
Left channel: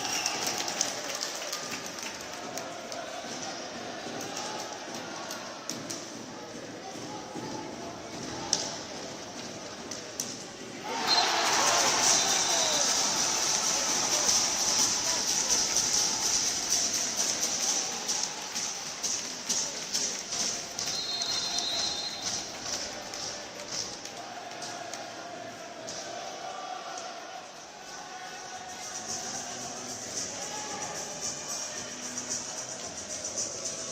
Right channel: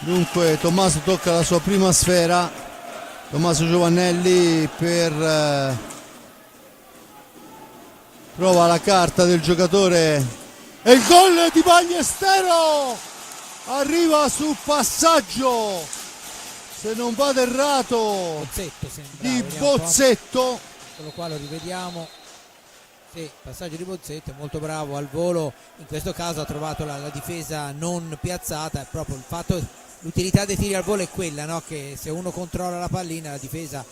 Dunque Tommaso tocca la sua prima sfera, Tommaso Giovannelli trova la carta del giocatore e il gol di Ballestero arriva sul passaggio, se non vado errato, di Bozzetto. Con lo quale rivediamo, sì, passaggio di Bozzetto, molto bravo al volo, in questo caso ha trovato la difesa non piazzata, è proprio il fatto, l'utilità dei tiri al volo è quella, no? Che se uno controlla la pallina la difesa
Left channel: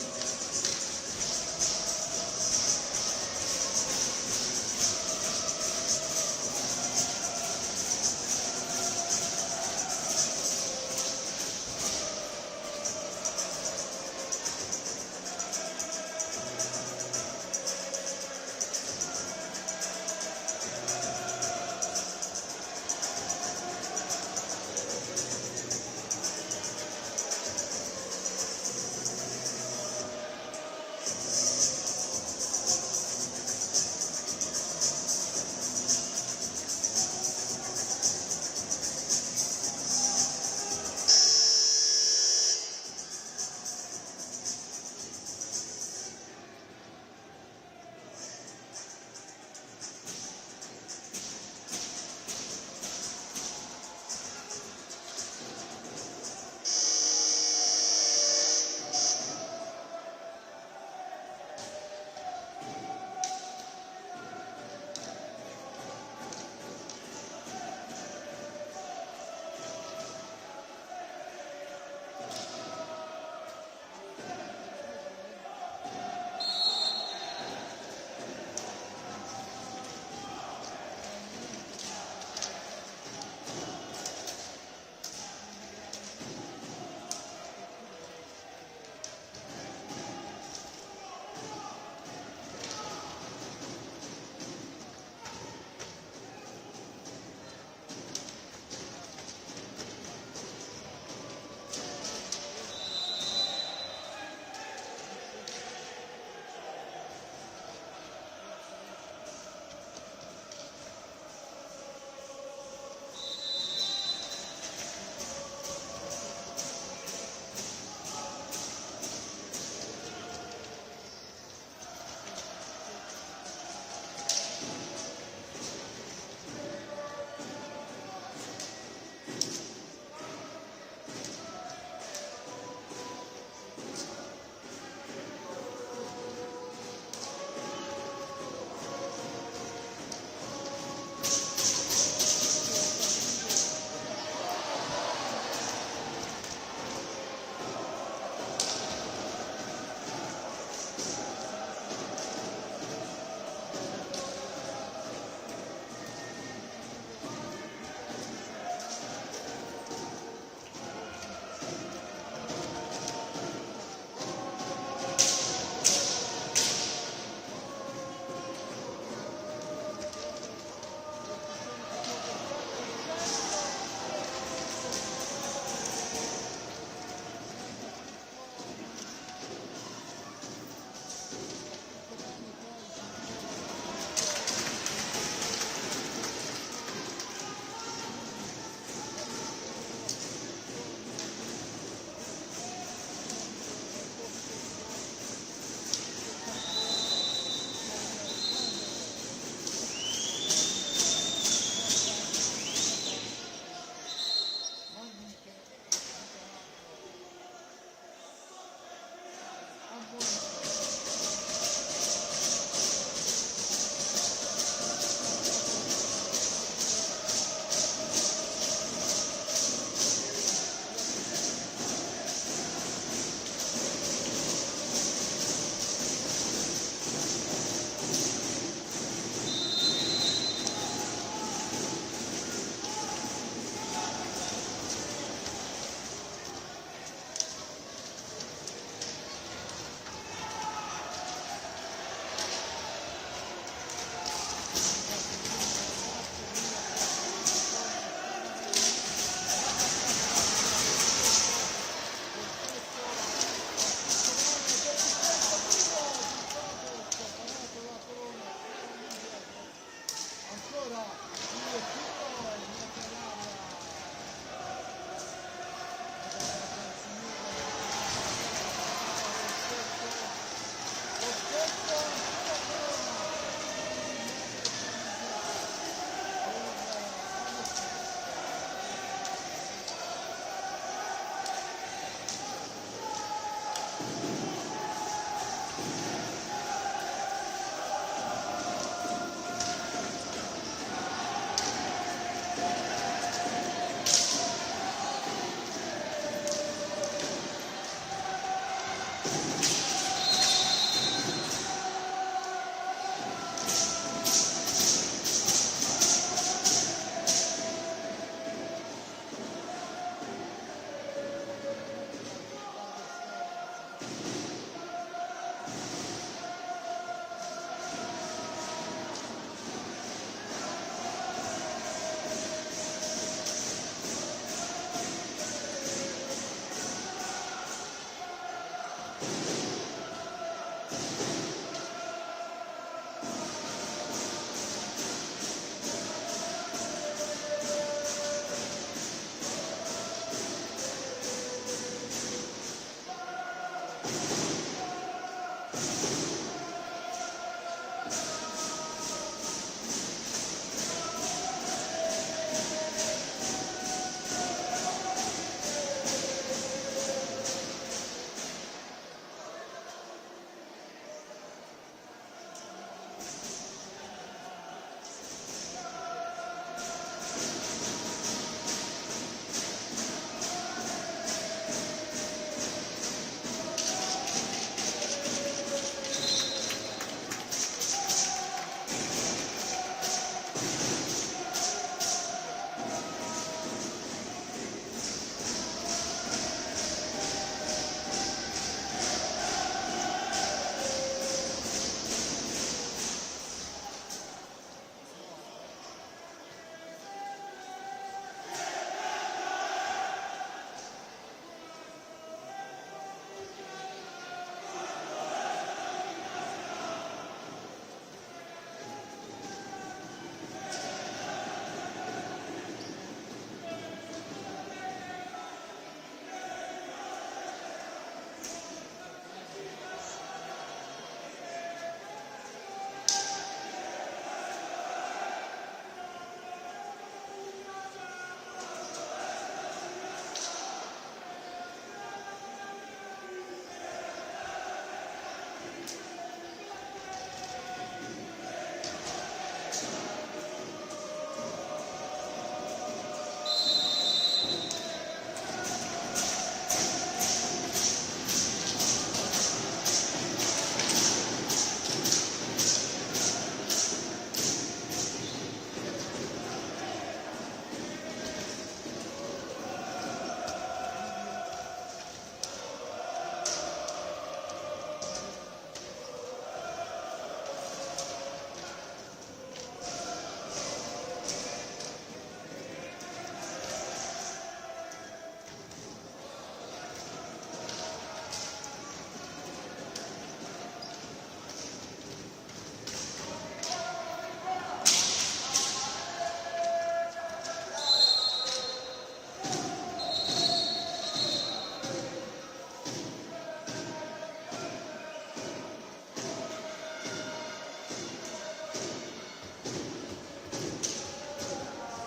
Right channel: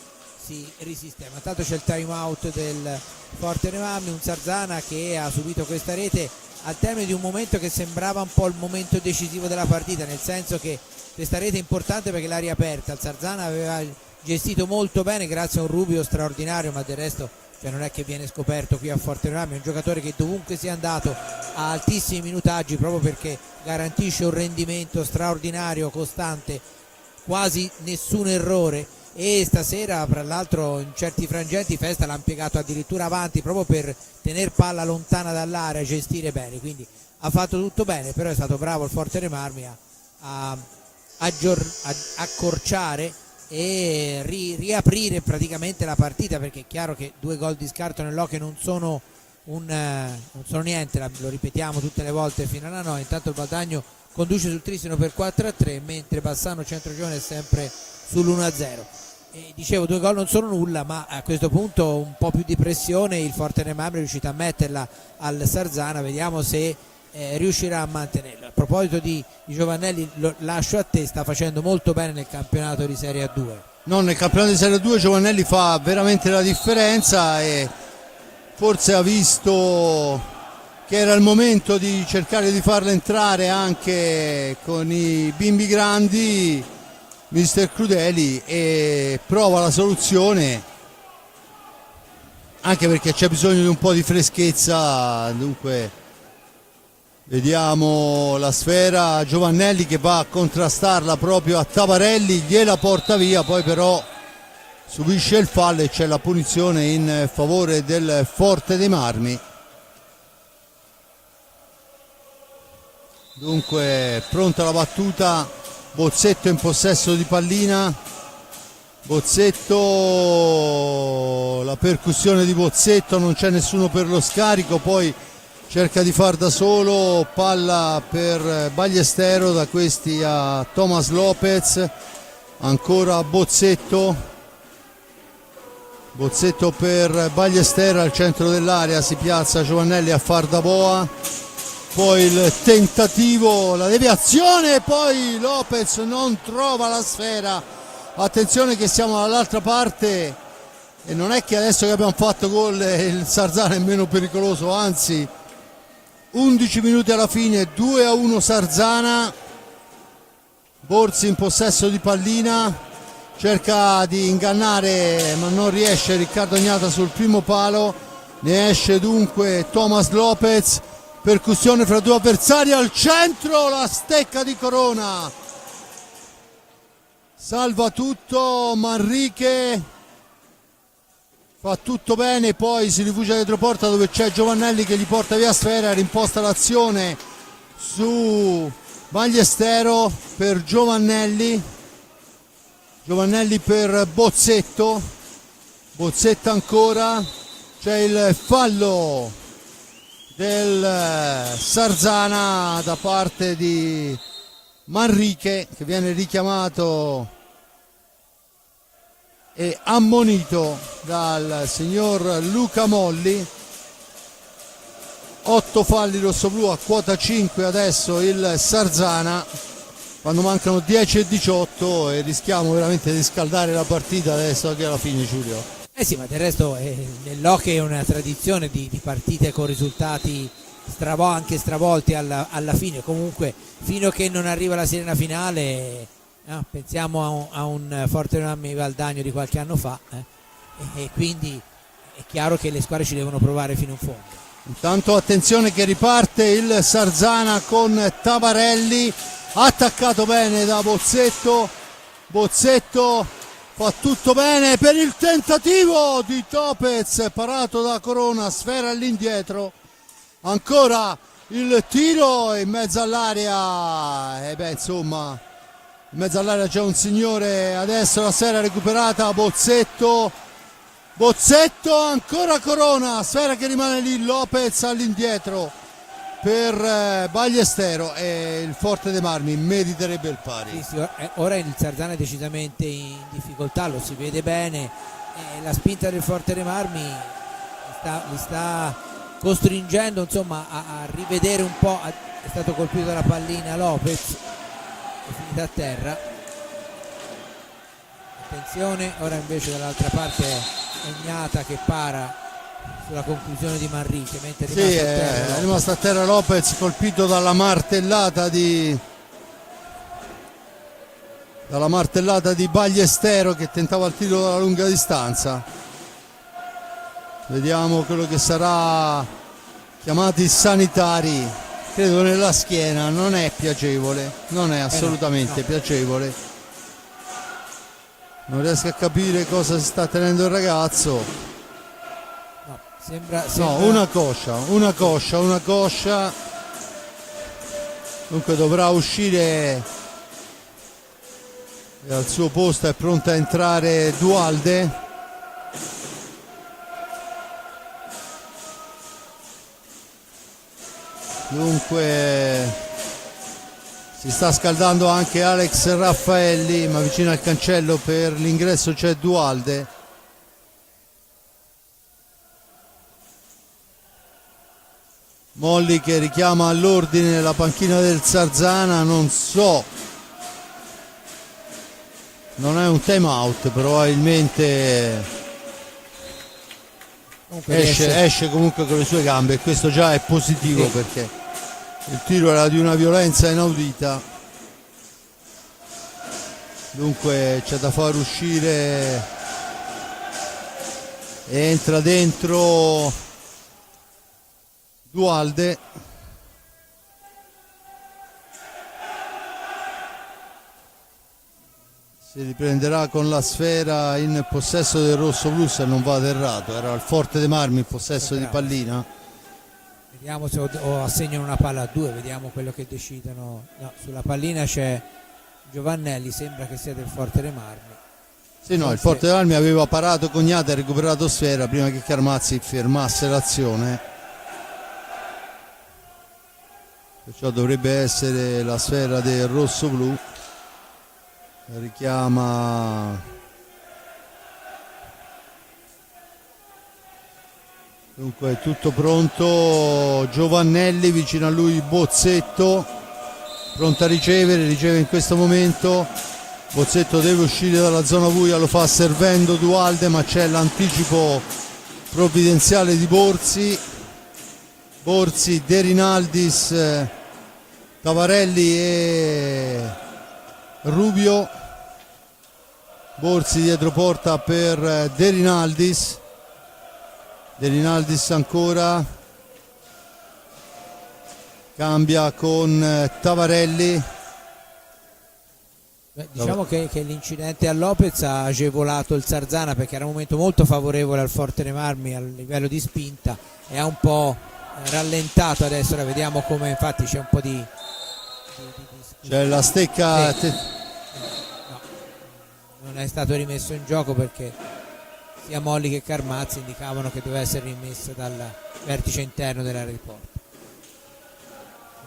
risistema. Intanto c'è il time out del Forte dei Marmi, un Sarzana che ha subito questa rete al termine di un momento che sembrava un po' il momento decisivo della partita, nel senso che questa rete è importante perché l'ha riaperta. Il Sarzana aveva gestito molto bene grazie a un Rubio straordinario, ma del resto non è che viene scoperto qui a Forte dei Marmi, è un giocatore che dovunque sia andato ha altissimi minutaggi proprio perché garantisce un rendimento straordinario, costante, quasi nessun errore, e stasera fra l'altro in certi frangenti Festa l'ha impiegato addirittura avanti proprio per tenere palla lontana dall'area, gestire bene, quindi ha fatto tutto bene, però è stato bravo il Forte dei Marmi a accorciare e riaprire praticamente la partita, perché è chiaro che 2 gol di scarto nell'Hockey non sono niente, lo ripetiamo tutte le volte fino alla 9. Intanto il Valdagno conduce sul Tristino per 4-3, mentre Bassano Centrorione è sempre sull'1-0. Dicevo, 2 gol non sono nulla, ma a questo punto un po' più di pressione il Forte dei Marmi è riuscito a metterla al Sarzana, vediamo se riuscirà a mantenerla. A proposito di Giovannelli, lo lascio a te, sta facendo molto bene nel campionato di Serie A2. No, nel campionato di Serie A2 Giovannelli fa veramente la differenza e forse ha visto che era il momento di cercare di farla entrare anche con i bimbi grandi, mister Crudeli, e prova la soluzione, anche perché c'è bisogno di un po' di freschezza. Dunque vediamo la sfera, Giovannelli che va a contrastarla proprio a Tavarelli, gliela porta via, poi però subisce il fallo e c'è la punizione in favore del Forte dei Marmi. Dunque pronta la battuta, Bozzetto in possesso di pallina, Bozzetto, la percussione di Bozzetto, non c'è nessuno per lo scarico, poi cerca di far da solo, palla per Ballestero, da questi a Thomas Lopez, ancora Bozzetto per Ballestero al centro dell'area, si piazza Giovannelli a far da boa, poi il tentativo, la deviazione, poi Lopez non trova la sfera. Attenzione che siamo dall'altra parte e non è che adesso che abbiamo fatto gol il Sarzana è meno pericoloso, anzi 11 minuti alla fine, 2-1 Sarzana. Borzi in possesso di pallina, cerca di ingannare ma non riesce Riccardo Agnata sul primo palo, ne esce dunque Thomas Lopez, percussione fra 2 avversari al centro, la stecca di Corona, salva tutto Manrique, fa tutto bene, poi si rifugia dietro porta dove c'è Giovannelli che gli porta via sfera, rimposta l'azione su Ballestero per Giovannelli per Bozzetto ancora, c'è il fallo del Sarzana da parte di Manrique che viene richiamato e ammonito dal signor Luca Molli. 8 falli rossoblù a quota 5 adesso il Sarzana, quando mancano 10 e 18 e rischiamo veramente di scaldare la partita adesso che alla fine, Giulio. Sì, ma del resto nell'hockey è una tradizione di partite con risultati anche stravolti alla fine, comunque fino a che non arriva la sirena finale. Pensiamo a un Forte dei Marmi Valdagno di qualche anno fa, e quindi è chiaro che le squadre ci devono provare fino in fondo. Intanto attenzione che riparte il Sarzana con Tavarelli, attaccato bene da Bozzetto fa tutto bene per il tentativo di Topez, parato da Corona, sfera all'indietro, ancora il tiro in mezzo all'area, insomma in mezzo all'area c'è un signore, adesso la sfera recuperata, Bozzetto, ancora Corona, sfera che rimane lì, Lopez all'indietro per Ballestero e il Forte dei Marmi meriterebbe il pari. Sì, ora il Sarzana è decisamente in difficoltà, lo si vede bene, la spinta del Forte dei Marmi li sta costringendo insomma a rivedere un po', è stato colpito dalla pallina Lopez, a terra, attenzione, ora invece dall'altra parte è Gnata che para sulla conclusione di Manrique, mentre Sì, è rimasto a terra Lopez, colpito dalla martellata di Ballestero, che tentava il tiro dalla lunga distanza. Vediamo quello che sarà chiamati sanitari, credo nella schiena. Non è piacevole, non è assolutamente piacevole. Non riesco a capire cosa si sta tenendo il ragazzo. Sembra... No, una coscia. Dunque dovrà uscire dal suo posto, è pronta a entrare Duhalde. Dunque si sta scaldando anche Alex Raffaelli, ma vicino al cancello per l'ingresso c'è Duhalde. Molli che richiama all'ordine la panchina del Sarzana, non so, non è un time out, probabilmente esce comunque con le sue gambe, e questo già è positivo, perché il tiro era di una violenza inaudita. Dunque c'è da far uscire, entra dentro Duhalde. Si riprenderà con la sfera in possesso del rosso-blu, se non vado errato. Era il Forte dei Marmi in possesso di pallina. Vediamo se o assegnano una palla a due, vediamo quello che decidono. No, sulla pallina c'è Giovannelli, sembra che sia del Forte dei Marmi. Sì, no, il Forte dei Marmi aveva parato Cognata e recuperato sfera prima che Carmazzi fermasse l'azione. Perciò dovrebbe essere la sfera del rosso-blu. Richiama dunque, tutto pronto. Giovannelli, vicino a lui Bozzetto, pronto a riceve in questo momento. Bozzetto deve uscire dalla zona buia, lo fa servendo Duhalde, ma c'è l'anticipo provvidenziale di Borzi, De Rinaldis, Tavarelli e Rubio. Borzi dietro porta per De Rinaldis ancora, cambia con Tavarelli. Diciamo che l'incidente a Lopez ha agevolato il Sarzana, perché era un momento molto favorevole al Forte dei Marmi a livello di spinta, e ha un po' rallentato adesso. Ora vediamo come, infatti c'è un po' di... C'è la stecca... Sì. Non è stato rimesso in gioco, perché sia Molli che Carmazzi indicavano che doveva essere rimesso dal vertice interno dell'area di porta.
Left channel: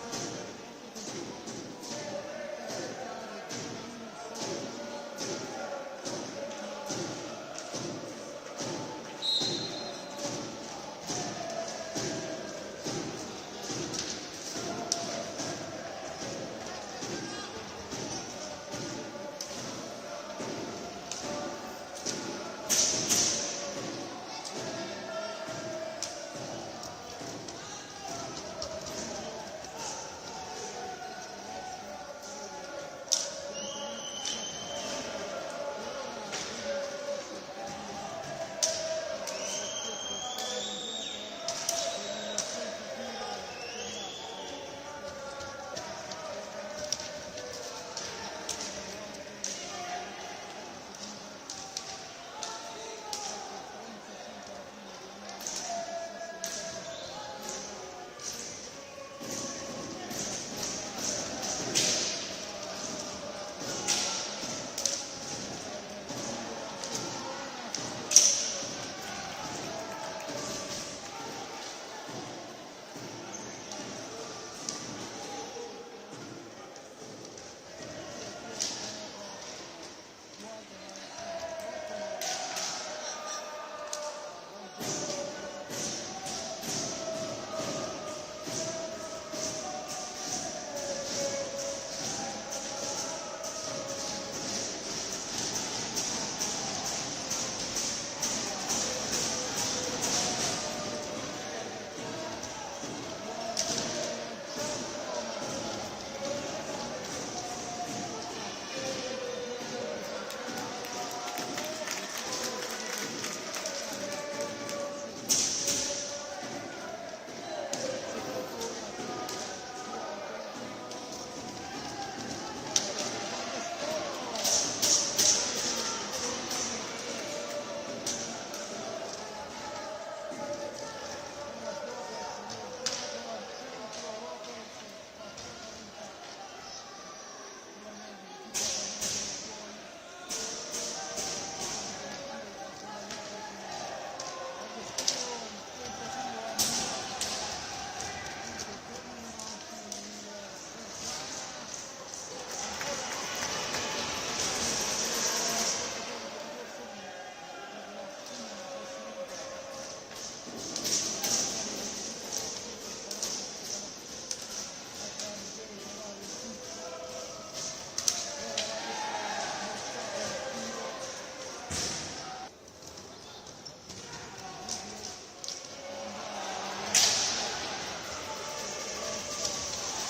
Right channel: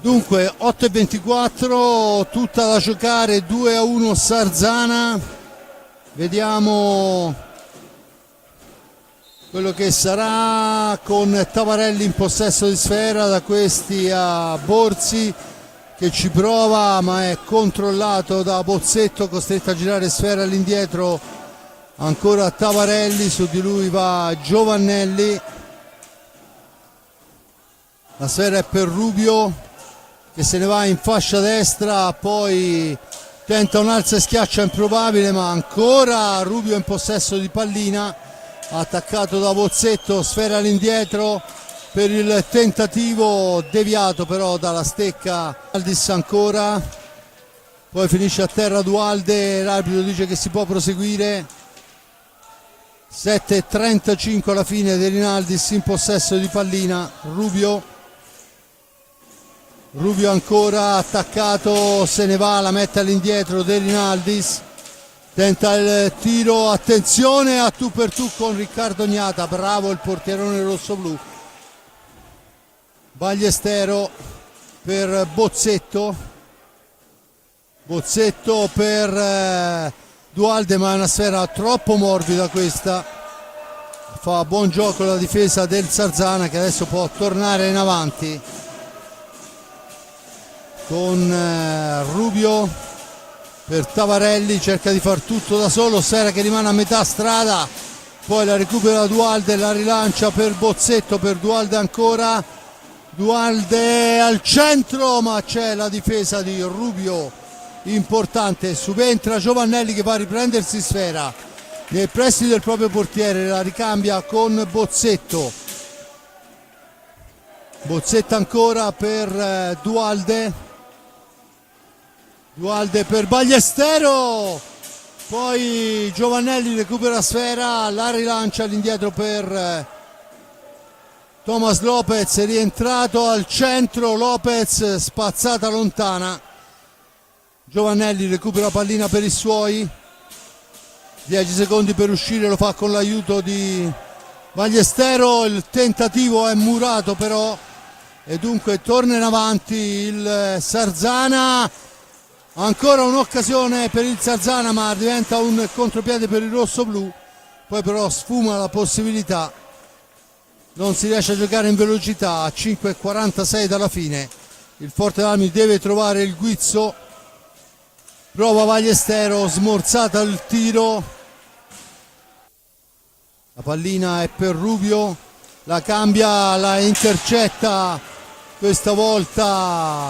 Dunque 8:24, tutta da giocare, 2-1 Sarzana. Vediamo quello che sarà, con Tavarelli in possesso di sfera, da questi a Borzi che ci prova, ma è controllato da Bozzetto, costretto a girare sfera all'indietro ancora Tavarelli, su di lui va Giovannelli. La sfera è per Rubio, che se ne va in fascia destra, poi tenta un alza e schiaccia improbabile, ma ancora Rubio in possesso di pallina, attaccato da Bozzetto, sfera all'indietro per il tentativo, deviato però dalla stecca. Aldis ancora, poi finisce a terra Duhalde, l'arbitro dice che si può proseguire. 7:35 alla fine, De Rinaldis in possesso di pallina. Rubio ancora attaccato, se ne va, la mette all'indietro De Rinaldis, tenta il tiro, attenzione a tu per tu con Riccardo Gnata, bravo il portierone rossoblu. Ballestero per Bozzetto per Duhalde, ma è una sfera troppo morbida questa. Fa buon gioco la difesa del Sarzana, che adesso può tornare in avanti con Rubio per Tavarelli, cerca di far tutto da solo, Sfera che rimane a metà strada, poi la recupera Dualde, la rilancia per Bozzetto, per Dualde ancora, Dualde al centro, ma c'è la difesa di Rubio importante, subentra Giovannelli che va a riprendersi Sfera nei pressi del proprio portiere, la ricambia con Bozzetto, Bozzetto ancora per Dualde, Dualde per Ballestero, poi Giovannelli recupera Sfera, la rilancia all'indietro per Thomas Lopez, è rientrato al centro, Lopez spazzata lontana, Giovannelli recupera pallina per i suoi, 10 secondi per uscire, lo fa con l'aiuto di Ballestero, il tentativo è murato però e dunque torna in avanti il Sarzana, ancora un'occasione per il Sarzana ma diventa un contropiede per il rossoblu, poi però sfuma la possibilità, non si riesce a giocare in velocità, a 5:46 dalla fine il Forte Valmy deve trovare il guizzo, prova Ballestero, smorzata il tiro, la pallina è per Rubio, la cambia, la intercetta questa volta,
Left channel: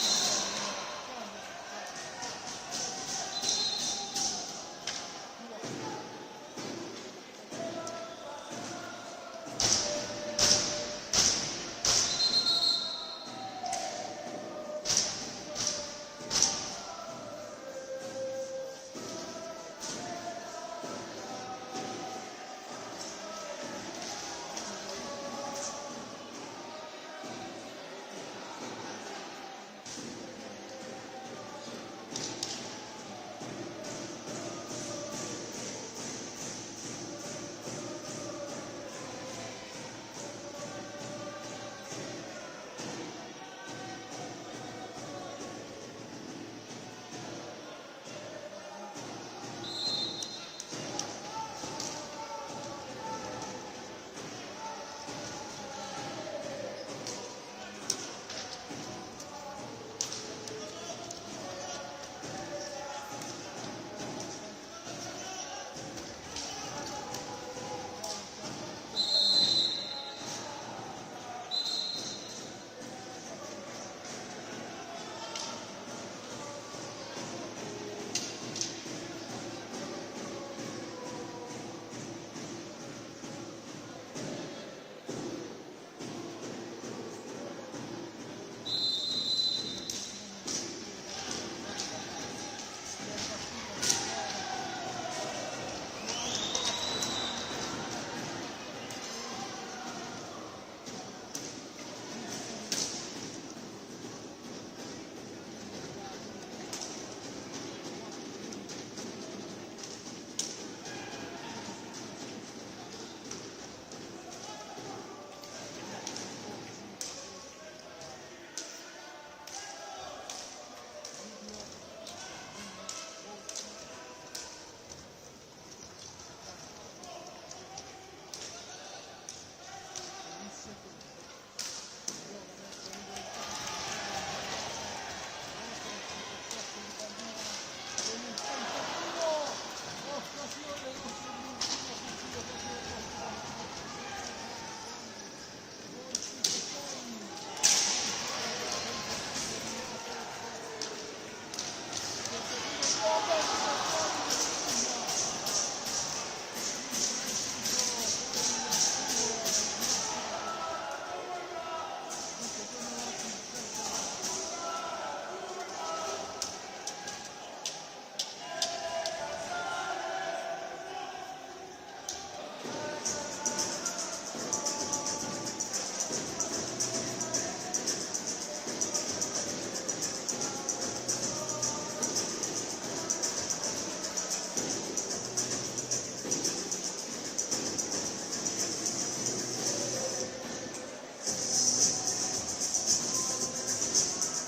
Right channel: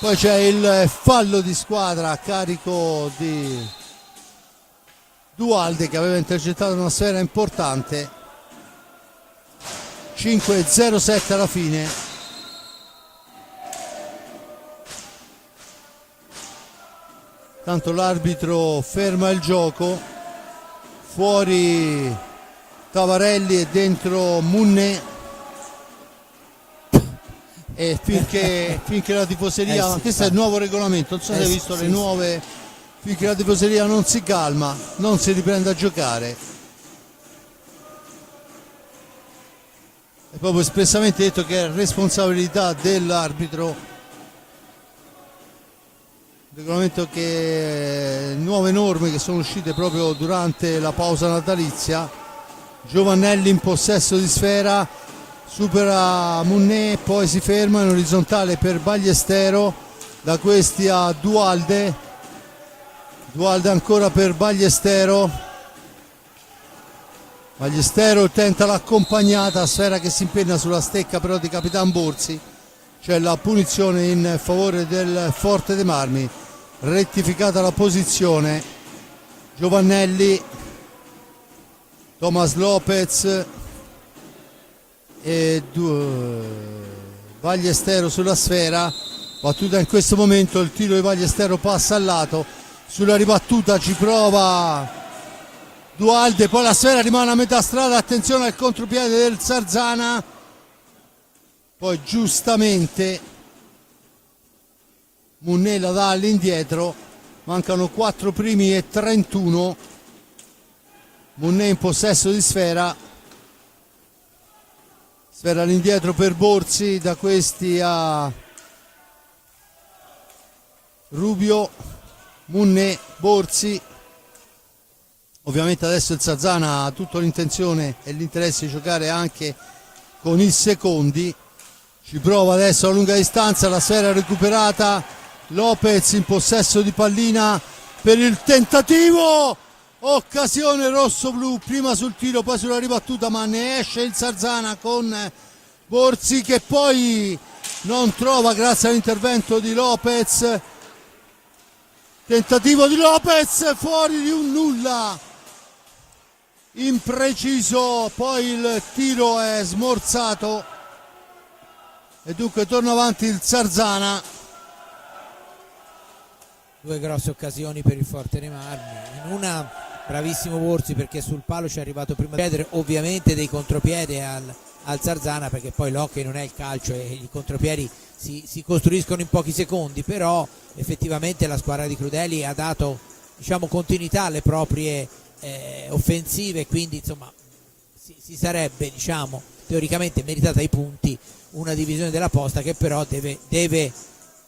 poi c'è il fallo di squadra a carico di Dualde che aveva intercettato una sfera importante. 5:07 alla fine. Tanto l'arbitro ferma il gioco, fuori Tavarelli e dentro Munné, e finché la tifoseria, questo è il nuovo regolamento, non so se hai visto le nuove, finché la tifoseria non si calma non si riprende a giocare. È proprio espressamente detto che è responsabilità dell'arbitro. Regolamento che nuove norme che sono uscite proprio durante la pausa natalizia. Giovannelli in possesso di sfera, supera Munné, poi si ferma in orizzontale per Ballestero, da questi a Dualde, Dualde ancora per Ballestero, Ballestero tenta l'accompagnata, sfera che si impenna sulla stecca però di Capitan Borzi, c'è la punizione in favore del Forte dei Marmi, rettificata la posizione, Giovannelli, Thomas Lopez e Ballestero sulla sfera, battuta in questo momento, il tiro di Ballestero passa al lato, sulla ribattuta ci prova Dualde, poi la sfera rimane a metà strada, attenzione al contropiede del Sarzana, poi giustamente Munné la dà all'indietro, mancano 4 primi e 31, Munné in possesso di sfera, sfera all'indietro per Borzi, da questi a Rubio, Munné, Borzi, ovviamente adesso il Sarzana ha tutta l'intenzione e l'interesse di giocare anche con i secondi, ci prova adesso a lunga distanza, la sfera recuperata, Lopez in possesso di pallina per il tentativo, occasione rosso-blu, prima sul tiro poi sulla ribattuta, ma ne esce il Sarzana con Borzi che poi non trova grazie all'intervento di Lopez, tentativo di Lopez fuori di un nulla, impreciso, poi il tiro è smorzato e dunque torna avanti il Sarzana. Due grosse occasioni per il Forte dei Marmi, in una bravissimo Borzi perché sul palo ci è arrivato prima, chiedere ovviamente dei contropiede al Sarzana, perché poi l'hockey non è il calcio, i contropiedi si costruiscono in pochi secondi, però effettivamente la squadra di Crudeli ha dato, diciamo, continuità alle proprie offensive, quindi insomma si sarebbe, diciamo, teoricamente meritata i punti una divisione della posta che però deve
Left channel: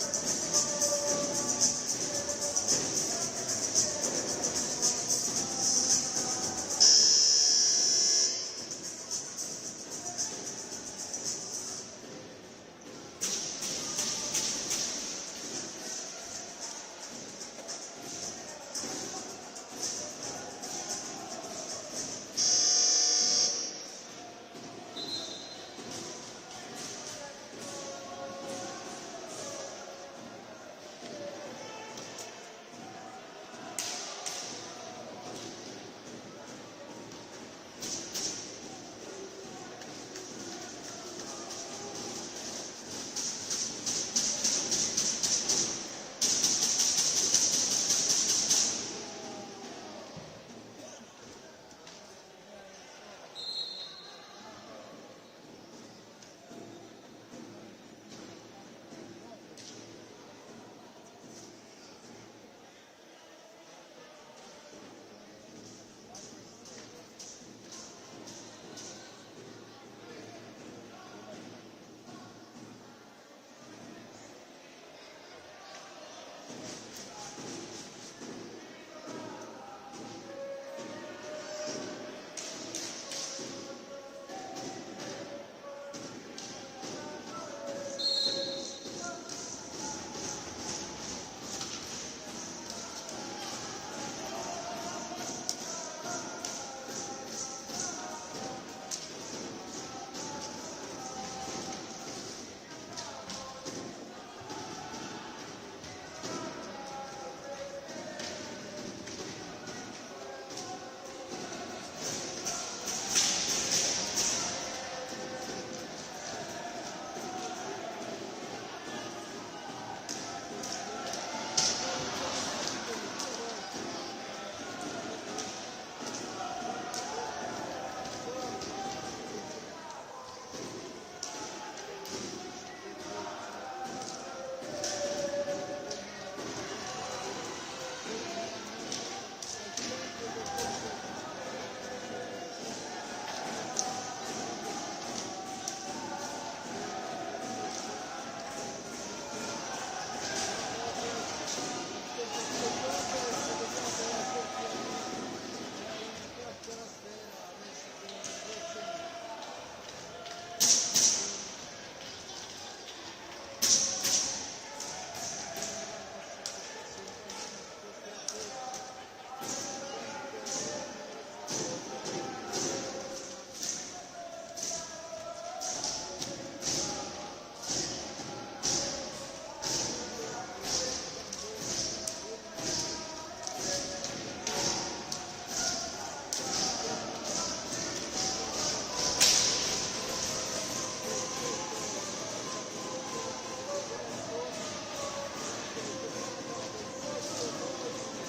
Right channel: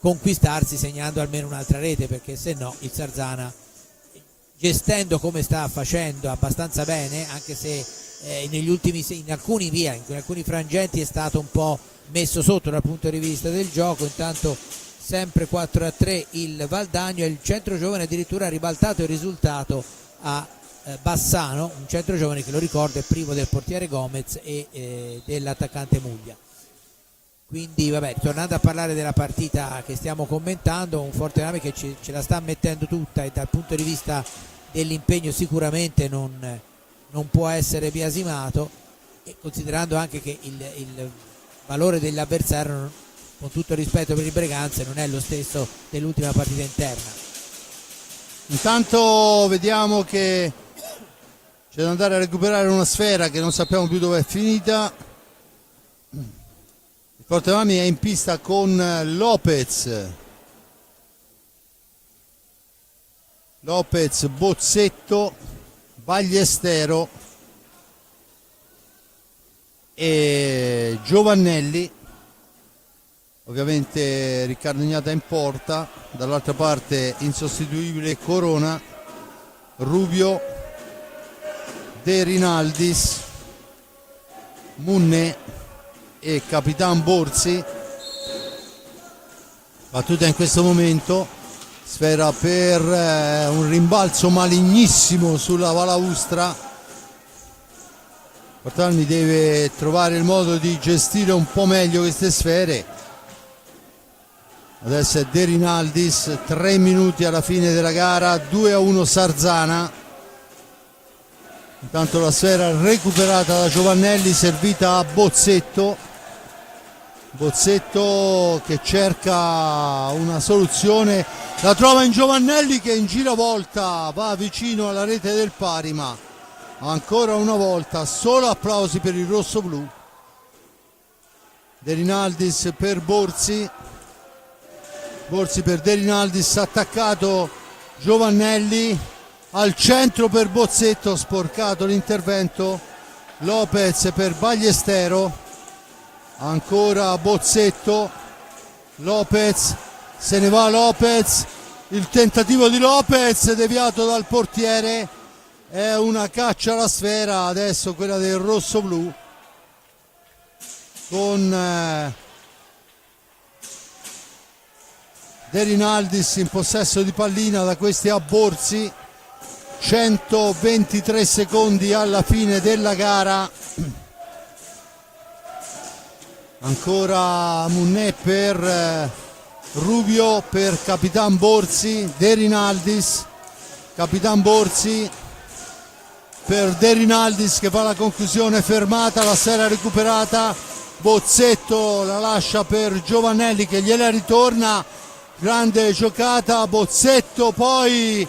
conquistarsi segnando almeno un'altra rete, perché se no il Sarzana, gestendo come sta facendo abbastanza bene, anche se in alcuni frangenti è stato un po' messo sotto dal punto di vista del gioco, intanto sempre 4-3 il Valdagno, e il centro giovane addirittura ha ribaltato il risultato a Bassano, un centro giovane che, lo ricordo, è privo del portiere Gomez e dell'attaccante Muglia. Quindi vabbè, tornando a parlare della partita che stiamo commentando, un Fortename che ce la sta mettendo tutta, e dal punto di vista dell'impegno sicuramente non può essere biasimato, e considerando anche che il valore dell'avversario, con tutto il rispetto per il Breganze, non è lo stesso dell'ultima partita interna. Intanto vediamo che c'è da andare a recuperare una sfera che non sappiamo più dove è finita. Fortenami è in pista con Lopez, Bozzetto, Bagliestero e Giovannelli. Ovviamente Riccardo Ignata in porta, dall'altra parte insostituibile Corona, Rubio, De Rinaldis, Munne e Capitan Borsi. Battuta in questo momento, sfera per un rimbalzo malignissimo sulla balaustra. Fortanmi deve trovare il modo di gestire un po' meglio queste sfere. Adesso è De Rinaldis, 3 minuti alla fine della gara, 2-1 Sarzana. Intanto la sfera recuperata da Giovannelli, servita a Bozzetto che cerca una soluzione, la trova in Giovannelli che in giravolta va vicino alla rete del pari, ma ancora una volta solo applausi per il rossoblu. De Rinaldis per Borsi per De Rinaldis, attaccato Giovannelli, al centro per Bozzetto, sporcato l'intervento. Lopez per Bagliestero, ancora Bozzetto, Lopez, se ne va Lopez, il tentativo di Lopez deviato dal portiere, è una caccia alla sfera adesso quella del rossoblu, con De Rinaldis in possesso di pallina, da questi a Borsi. 123 secondi alla fine della gara, ancora Munne per Rubio, per Capitan Borsi, De Rinaldis, Capitan Borsi per De Rinaldis che fa la conclusione, fermata, la sfera recuperata, Bozzetto la lascia per Giovannelli che gliela ritorna, grande giocata, Bozzetto poi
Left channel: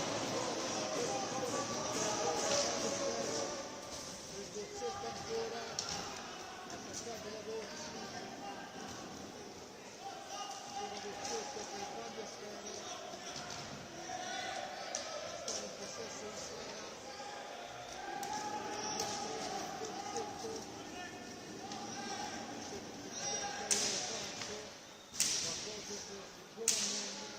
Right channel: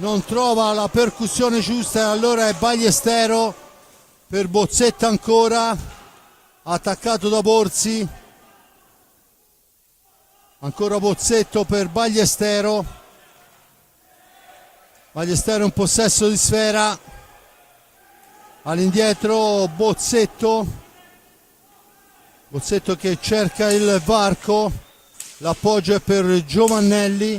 non trova la percussione giusta e allora è Bagliestero per Bozzetto, ancora attaccato da Borsi, ancora Bozzetto per Bagliestero in possesso di sfera, all'indietro Bozzetto che cerca il varco, l'appoggio è per Giovannelli,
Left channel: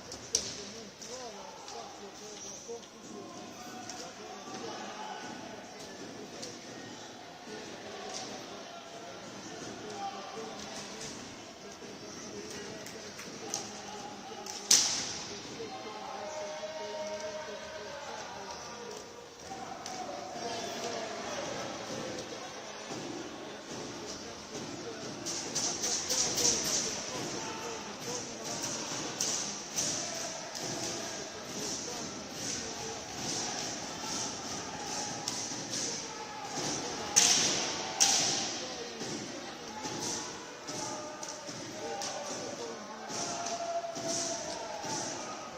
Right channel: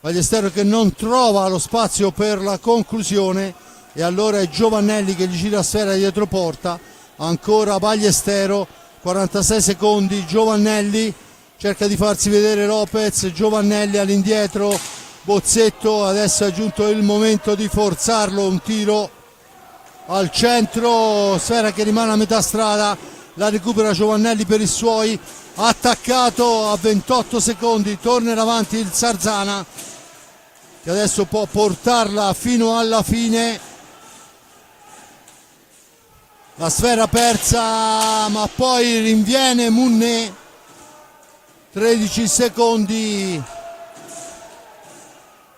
Bagliestero che non trova lo spazio per la conclusione e allora è Giovannelli che gli gira sfera dietro porta, ancora Bagliestero, 46 secondi, Giovannelli cerca di farsi vedere Lopez, Giovannelli all'indietro, Bozzetto, adesso è giunto il momento di forzarlo, un tiro al centro, sfera che rimane a metà strada, la recupera Giovannelli per i suoi, attaccato a 28 secondi, torna avanti il Sarzana che adesso può portarla fino alla fine. La sfera persa, ma poi rinviene Munne, 13 secondi,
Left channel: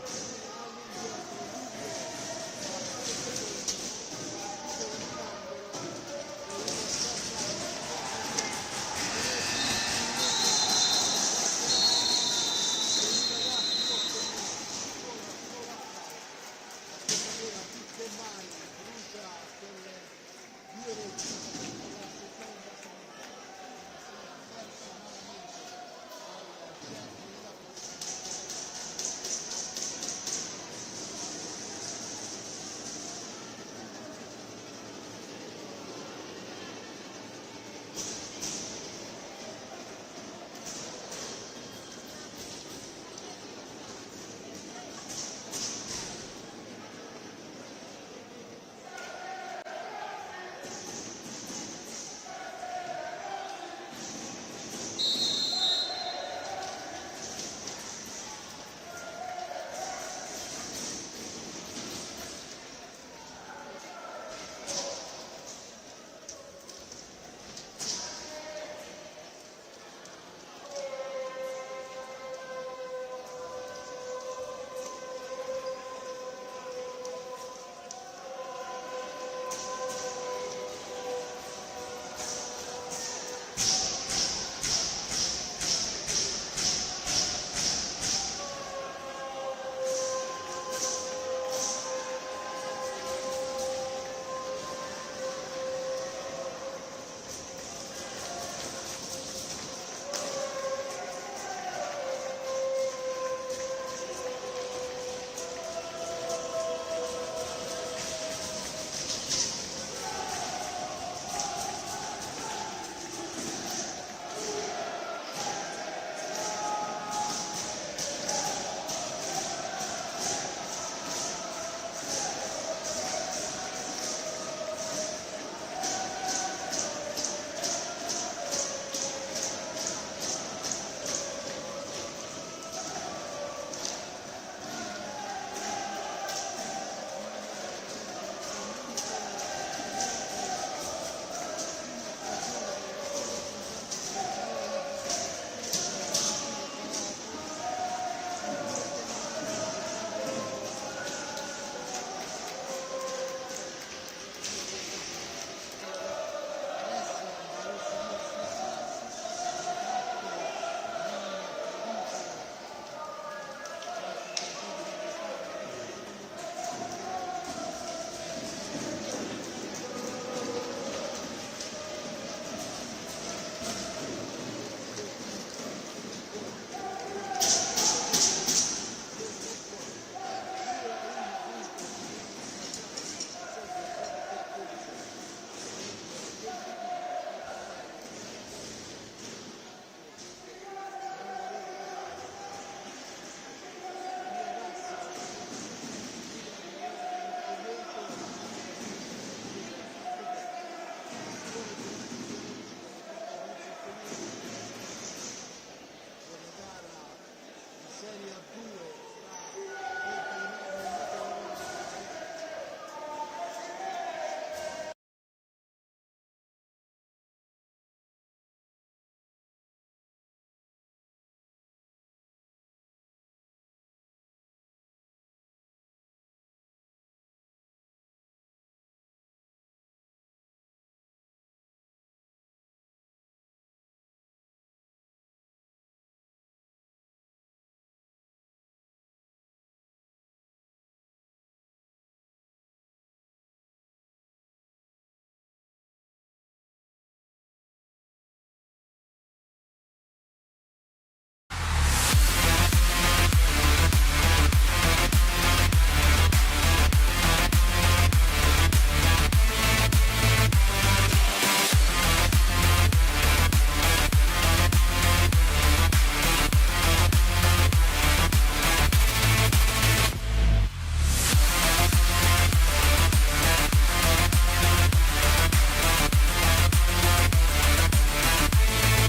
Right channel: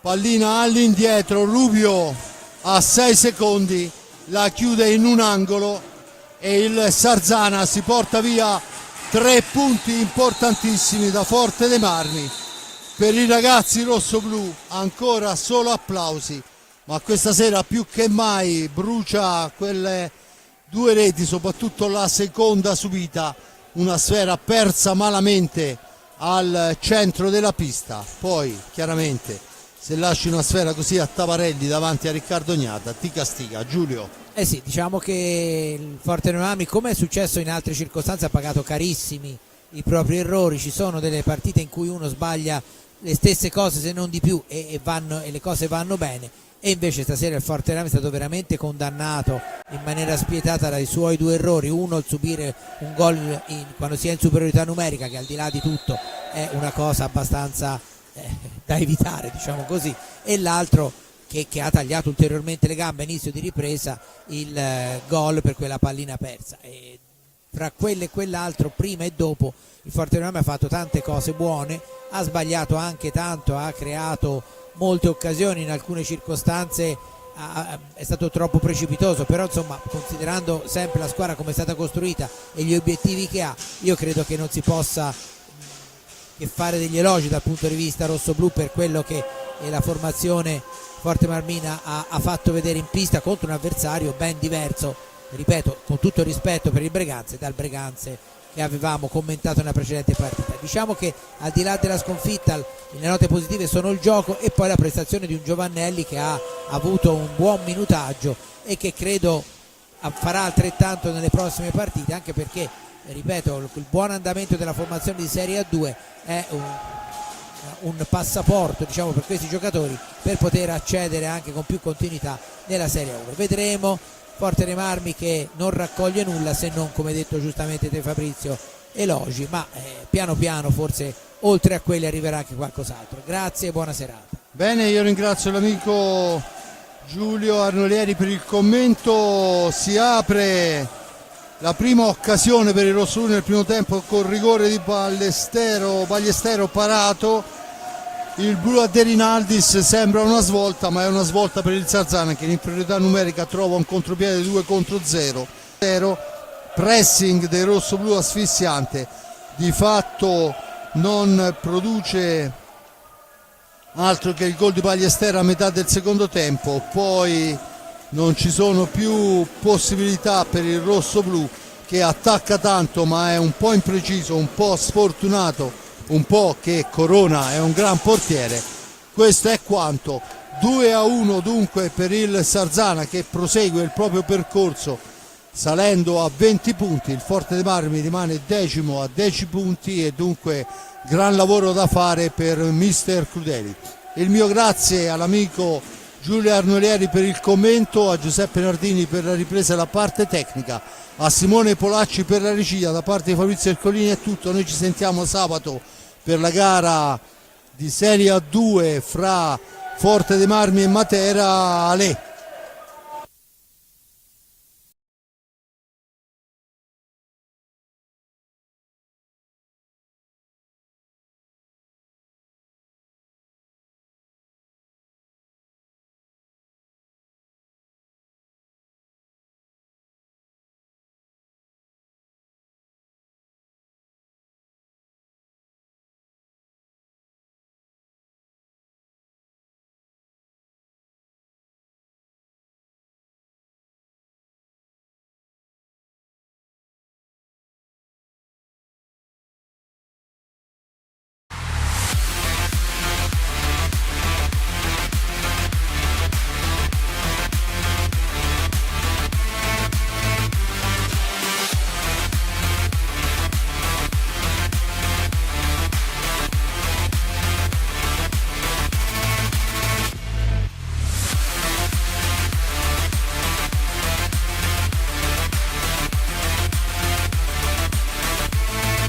pallina all'indietro, Rubio a 6 secondi, la chiude in un angolo e il Sarzana si porta via 3 punti importantissimi da Forte dei Marmi. Per i ragazzi rossoblu ancora solo applausi, ma questa sera più che mai brucia quelle 2 reti, soprattutto la seconda subita, una sfera persa malamente al centro della pista. Poi chiaramente se lasci una sfera così a Tavarelli davanti a Riccardo Ignata ti castiga. Giulio. Eh sì, diciamo che il Forte Noami, come è successo in altre circostanze, ha pagato carissimi i propri errori, ci sono delle partite in cui uno sbaglia le stesse cose se non di più e le cose vanno bene, e invece stasera il Fortename è stato veramente condannato in maniera spietata dai suoi due errori, uno il subire un gol quando si è in superiorità numerica, che al di là di tutto è una cosa abbastanza da evitare, diciamo così, e l'altro che ha tagliato ulteriormente le gambe a inizio di ripresa, il gol per quella pallina persa. E tra quello e quell'altro, prima e dopo, il Fortename ha fatto tante cose buone, ha sbagliato anche tanto, ha creato molte occasioni, in alcune circostanze è stato troppo precipitoso, però insomma, considerando sempre la squadra come è stata costruita e gli obiettivi che ha, io credo che non si possa che fare degli elogi dal punto di vista rossoblu per quello che la formazione Forte Marmina ha fatto vedere in pista contro un avversario ben diverso, ripeto, con tutto il rispetto per il Breganze, dal Breganze che avevamo commentato nella precedente partita. Diciamo che al di là della sconfitta le note positive sono il gioco e poi la prestazione di un Giovannelli che ha avuto un buon minutaggio e che credo farà altrettanto nelle prossime partite, anche perché, ripeto, il buon andamento della formazione di Serie A2 è un passaporto, diciamo, per questi giocatori per poter accedere anche con più continuità nella Serie A. Vedremo Forte dei Marmi che non raccoglie nulla, se non, come detto giustamente te Fabrizio, elogi, ma piano piano forse oltre a quelli arriverà anche qualcos'altro. Grazie e buona serata. Bene, io ringrazio l'amico Giulio Arnolieri per il commento. Si apre la prima occasione per il Rossonero nel primo tempo con rigore di Ballestero parato. Il blu a De Rinaldis sembra una svolta, ma è una svolta per il Sarzana che in inferiorità numerica trova un contropiede 2 contro 0. Pressing dei rossoblu asfissiante, di fatto non produce altro che il gol di Ballestero a metà del secondo tempo, poi non ci sono più possibilità per il rossoblu che attacca tanto ma è un po' impreciso, un po' sfortunato, un po' che Corona è un gran portiere. Questo è quanto. 2-1 dunque per il Sarzana che prosegue il proprio percorso salendo a 20 punti. Il Forte dei Marmi rimane decimo a 10 punti e dunque gran lavoro da fare per mister Crudeli. Il mio grazie all'amico Giulio Arnolieri per il commento, a Giuseppe Nardini per la ripresa della parte tecnica, a Simone Polacci per la regia. Da parte di Fabrizio Ercolini è tutto, noi ci sentiamo sabato per la gara di Serie A2 fra Forte dei Marmi e Matera. Ale.